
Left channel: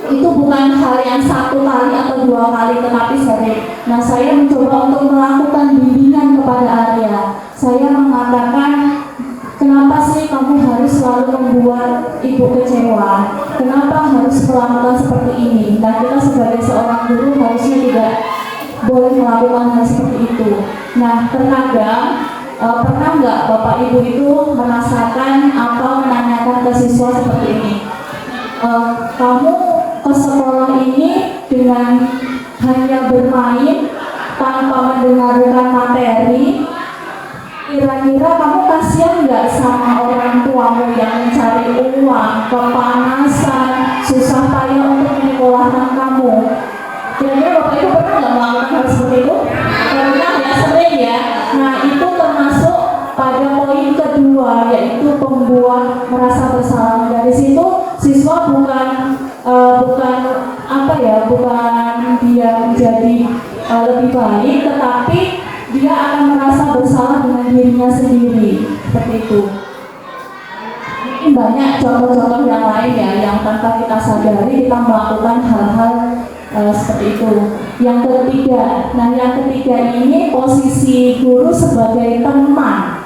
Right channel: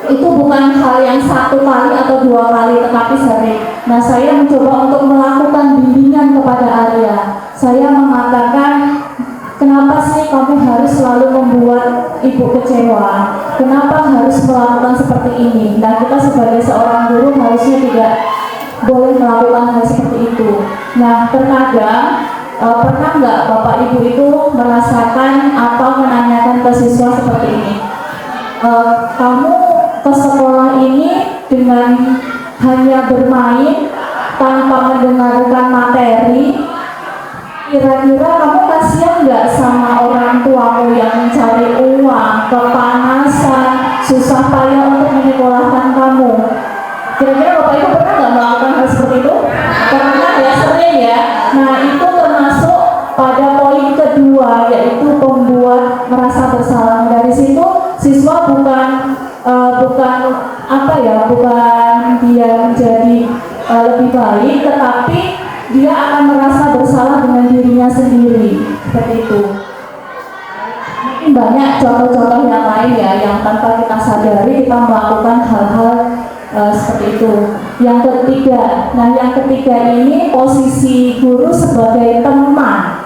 itu bukan hal yang satu kali atau dua kali, tetapi sering. Nah, saya mencoba untuk melakukan bimbingan kepada Arya. Saya mengatakan, kenapa sih kamu harus selalu membuat ibu kecewa? Kenapa harus melakukan seperti ini? Nah, kita sebagai seorang guru harusnya tidak boleh melakukan hal seperti itu. Nah, terkadang pernah nggak Bapak Ibu itu merasakan atau menanyakan ke siswa seperti ini? Kamu ke sekolah ini dengan hanya bermain tanpa mendengarkan materi, kira-kira kamu kasihan nggak sama orang tuamu yang mencari uang, kepanasan, susah payah untuk menyekolahkan kamu? Kira-kira Bapak Ibu pernah nggak melakukan hal seperti itu? Pernah ya, sering ya. Nah, itu termasuk pada poin kedua, yaitu pembuat merasa bersalah. Dari situ siswa bukan dia menjadi lebih baik, tetapi dia akan merasa bersalah dengan dirinya sendiri. Seperti itu. Mungkin banyak contoh-contoh yang lain ya, yang tanpa kita sadari kita melakukan hal-hal seperti itu. Yang ketiga ini posisi guru sebagai teman.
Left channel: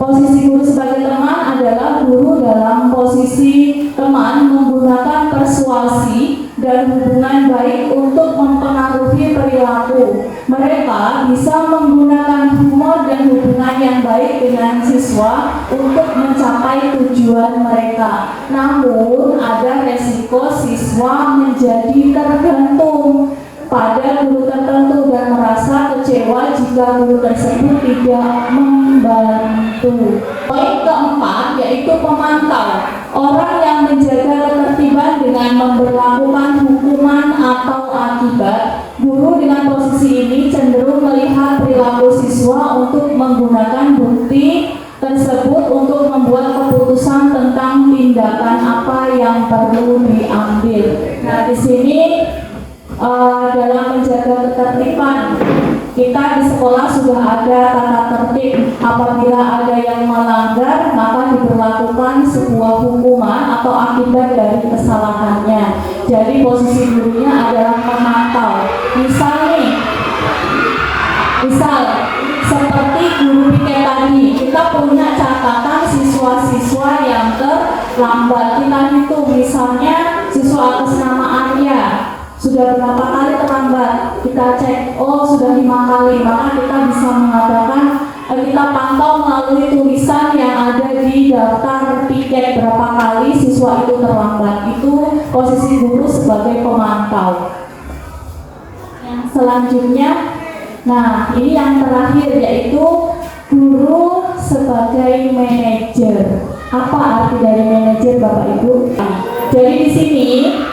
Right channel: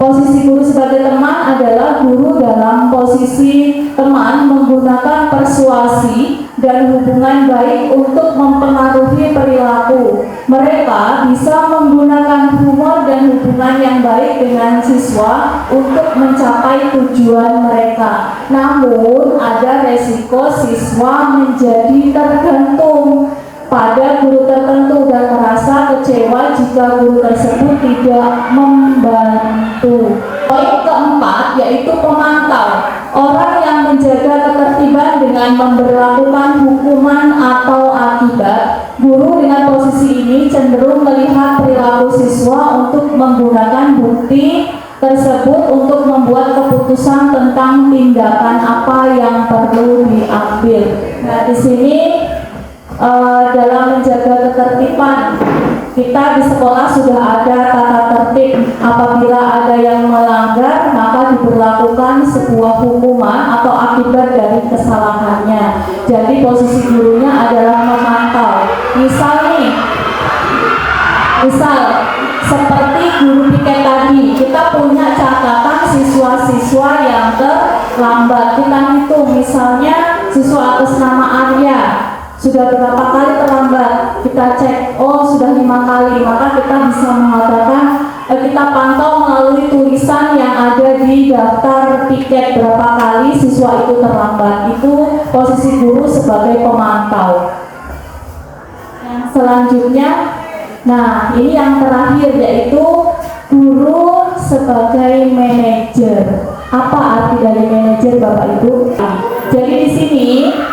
Posisi guru sebagai teman adalah guru dalam posisi teman menggunakan persuasi dan hubungan baik untuk mempengaruhi perilaku. Mereka bisa menggunakan humor dan hubungan yang baik dengan siswa untuk mencapai tujuan mereka. Namun, ada resiko siswa menjadi tergantung pada guru tertentu dan merasa kecewa jika guru tersebut tidak membantu. Poin keempat yaitu pemantau. Orang yang menjaga ketertiban dengan memberlakukan hukuman atau akibat. Guru dengan posisi ini cenderung melihat perilaku siswa untuk menggunakan bukti tersebut untuk membuat keputusan tentang tindakan apa yang perlu diambil. Nah, di sini dalam menjaga ketertiban, kita di sekolah sudah ada tata tertib. Apabila ada yang melanggar, maka diberlakukan sebuah hukuman atau akibat dari kesalahannya. Jadi posisi gurunya adalah memantau. Misal seperti guru piket tadi, kita punya catatan siswa-siswa siswa yang terlambat. Kita hitung, misalnya siswa atas nama Arya sudah berapa kali terlambat, kita cek, oh sudah 5 kali, maka kita bisa mengatakan kita pantau melalui tulisan yang ada di daftar tiket berapa kali siswa itu terlambat. Itu posisi guru sebagai pemantau. Yang selanjutnya, nah ini yang terakhir yaitu guru sebagai manajer. Apa arti dari manajer Bapak Ibu? Jadi di sini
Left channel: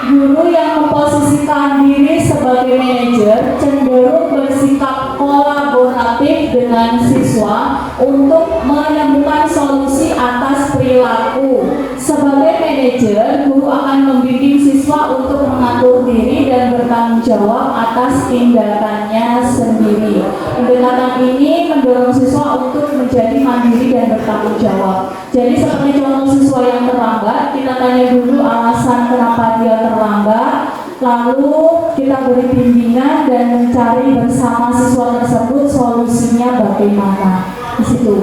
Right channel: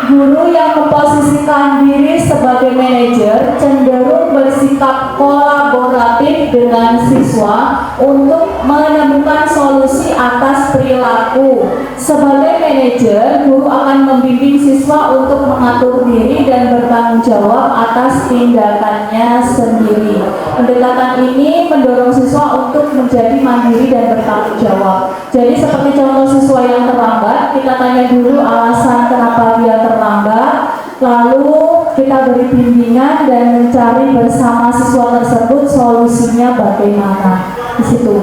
guru yang memposisikan diri sebagai manajer cenderung bersikap kolaboratif dengan siswa untuk menemukan solusi atas perilaku. Sebagai manajer, guru akan membimbing siswa untuk mengatur diri dan bertanggung jawab atas tindakannya sendiri. Pendekatan ini mendorong siswa untuk menjadi mandiri dan bertanggung jawab. Jadi seperti contoh siswa yang terlambat, kita tanya dulu alasan kenapa dia terlambat, lalu kita beri bimbingan dan mencari bersama siswa tersebut solusinya bagaimana. Di situ.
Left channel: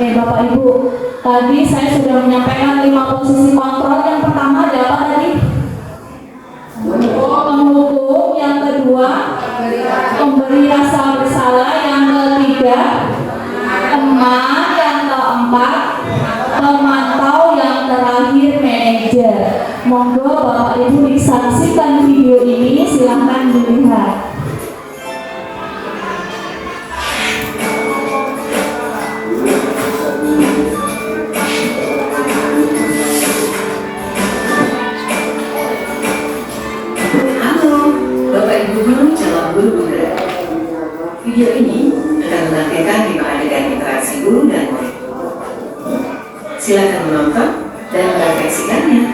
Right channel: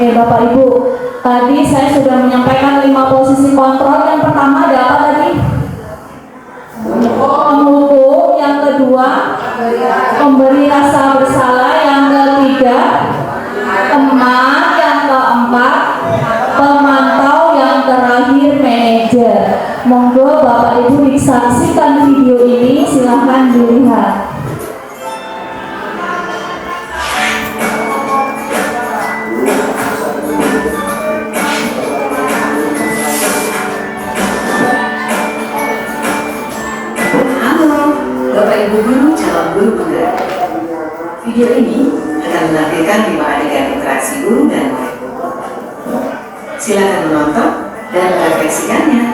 Oke Bapak Ibu, tadi saya sudah menyampaikan 5 posisi kontrol. Yang pertama ada apa tadi? Menghukum. Yang kedua, memberi rasa bersalah. Yang ketiga, teman. Yang keempat, pemantau. Yang terakhir, manajer. Monggo Bapak Ibu disaksikan video ini, silahkan dilihat. Video ini akan menampilkan 5 adegan interaksi guru dan murid. Silakan menonton dan merefleksikannya.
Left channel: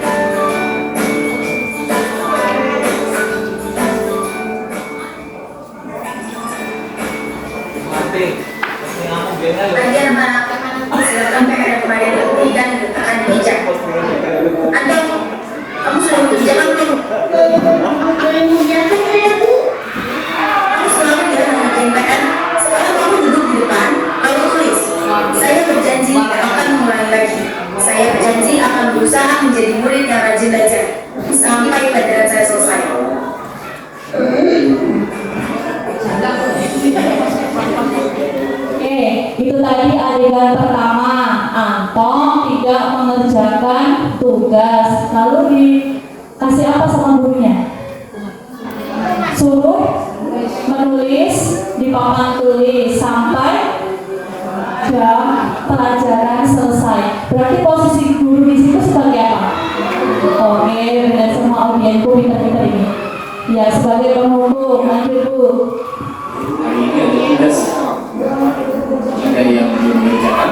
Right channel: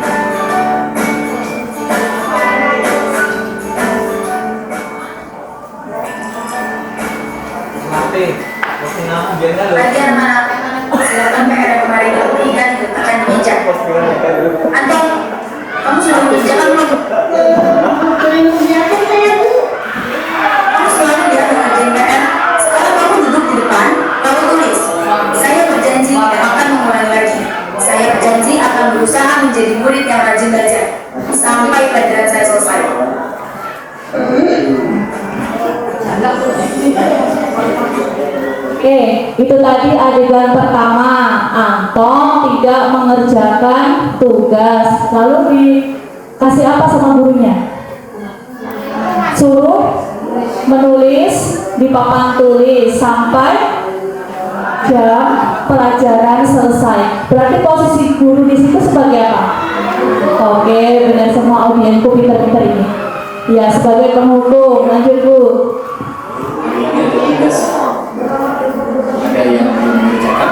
Belajar mana silakan kepada kemarin diberikan tekan bijak. Atau kamu sudah mengerjakan belum? Belum mengerjakan saya Bu. Kamu selalu dia mengerjakan PR. Sekarang kamu duduk di depan, kamu tulis. Saya berjanji tidak akan mengulangi lagi. Saya berjanji akan berusaha menjadi murid yang rajin belajar sampai pelajaran saya selesai. Oke, itu tadi adegan pertama. Anton tidak mengerjakan tugas. Lalu dikasih apa sama gurunya? Suruh menulis di papan tulis sampai jam pelajaran selesai. Berarti posisi guru di situ sebagai apa? Oke, benar semua audienku pintar-pintar ini. Ya, sebagai penghukum. Lanjut Bu. Ada yang belum mengerjakan,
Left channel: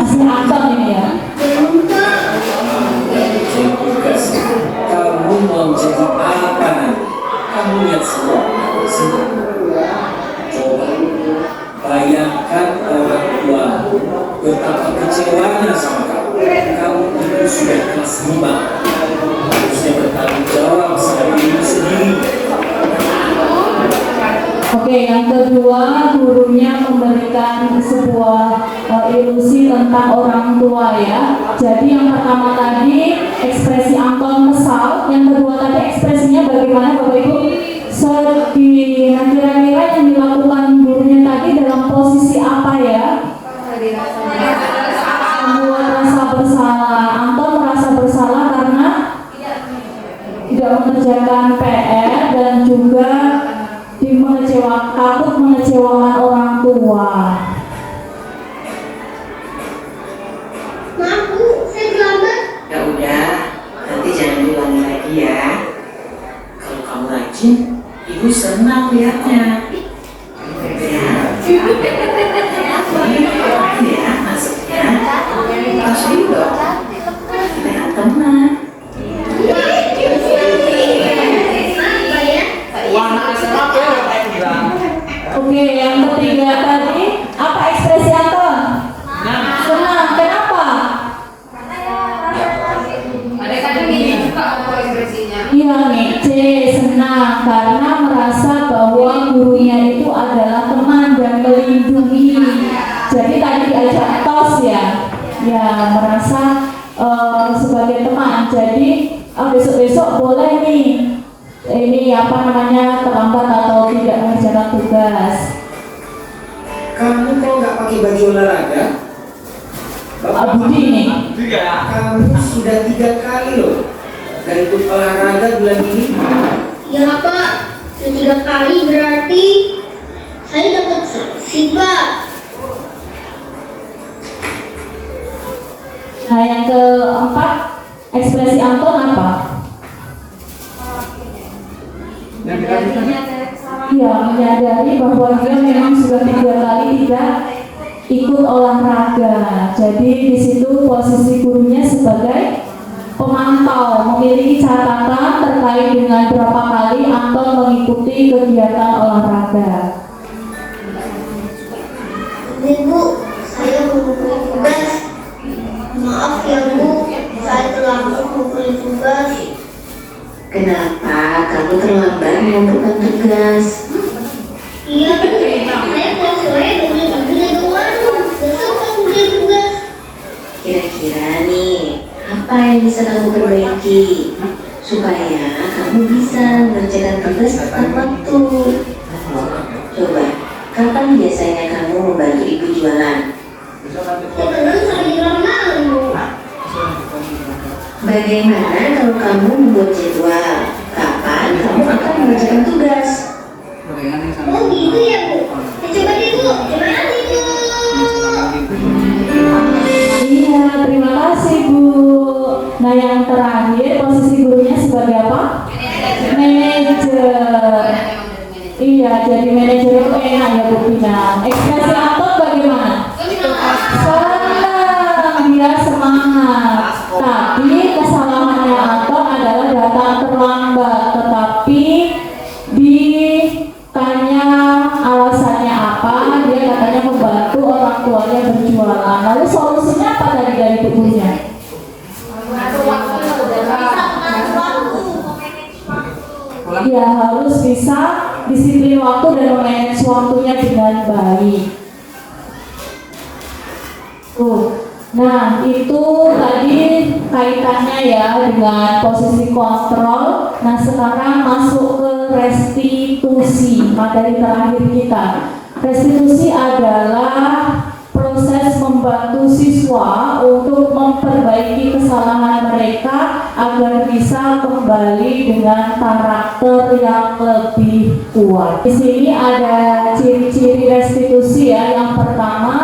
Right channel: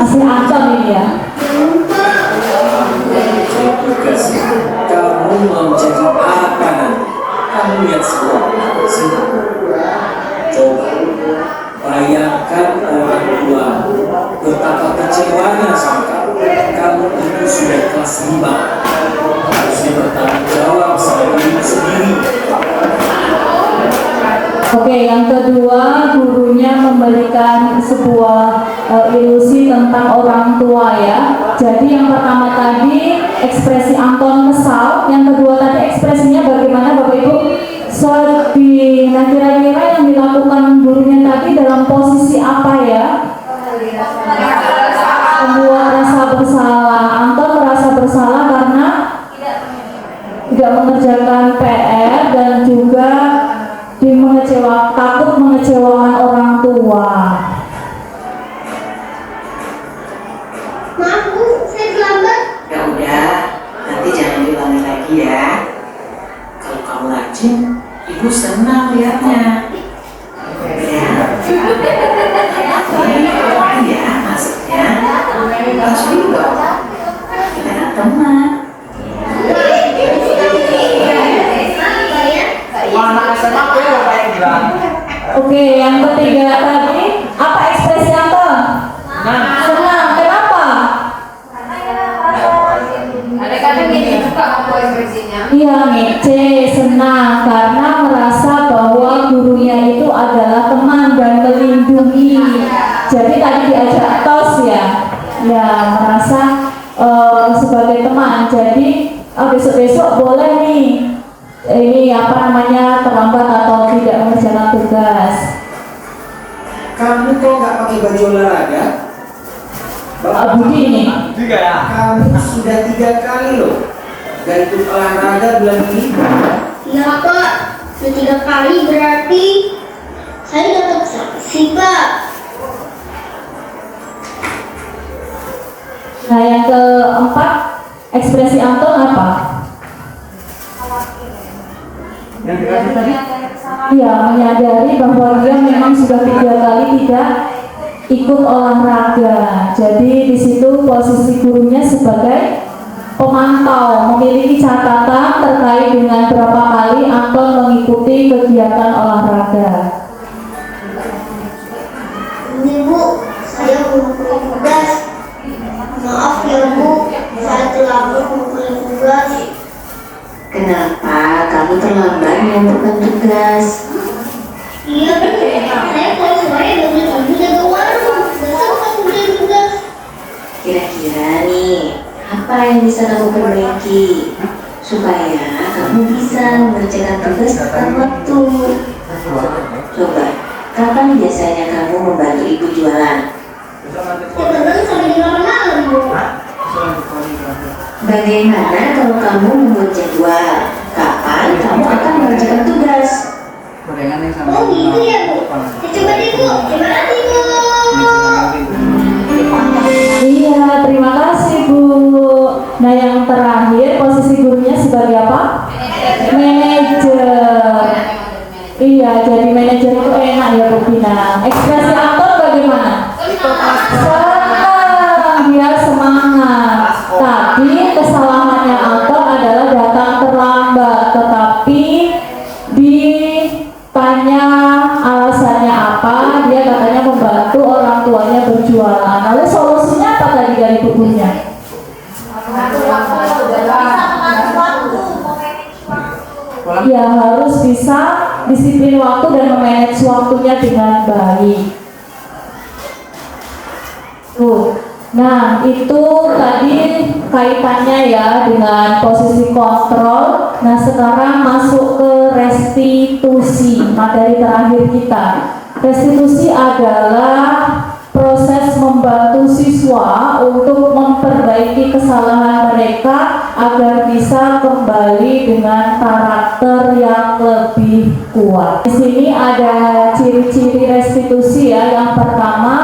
Masih Anton ini ya. tugas kamu mau jadi apa nanti? Kamu lihat semua sini. Coba bayangkan orang tua betapa kecewanya sama kamu. Kamu itu sudah kelas 5, harusnya bertanggung jawab sama diri sendiri. Oke, yang kedua gurunya memberikan sebuah ilusi tentang orang tua ya. Jadi yang pertama tadi ekspresi Anton kesal, yang kedua tadi ekspresinya bagaimana Bapak Ibu? Sedih. Nah kira-kira yang dilakukan gurunya tadi dalam posisi apa ya? Semua rasa bersalah. Anton merasa bersalah karena tidak mengerjakan PR dan juga takut mengecewakan orang tua. Maaf Bu, saya terlambat. Ya udah, nanti jangan diulangi lagi ya. Kalau kamu rajin, ibu senang lihatnya. Ya, ya maksudnya harus juga. Kita teman. Oke, yang ketiga tadi apa ekspresi Anton? Senang. Kenapa? Ada kadang gini. apa ekspresinya? Iya, ngece, senang karena merasa bahwa gurunya itu adalah teman dan melindungi. Jadi tadi diajak tos ya, merasa sebagai teman. Jadi besok-besok boleh nih ini terlambat atau tidak mengerjakan tugas. Kamu kok nggak pakai baju olahraga? Bapak Budi ini. Kamu sudah 3 kali loh nggak ikut olahraga bulan ini. Ya Pak, sudah 3 kali berarti saya dapat sanksi Pak. Nah, yang keempat, ekspresi Anton apa? Iya, menyadari bahwa dia memang sudah 3 kali tidak ikut olahraga. Jadi di situ posisi gurunya sebagai pemantau, memiliki catatan terkait dengan berapa kali Anton mengikuti kegiatan olahraga. Ini Bu, saya mengumpulkan tugas. Maaf ya Bu, saya terlambat mengumpulkan tugas. Kenapa kamu terlambat mengumpulkan tugas? Iya Bu, saya kalau sore bangun ibu jaga warung. Besok kan mengumpulkan tugas. Kira-kira nih, apa yang bisa kamu perbaiki supaya kamu bisa mengerjakan tugas tepat waktu? Coba, kapan biasanya kamu membantu ibu jualan? Kadang sampai malam Bu. Bagaimana kalau kamu membuat jadwal? Kapan kamu akan mengerjakan tugas? Oh gitu ya Bu. Ya, coba deh Bu, terima kasih Bu. Iya, terima kasih Bu. Nah, yang terakhir posisi gurunya sebagai apa? Manajer. Iya, jadi manajer itu enak ya Bu Pina. Ekspresi Anton bagaimana? Senang, dia semangat. Tapi kesalahannya Anton adalah datang terlambat. Tetapi ditanya alasannya apa, dia katanya membantu orang tuanya berjualan. Lalu solusinya apa tadi dari gurunya? Ya, harus bisa disiplin waktu dan memanage waktunya dengan baik. Nah, itu tadi kaitannya ya dengan posisi kontrol. Nah, sekarang masuk ke restitusi, materi terakhir kita. Restitusi adalah proses membantu siswa untuk memperbaiki kesalahan mereka agar bisa kembali dengan karakter yang lebih kuat. Di sini ada ciri-ciri restitusi ya. Yang pertama,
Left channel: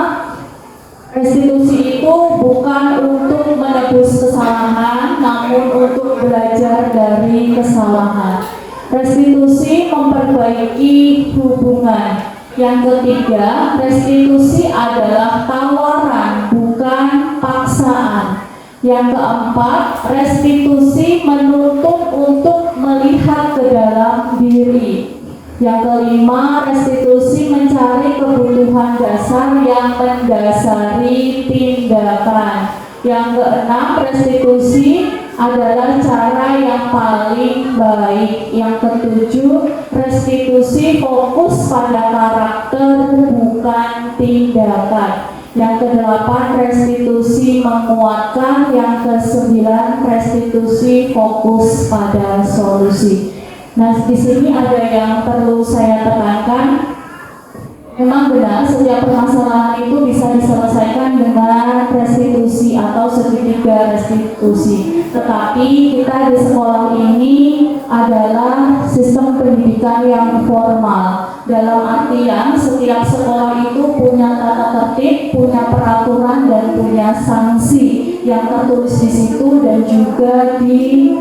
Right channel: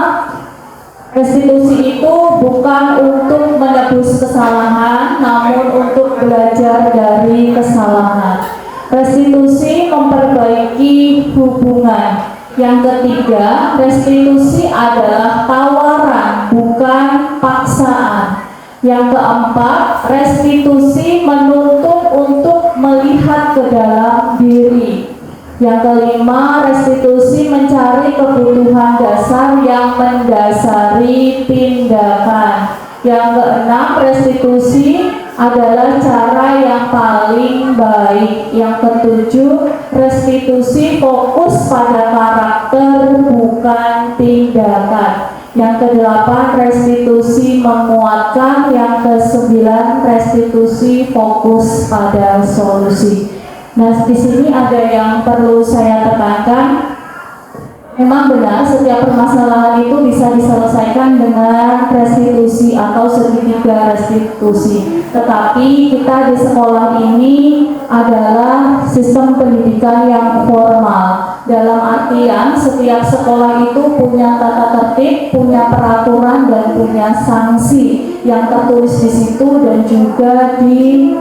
restitusi itu bukan untuk menebus kesalahan, namun untuk belajar dari kesalahan. Restitusi memperbaiki hubungan. Yang ketiga, restitusi adalah tawaran, bukan paksaan. Yang keempat, restitusi menuntut untuk melihat ke dalam diri. Yang kelima, restitusi mencari kebutuhan dasar yang mendasari tindakan. Yang keenam, restitusi adalah cara yang paling baik. Yang ketujuh, restitusi fokus pada karakter bukan tindakan. Yang kedelapan, restitusi menguatkan. Yang kesembilan, restitusi fokus pada solusi. Nah, di sini ada yang perlu saya tekankan. Memang benar setiap permasalahan itu bisa diselesaikan dengan restitusi atau segitiga restitusi. Tetapi kita di sekolah ini adalah sistem pendidikan yang formal. Dalam artian setiap sekolah itu punya tata tertib, punya peraturan dan punya sanksi yang tertulis di situ dan juga di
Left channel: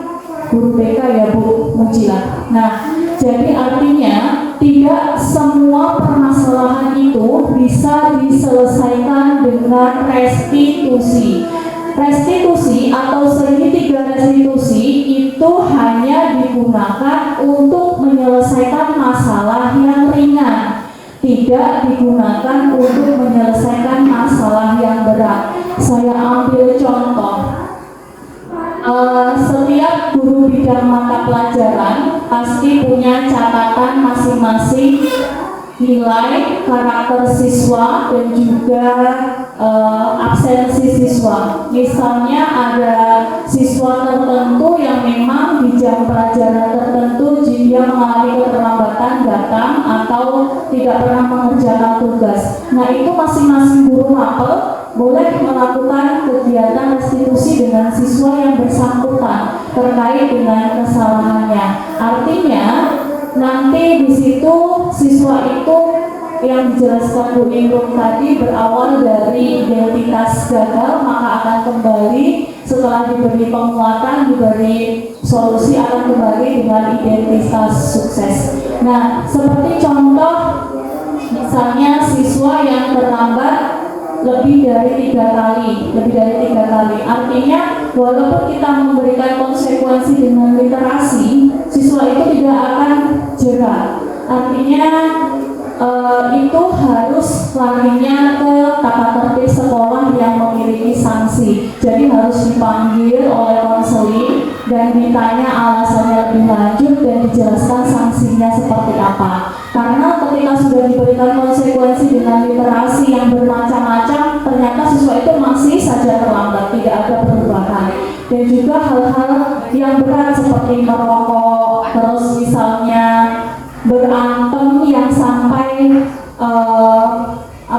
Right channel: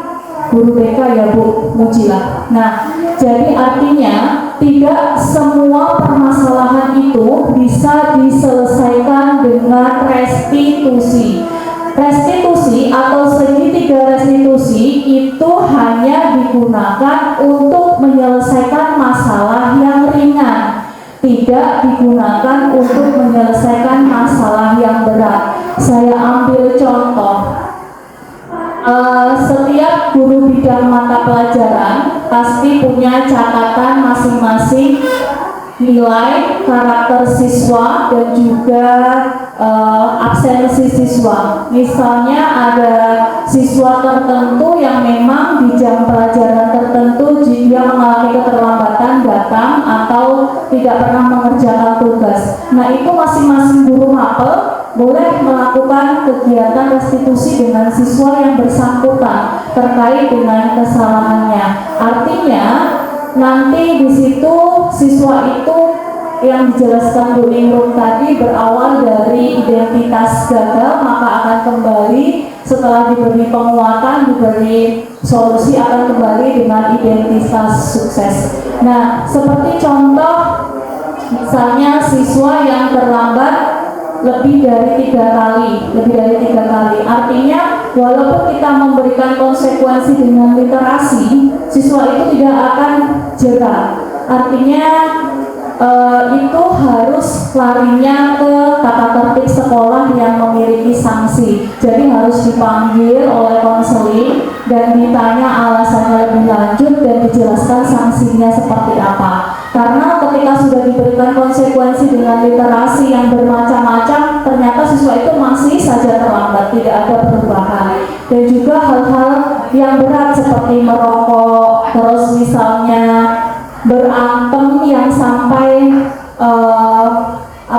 guru BK ya Bu Mujila. Nah, jadi artinya tidak semua permasalahan itu bisa diselesaikan dengan restitusi. Restitusi atau segitiga restitusi itu hanya digunakan untuk menyelesaikan masalah yang ringan, tidak digunakan untuk menyelesaikan masalah yang berat. Saya ambil contoh. Setiap guru bidang mata pelajaran pasti punya catatan masing-masing nilai, karakter siswa, dan juga absensi siswa. Misalnya ada siswa tertentu yang memang di jam pelajaran tertentu jika mengalami keterlambatan datang atau tidak pernah mengerjakan tugas. Nah, itu masing-masing guru mapel boleh melakukan kegiatan restitusi dengan siswa yang bersangkutan terkait dengan kesalahannya. Artinya nanti di situ siswa itu yang dijelaskan Bu Ningrum tadi berawal dari identitas gagal, maka akan kembali setelah diberi penguatan, diberi solusi, akan kembali dengan identitas sukses. Nah, seperti contoh misalnya siswa yang terlambat lebih dari 3 kali, artinya walaupun kita memberikan konsekuensi dengan literasi, siswa itu tidak akan jera. Artinya itu harus larinya ke tata tertib sekolah yang memiliki sanksi. Jadi harus dipanggil oleh konseling dan ditanya alasannya lebih lanjut dan dijelaskan sanksinya seperti apa. Karena ketika sudah diberikan konsekuensi dengan literasi yang bermacam-macam, ternyata siswa itu masih saja terlambat, tidak ada perubahan. Dan juga hal-hal yang berat seperti merokok, terus misalnya berantem yang sampai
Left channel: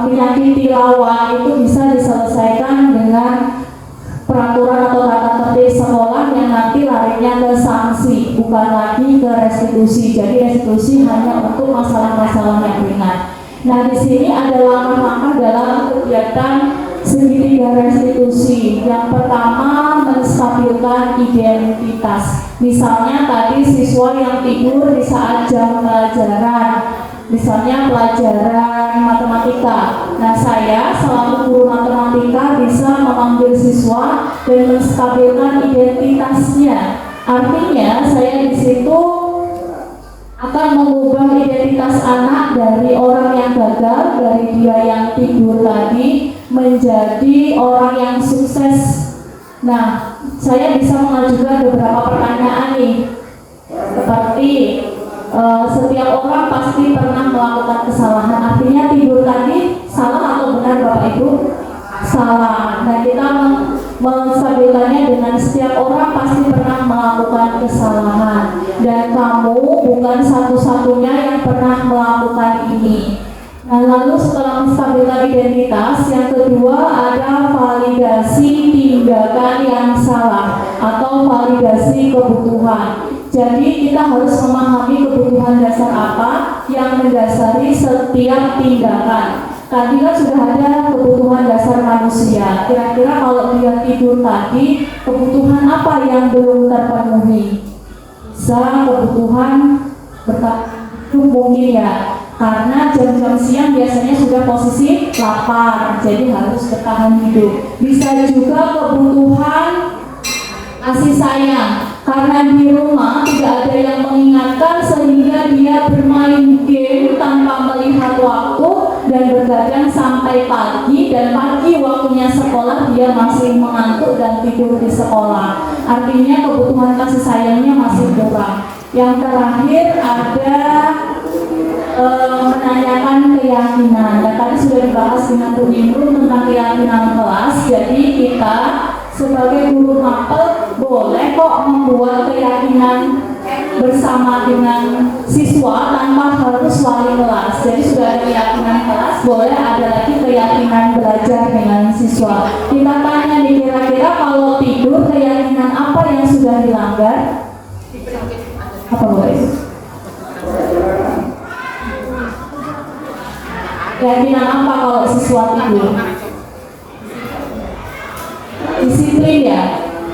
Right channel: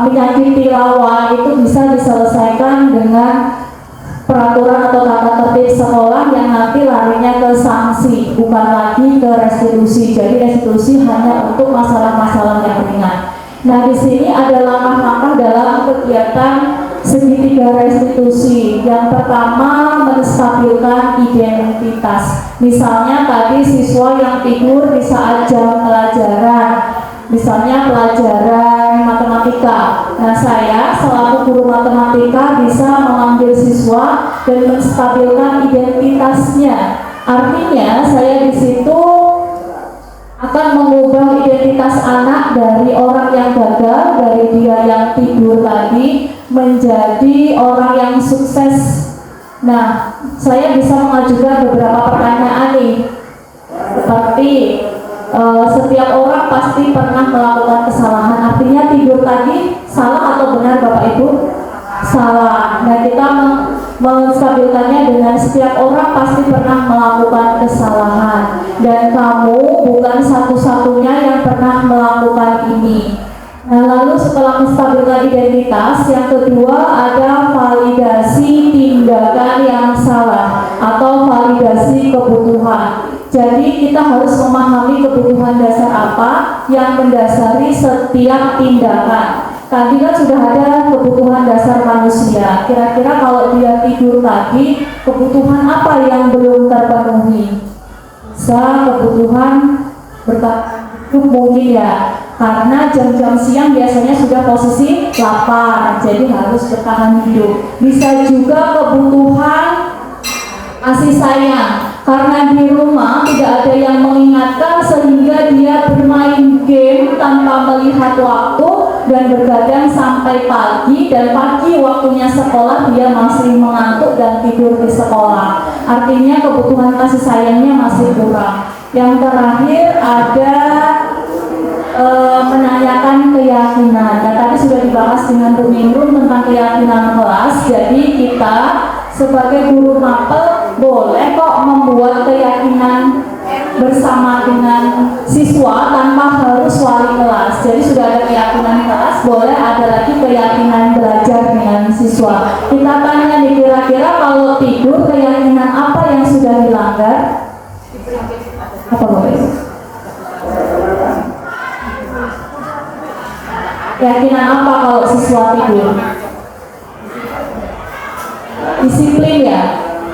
penyakit tilawah, itu bisa diselesaikan dengan peraturan atau tata tertib sekolah yang nanti larinya ke sanksi, bukan lagi ke restitusi. Jadi restitusi hanya untuk masalah-masalah yang ringan. Nah, di sini ada langkah-langkah dalam kegiatan segitiga restitusi. Yang pertama, menstabilkan identitas. Misalnya tadi siswa yang tidur di saat jam pelajaran, misalnya pelajaran matematika. Nah, saya selaku guru matematika bisa mengambil siswa dan menstabilkan identitasnya. Artinya saya di situ akan mengubah identitas anak dari orang yang gagal, dari dia yang tidur tadi, menjadi orang yang sukses. Nah, saya bisa mengajukan beberapa pertanyaan nih, seperti setiap orang pasti pernah melakukan kesalahan. Artinya tidur tadi salah atau benar Bapak Ibu? Salah. Nah, kita menstabilkannya dengan setiap orang pasti pernah melakukan kesalahan, dan kamu bukan satu-satunya yang pernah melakukan ini. Nah, lalu setelah menstabilkan identitas, yang kedua ada validasi tindakan yang salah atau validasi kebutuhan. Jadi kita harus memahami kebutuhan dasar apa yang mendasari setiap tindakan. Tadi kan sudah ada kebutuhan dasar manusia. Kira-kira kalau dia tidur tadi, kebutuhan apa yang belum terpenuhi? Bisa kebutuhan bertahan hidup mungkin ya, karena jam-jam siang biasanya sudah posisi lapar, jadi harus bertahan hidup. Bisa juga kebutuhan kasih sayang, karena di rumah tidak ada yang mengingatkan sehingga dia bermain game tanpa melihat waktu dan bergadang sampai pagi, dan pagi waktunya sekolah dia masih mengantuk dan tidur di sekolah. Artinya kebutuhan kasih sayangnya masih kurang. Yang terakhir ada menanyakan keyakinan. Dan tadi sudah dibahas dengan Bu Ningrum tentang keyakinan kelas. Jadi kita sebagai guru mapel boleh kok membuat keyakinan bersama dengan siswa tanpa harus wali kelas. Jadi sudah ada keyakinan kelas, boleh ada lagi keyakinan belajar dengan siswa. Kita tanya nih, kira-kira kalau tidur keyakinan apa yang sudah dilanggar? Apa boleh? Keyakinan apa kalau siswa tidur? Disiplin ya?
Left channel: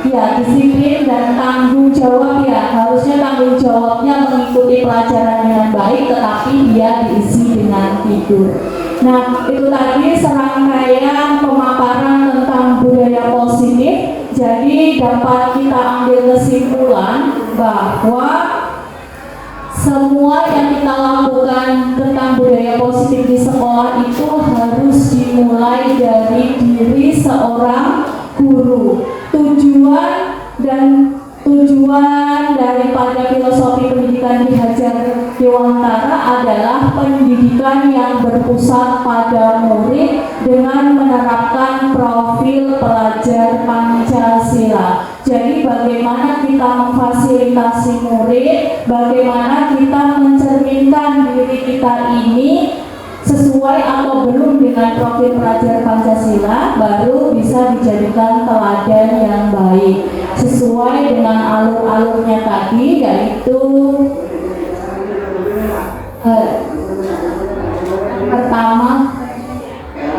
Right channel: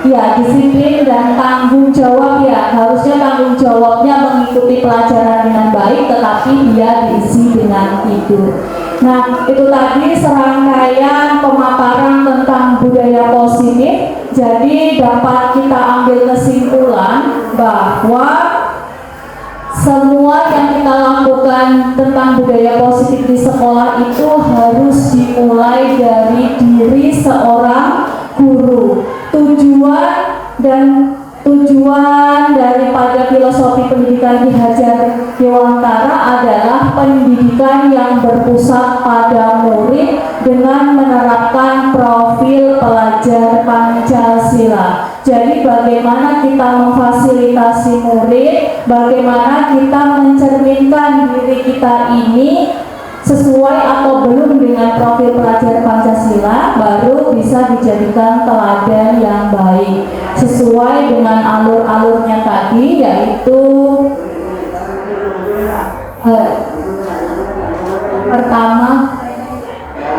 Ya, disiplin dan tanggung jawab ya. Harusnya tanggung jawabnya mengikuti pelajaran dengan baik, tetapi dia diisi dengan tidur. Nah, itu tadi serangkaian pemaparan tentang budaya positif. Jadi dapat kita ambil kesimpulan bahwa semua yang kita lakukan tentang budaya positif di sekolah itu harus dimulai dari diri seorang guru. Tujuan dan Tujuan daripada filosofi pendidikan Ki Hajar Dewantara adalah pendidikan yang berpusat pada murid dengan menerapkan profil pelajar Pancasila. Jadi bagaimana kita memfasilitasi murid, bagaimana kita mencerminkan diri kita ini sesuai atau belum dengan profil pelajar Pancasila, baru bisa dijadikan teladan yang baik sesuai dengan alur-alurnya tadi, yaitu pertama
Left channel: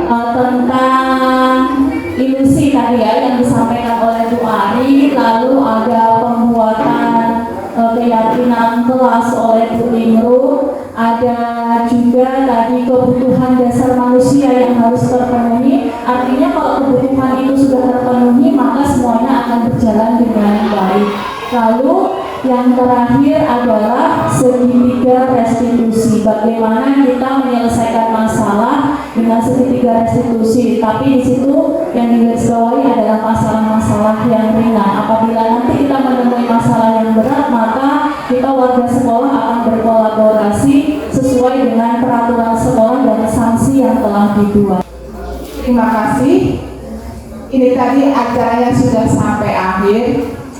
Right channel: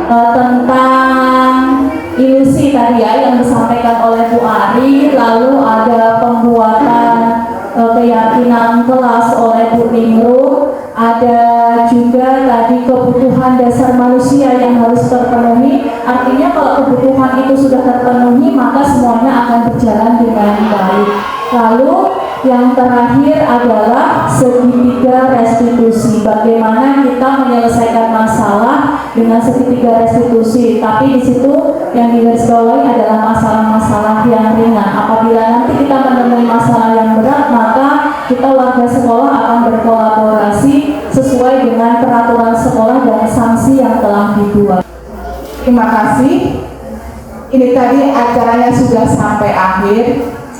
tentang ilusi tadi ya yang disampaikan oleh Bu Ari, lalu ada pembuatan keyakinan kelas oleh Bu Nimru, ada juga tadi kebutuhan dasar manusia yang harus terpenuhi. Artinya kalau kebutuhan itu sudah terpenuhi, maka semuanya akan berjalan dengan baik. Lalu yang terakhir adalah segitiga restitusi. Bagaimana kita menyelesaikan masalah dengan segitiga restitusi. Tapi di situ yang digarisbawahi adalah masalah-masalah yang ringan. Apabila nanti kita menemui masalah yang berat, maka kita warga sekolah akan berkolaborasi sesuai dengan peraturan sekolah dan sanksi yang telah dibuat. Terima kasih. Ini tadi acaranya sudah sampai akhir.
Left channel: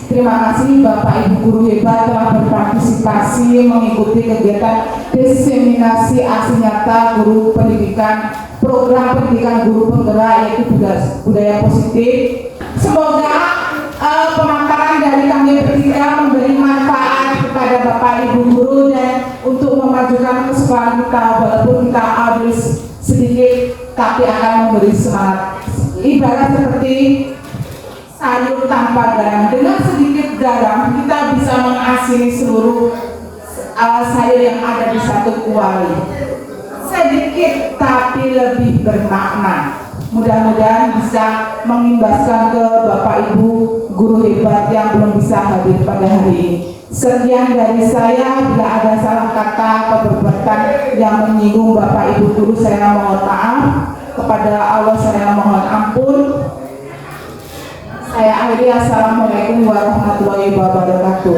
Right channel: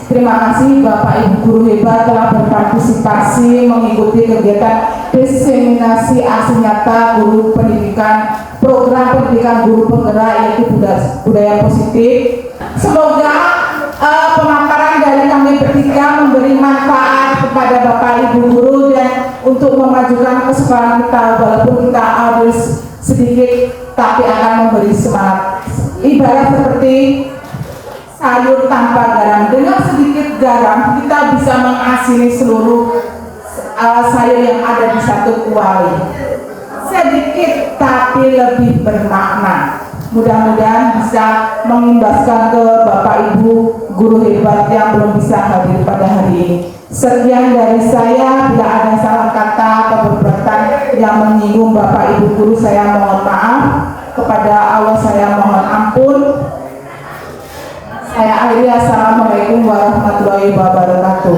Terima kasih Bapak Ibu guru hebat telah berpartisipasi mengikuti kegiatan diseminasi aksi nyata guru pendidikan, program pendidikan guru penggerak yaitu budaya positif. Semoga pemaparan dari kami bertiga memberi manfaat kepada Bapak Ibu guru dan untuk memajukan keseimbangan kita, walaupun kita habis sedikit tapi akan memberi semangat. Ibarat seperti sayur tanpa garam, dengan sedikit garam kita bisa mengasini seluruh sayur yang ada di satu kuali. Sedikit tapi lebih bermakna. Mudah-mudahan bisa mengimbaskan ke Bapak Ibu guru hebat yang belum bisa hadir pada hari ini. Sekian dari saya. Bila ada salah kata atau perbuatan yang menyinggung Bapak Ibu guru, saya mohon maaf. Kepada Allah saya mohon ampun. Saya akhiri. Assalamualaikum warahmatullahi wabarakatuh.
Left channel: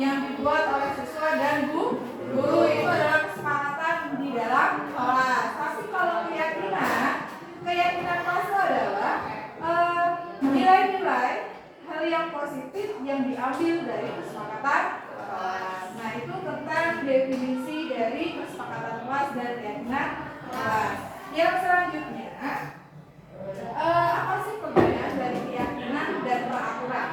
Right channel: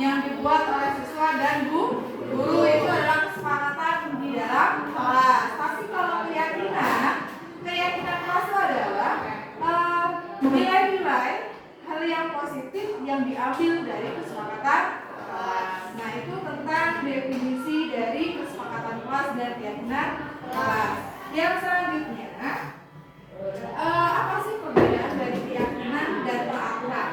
Yang dibuat oleh siswa dan guru itu adalah kesepakatan di dalam kelas. Tapi kalau keyakinan kelas itu adalah nilai-nilai hal yang positif yang diambil dari kesepakatan kelas. Nah, itu tentang definisi dari kesepakatan kelas dan keyakinan kelas. Yang selanjutnya, apa sih perbedaan dari keyakinan dan peraturan?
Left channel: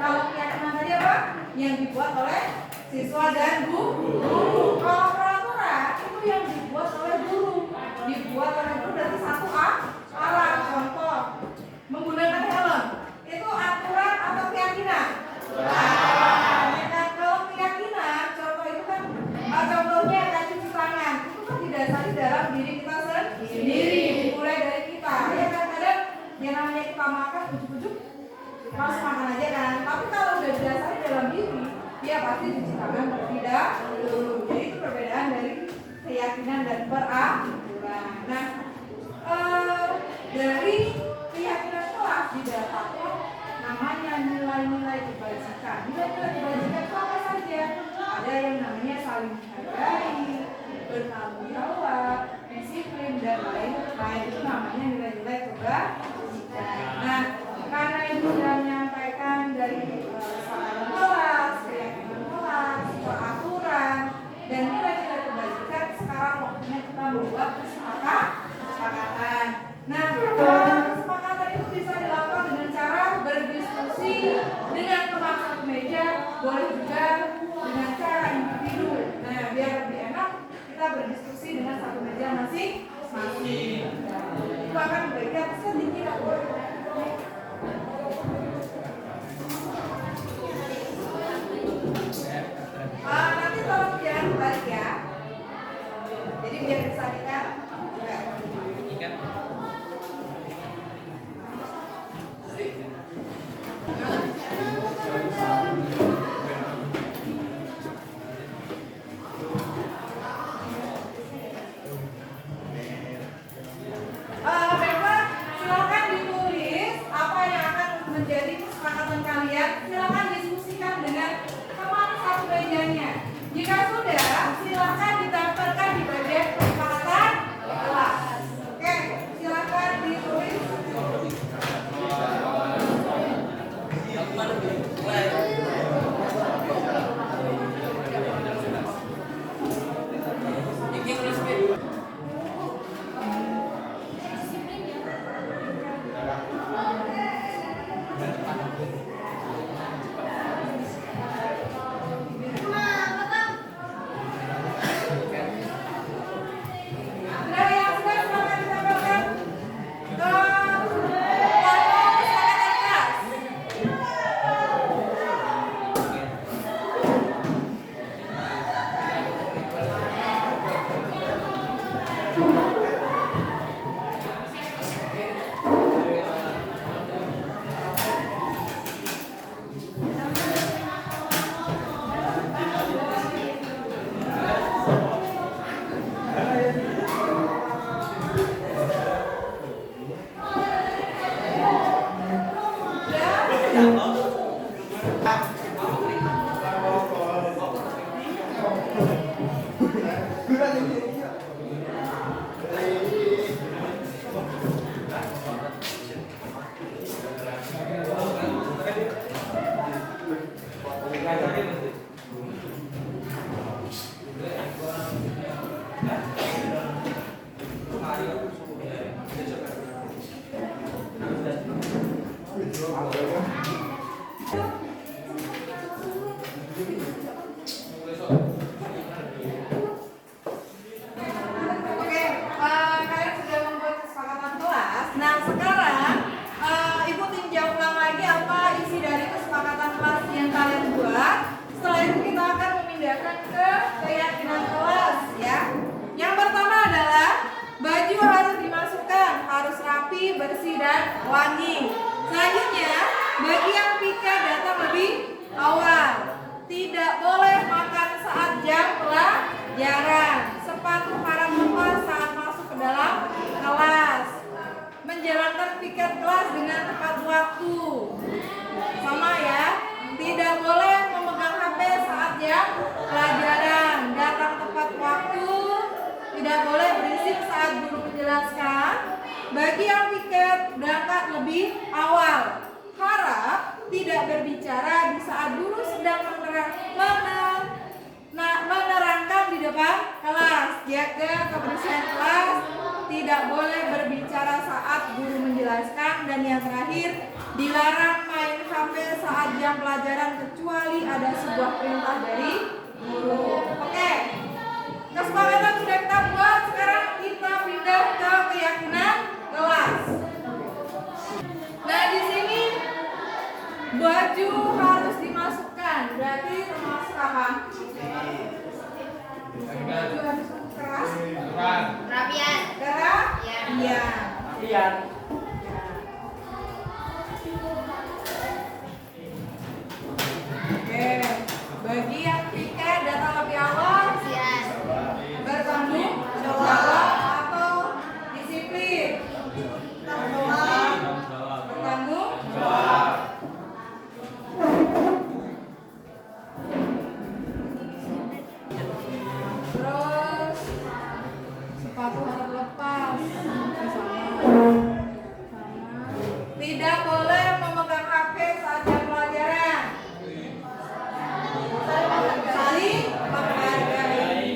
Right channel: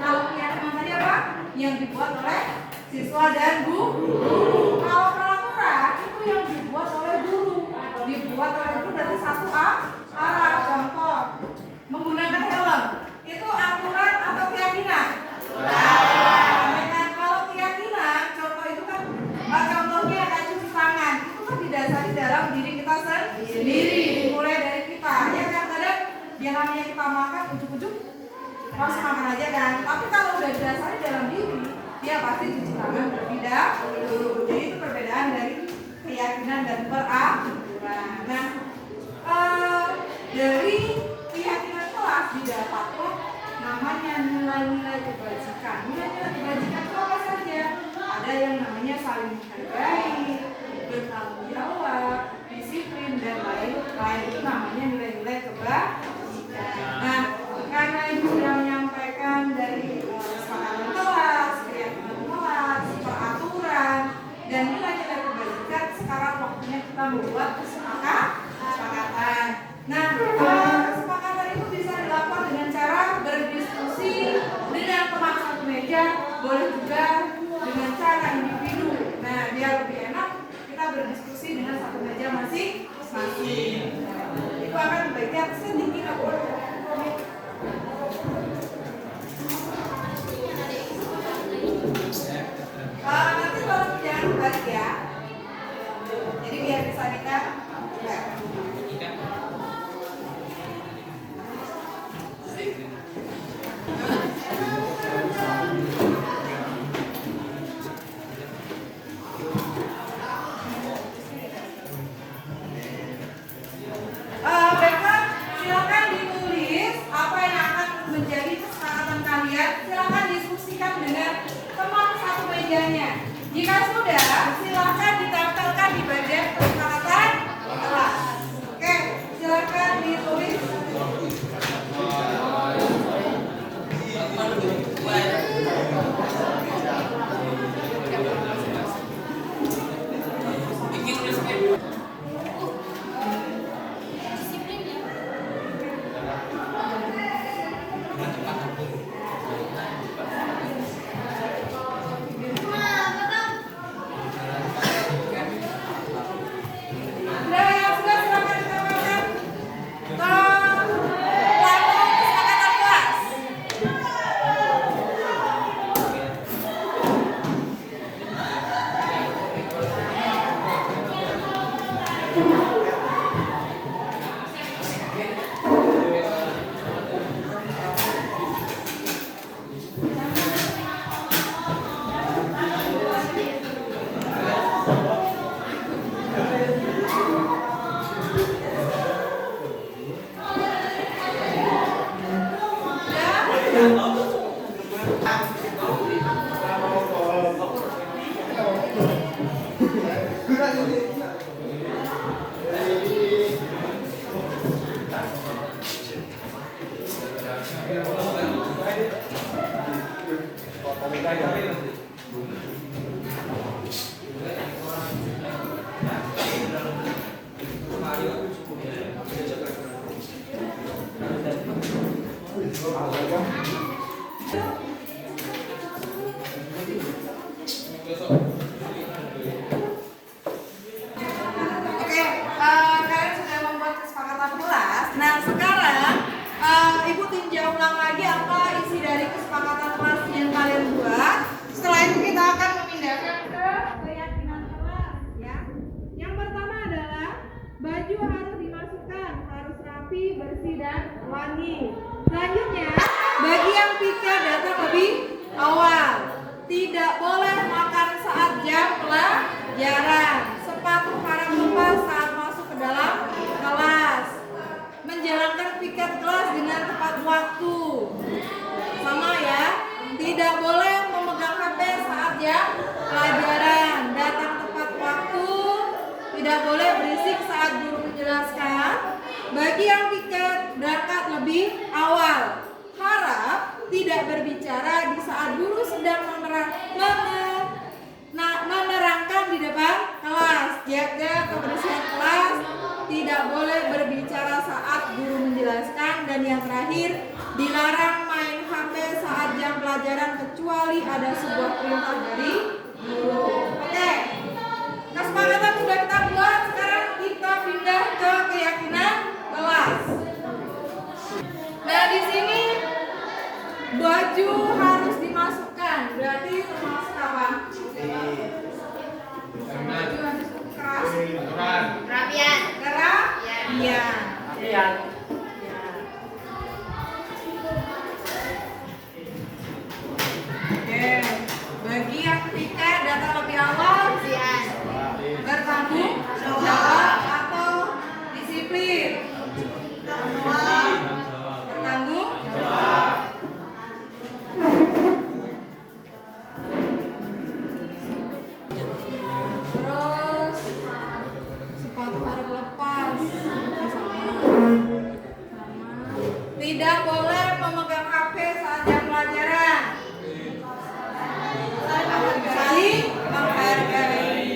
Kalau keyakinan tadi apa? Yang dibuat oleh siswa dan guru. Kalau peraturan itu yang dibuat oleh guru. Dibuat oleh guru dari satu arah. Contoh, menggunakan helm. Itu aturan atau keyakinan? Kalau keyakinan, contoh itu kan contohnya kayak cuci tangan. Itu kan didasari dalam diri kita sendiri. Dimulai dari kita. Ya kan, kadang yang namanya kita makan ujuk-ujuk langsung makan aja kan, tapi kalau udah didasari dalam diri, dia pasti cuci tangan terlebih dahulu. Jadi itu perbedaan dari keyakinan dan peraturan. Nah, dari keyakinan kelas didapatkan namanya nilai-nilai kebajikan. Nilai-nilai kebajikan itu apa saja? Ada yang namanya saling menghargai, bertanggung jawab, disiplin dan lain-lain. Itu namanya nilai-nilai kebajikan. Nah, karena ibu sudah menyampaikan dari kesepakatan kelas, keyakinan kelas, peraturan, dan nilai-nilai kebajikan, sekarang waktunya kita membuat kesepakatan. Nah, kesepakatan itu bisa dilakukan dengan cara berdiskusi meja, boleh juga dengan cara individu. Nah, biar lebih enak kita berdiskusi dengan satu meja masing-masing. Itu akan memberikan sedikit nanti tolong jangan balik ya. Jadi biar bisa kita baiklah, silakan ditulis apa yang akan menjadi kesepakatan kalian. Silakan diskusikan dengan teman satu mejanya. Jika sudah, silakan didaftarkan di bagian kesepakatan kelas. Oke, silakan ditulis. Nah, yang sudah silakan didaftarkan ke plano kesepakatan kelas. Oke, kalian sudah membuat kesepakatan kelas. Nah, sekarang Ibu tinjau ulang lagi apa isi dari kesepakatan kelas yang kalian buat. Setelah itu kita akan memindahkan ke keyakinan kelas ya. Yang pertama adalah baju harus dimasukkan, harus rapi, bersih dan wangi. Selanjutnya, bagi yang piket datang lebih awal. Tidak boleh makan saat jam pelajaran. Sepatu harap lepas saat masuk ke dalam kelas. Menjalankan piket kelas dengan tepat waktu. Sama ya. Tidak boleh memegang HP saat jam pelajaran. Datang tepat waktu. Tidak boleh berisik saat guru menjelaskan. Bagi yang piket berangkat lebih awal. Harap tidak berbicara di saat guru sedang menerangkan di depan kelas. Jaga kebersihan kelas. Tidak boleh berbicara saat guru menjelaskan. Dan yang terakhir, dilarang main HP saat jam pelajaran kecuali ada sebuah perintah dari guru. Oke, kesepakatan sudah kita buat. Sekarang kita pindah ke keyakinan kelas. Nah, di sini baju harus dimasukkan. Berarti termasuk apa? Baju harus keras. Rapian. Keras? Iya. Rapian. Oke. Bagi yang piket datang lebih awal. Bertanggung jawab atau disiplin? Bertanggung jawab. Terus sepatu harus lepas. Sama. Tidak boleh memegang HP saat jam pelajaran. Saling menghargai.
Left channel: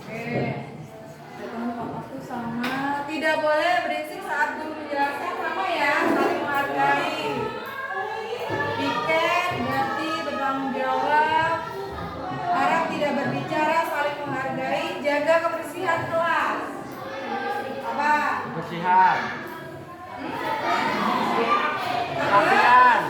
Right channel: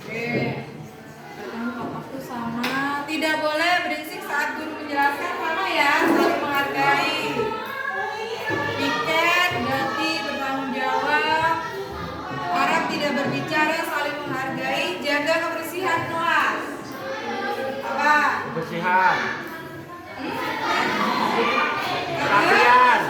Oke. Ketemu Pak. Tidak boleh berisik saat guru menjelaskan, sama ya, saling menghargai. Piket berarti bertanggung jawab. Harap tidak berbicara, saling menghargai. Jaga kebersihan kelas. Apa? Kebersihan. Kebersihan.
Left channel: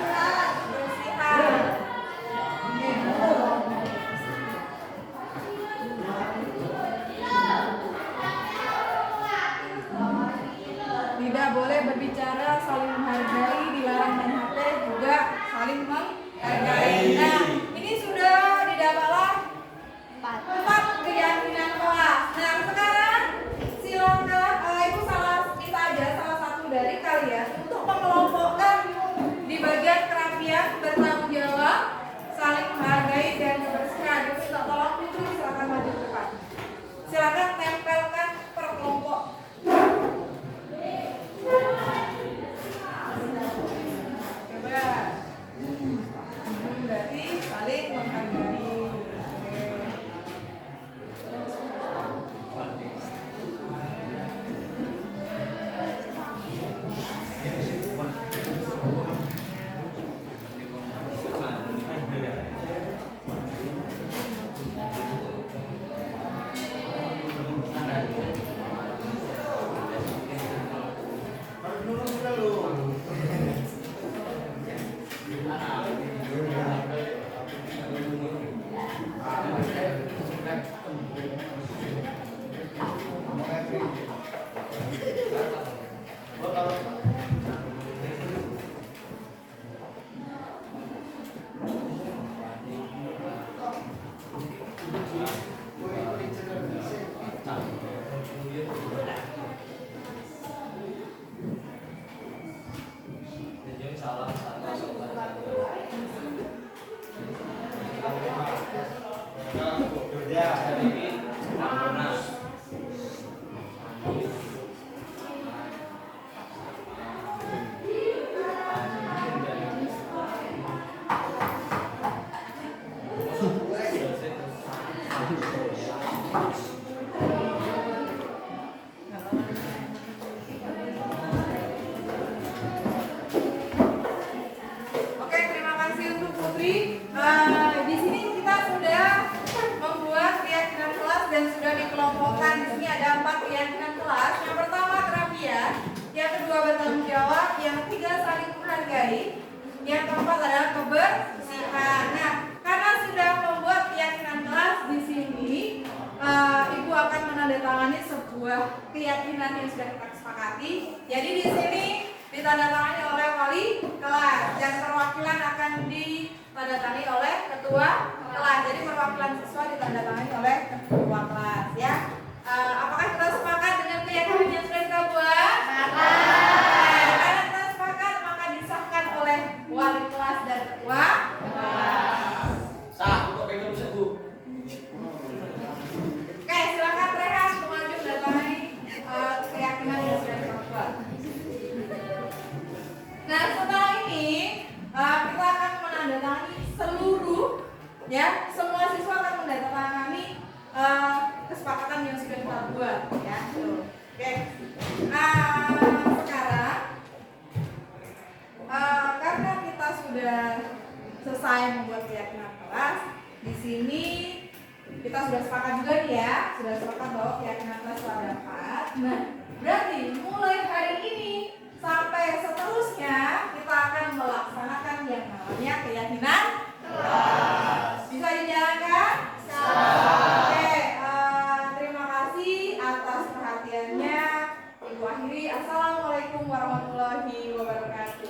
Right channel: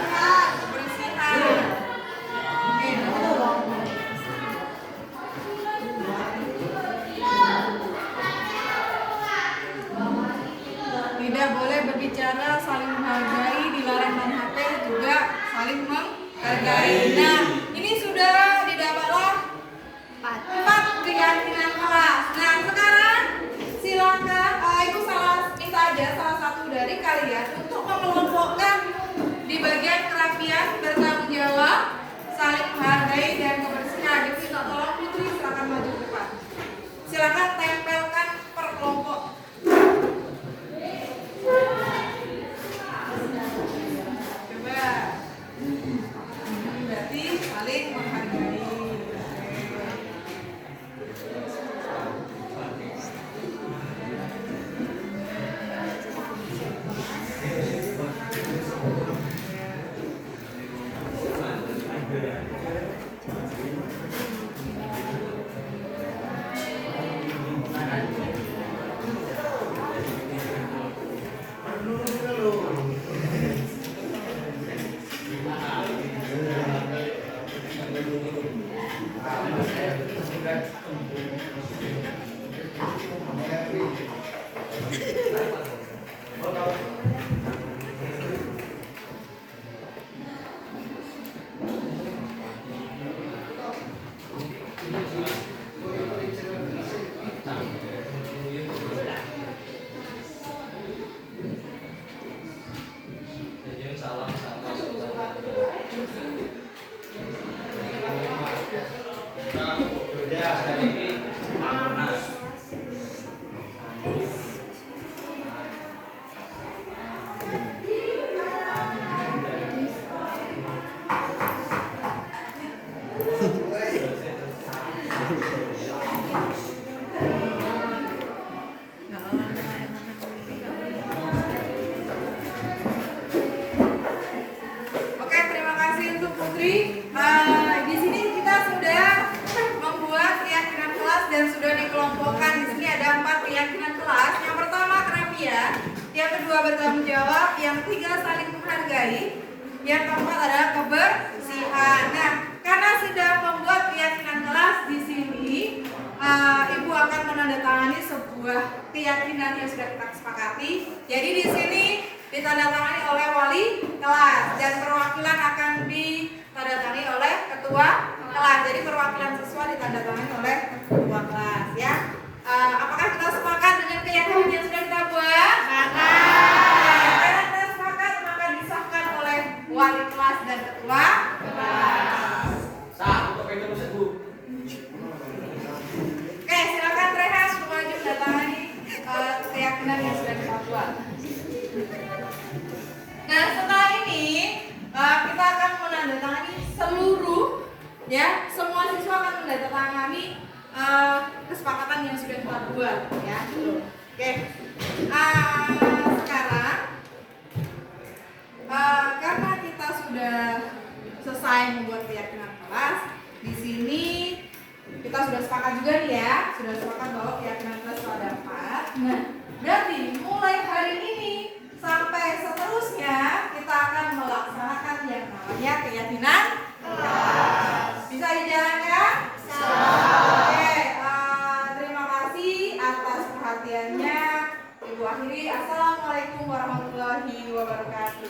Tidak boleh berbicara, saling menghargai, dilarang main HP, juga saling menghargai. Nah, ini sudah didapatlah 4 keyakinan kelas. Nah, sekarang silakan Ibu minta aja salah satu dari kalian untuk mengelompokkan di bagian kerapian, bertanggung jawab, saling menghargai, dan kebersihan. Ibu minta tolong Putri, silakan maju ke depan. Silakan tempelkan per kelompok. Coba. Berarti saling menghargai. Oke, terima kasih untuk Putri. Di sini kita sudah membuat keyakinan kelas dan sudah dikelompokkan. Di sini ada 4 keyakinan kelas. Yang pertama kerapian, yang kedua bertanggung jawab, yang ketiga saling menghargai, yang keempat adalah kebersihan. Nah, karena sudah membuat keyakinan kelas di sini, Ibu akan menandatangani sebuah keyakinan yang sudah kita sepakati. Jadi di sini ditandatangani oleh wali kelas dan perwakilan akan ditandatangani oleh ketua kelas. Jadi perwakilan siswa ditandatangani oleh ketua kelas, ya. Apakah kita sepakat dengan keyakinan yang sudah kita buat? Sepakat. Karena kita sepakat, maka disahkan oleh wali kelas dan ketua kelas. Oke, silakan Rehan maju mendatangani keyakinan yang sudah kita buat. Nah, setelah ini kita akan menandatangani seluruh, ya, semua siswa akan menandatangani kesepakatan yang sudah kita buat, ya. Oke. Sekarang karena kita sudah selesai membuat keyakinan kelas, di sini kita sudah sepakat juga nih, ya, sudah sepakat bahwa keyakinan kelas itu ada 4. Nah, berarti mulai hari ini sampai seterusnya kita akan melaksanakan yang namanya keyakinan kelas. Bisa dijalankan? Oke, terima kasih atas perhatiannya. Ibu akhiri. Assalamualaikum warahmatullahi wabarakatuh.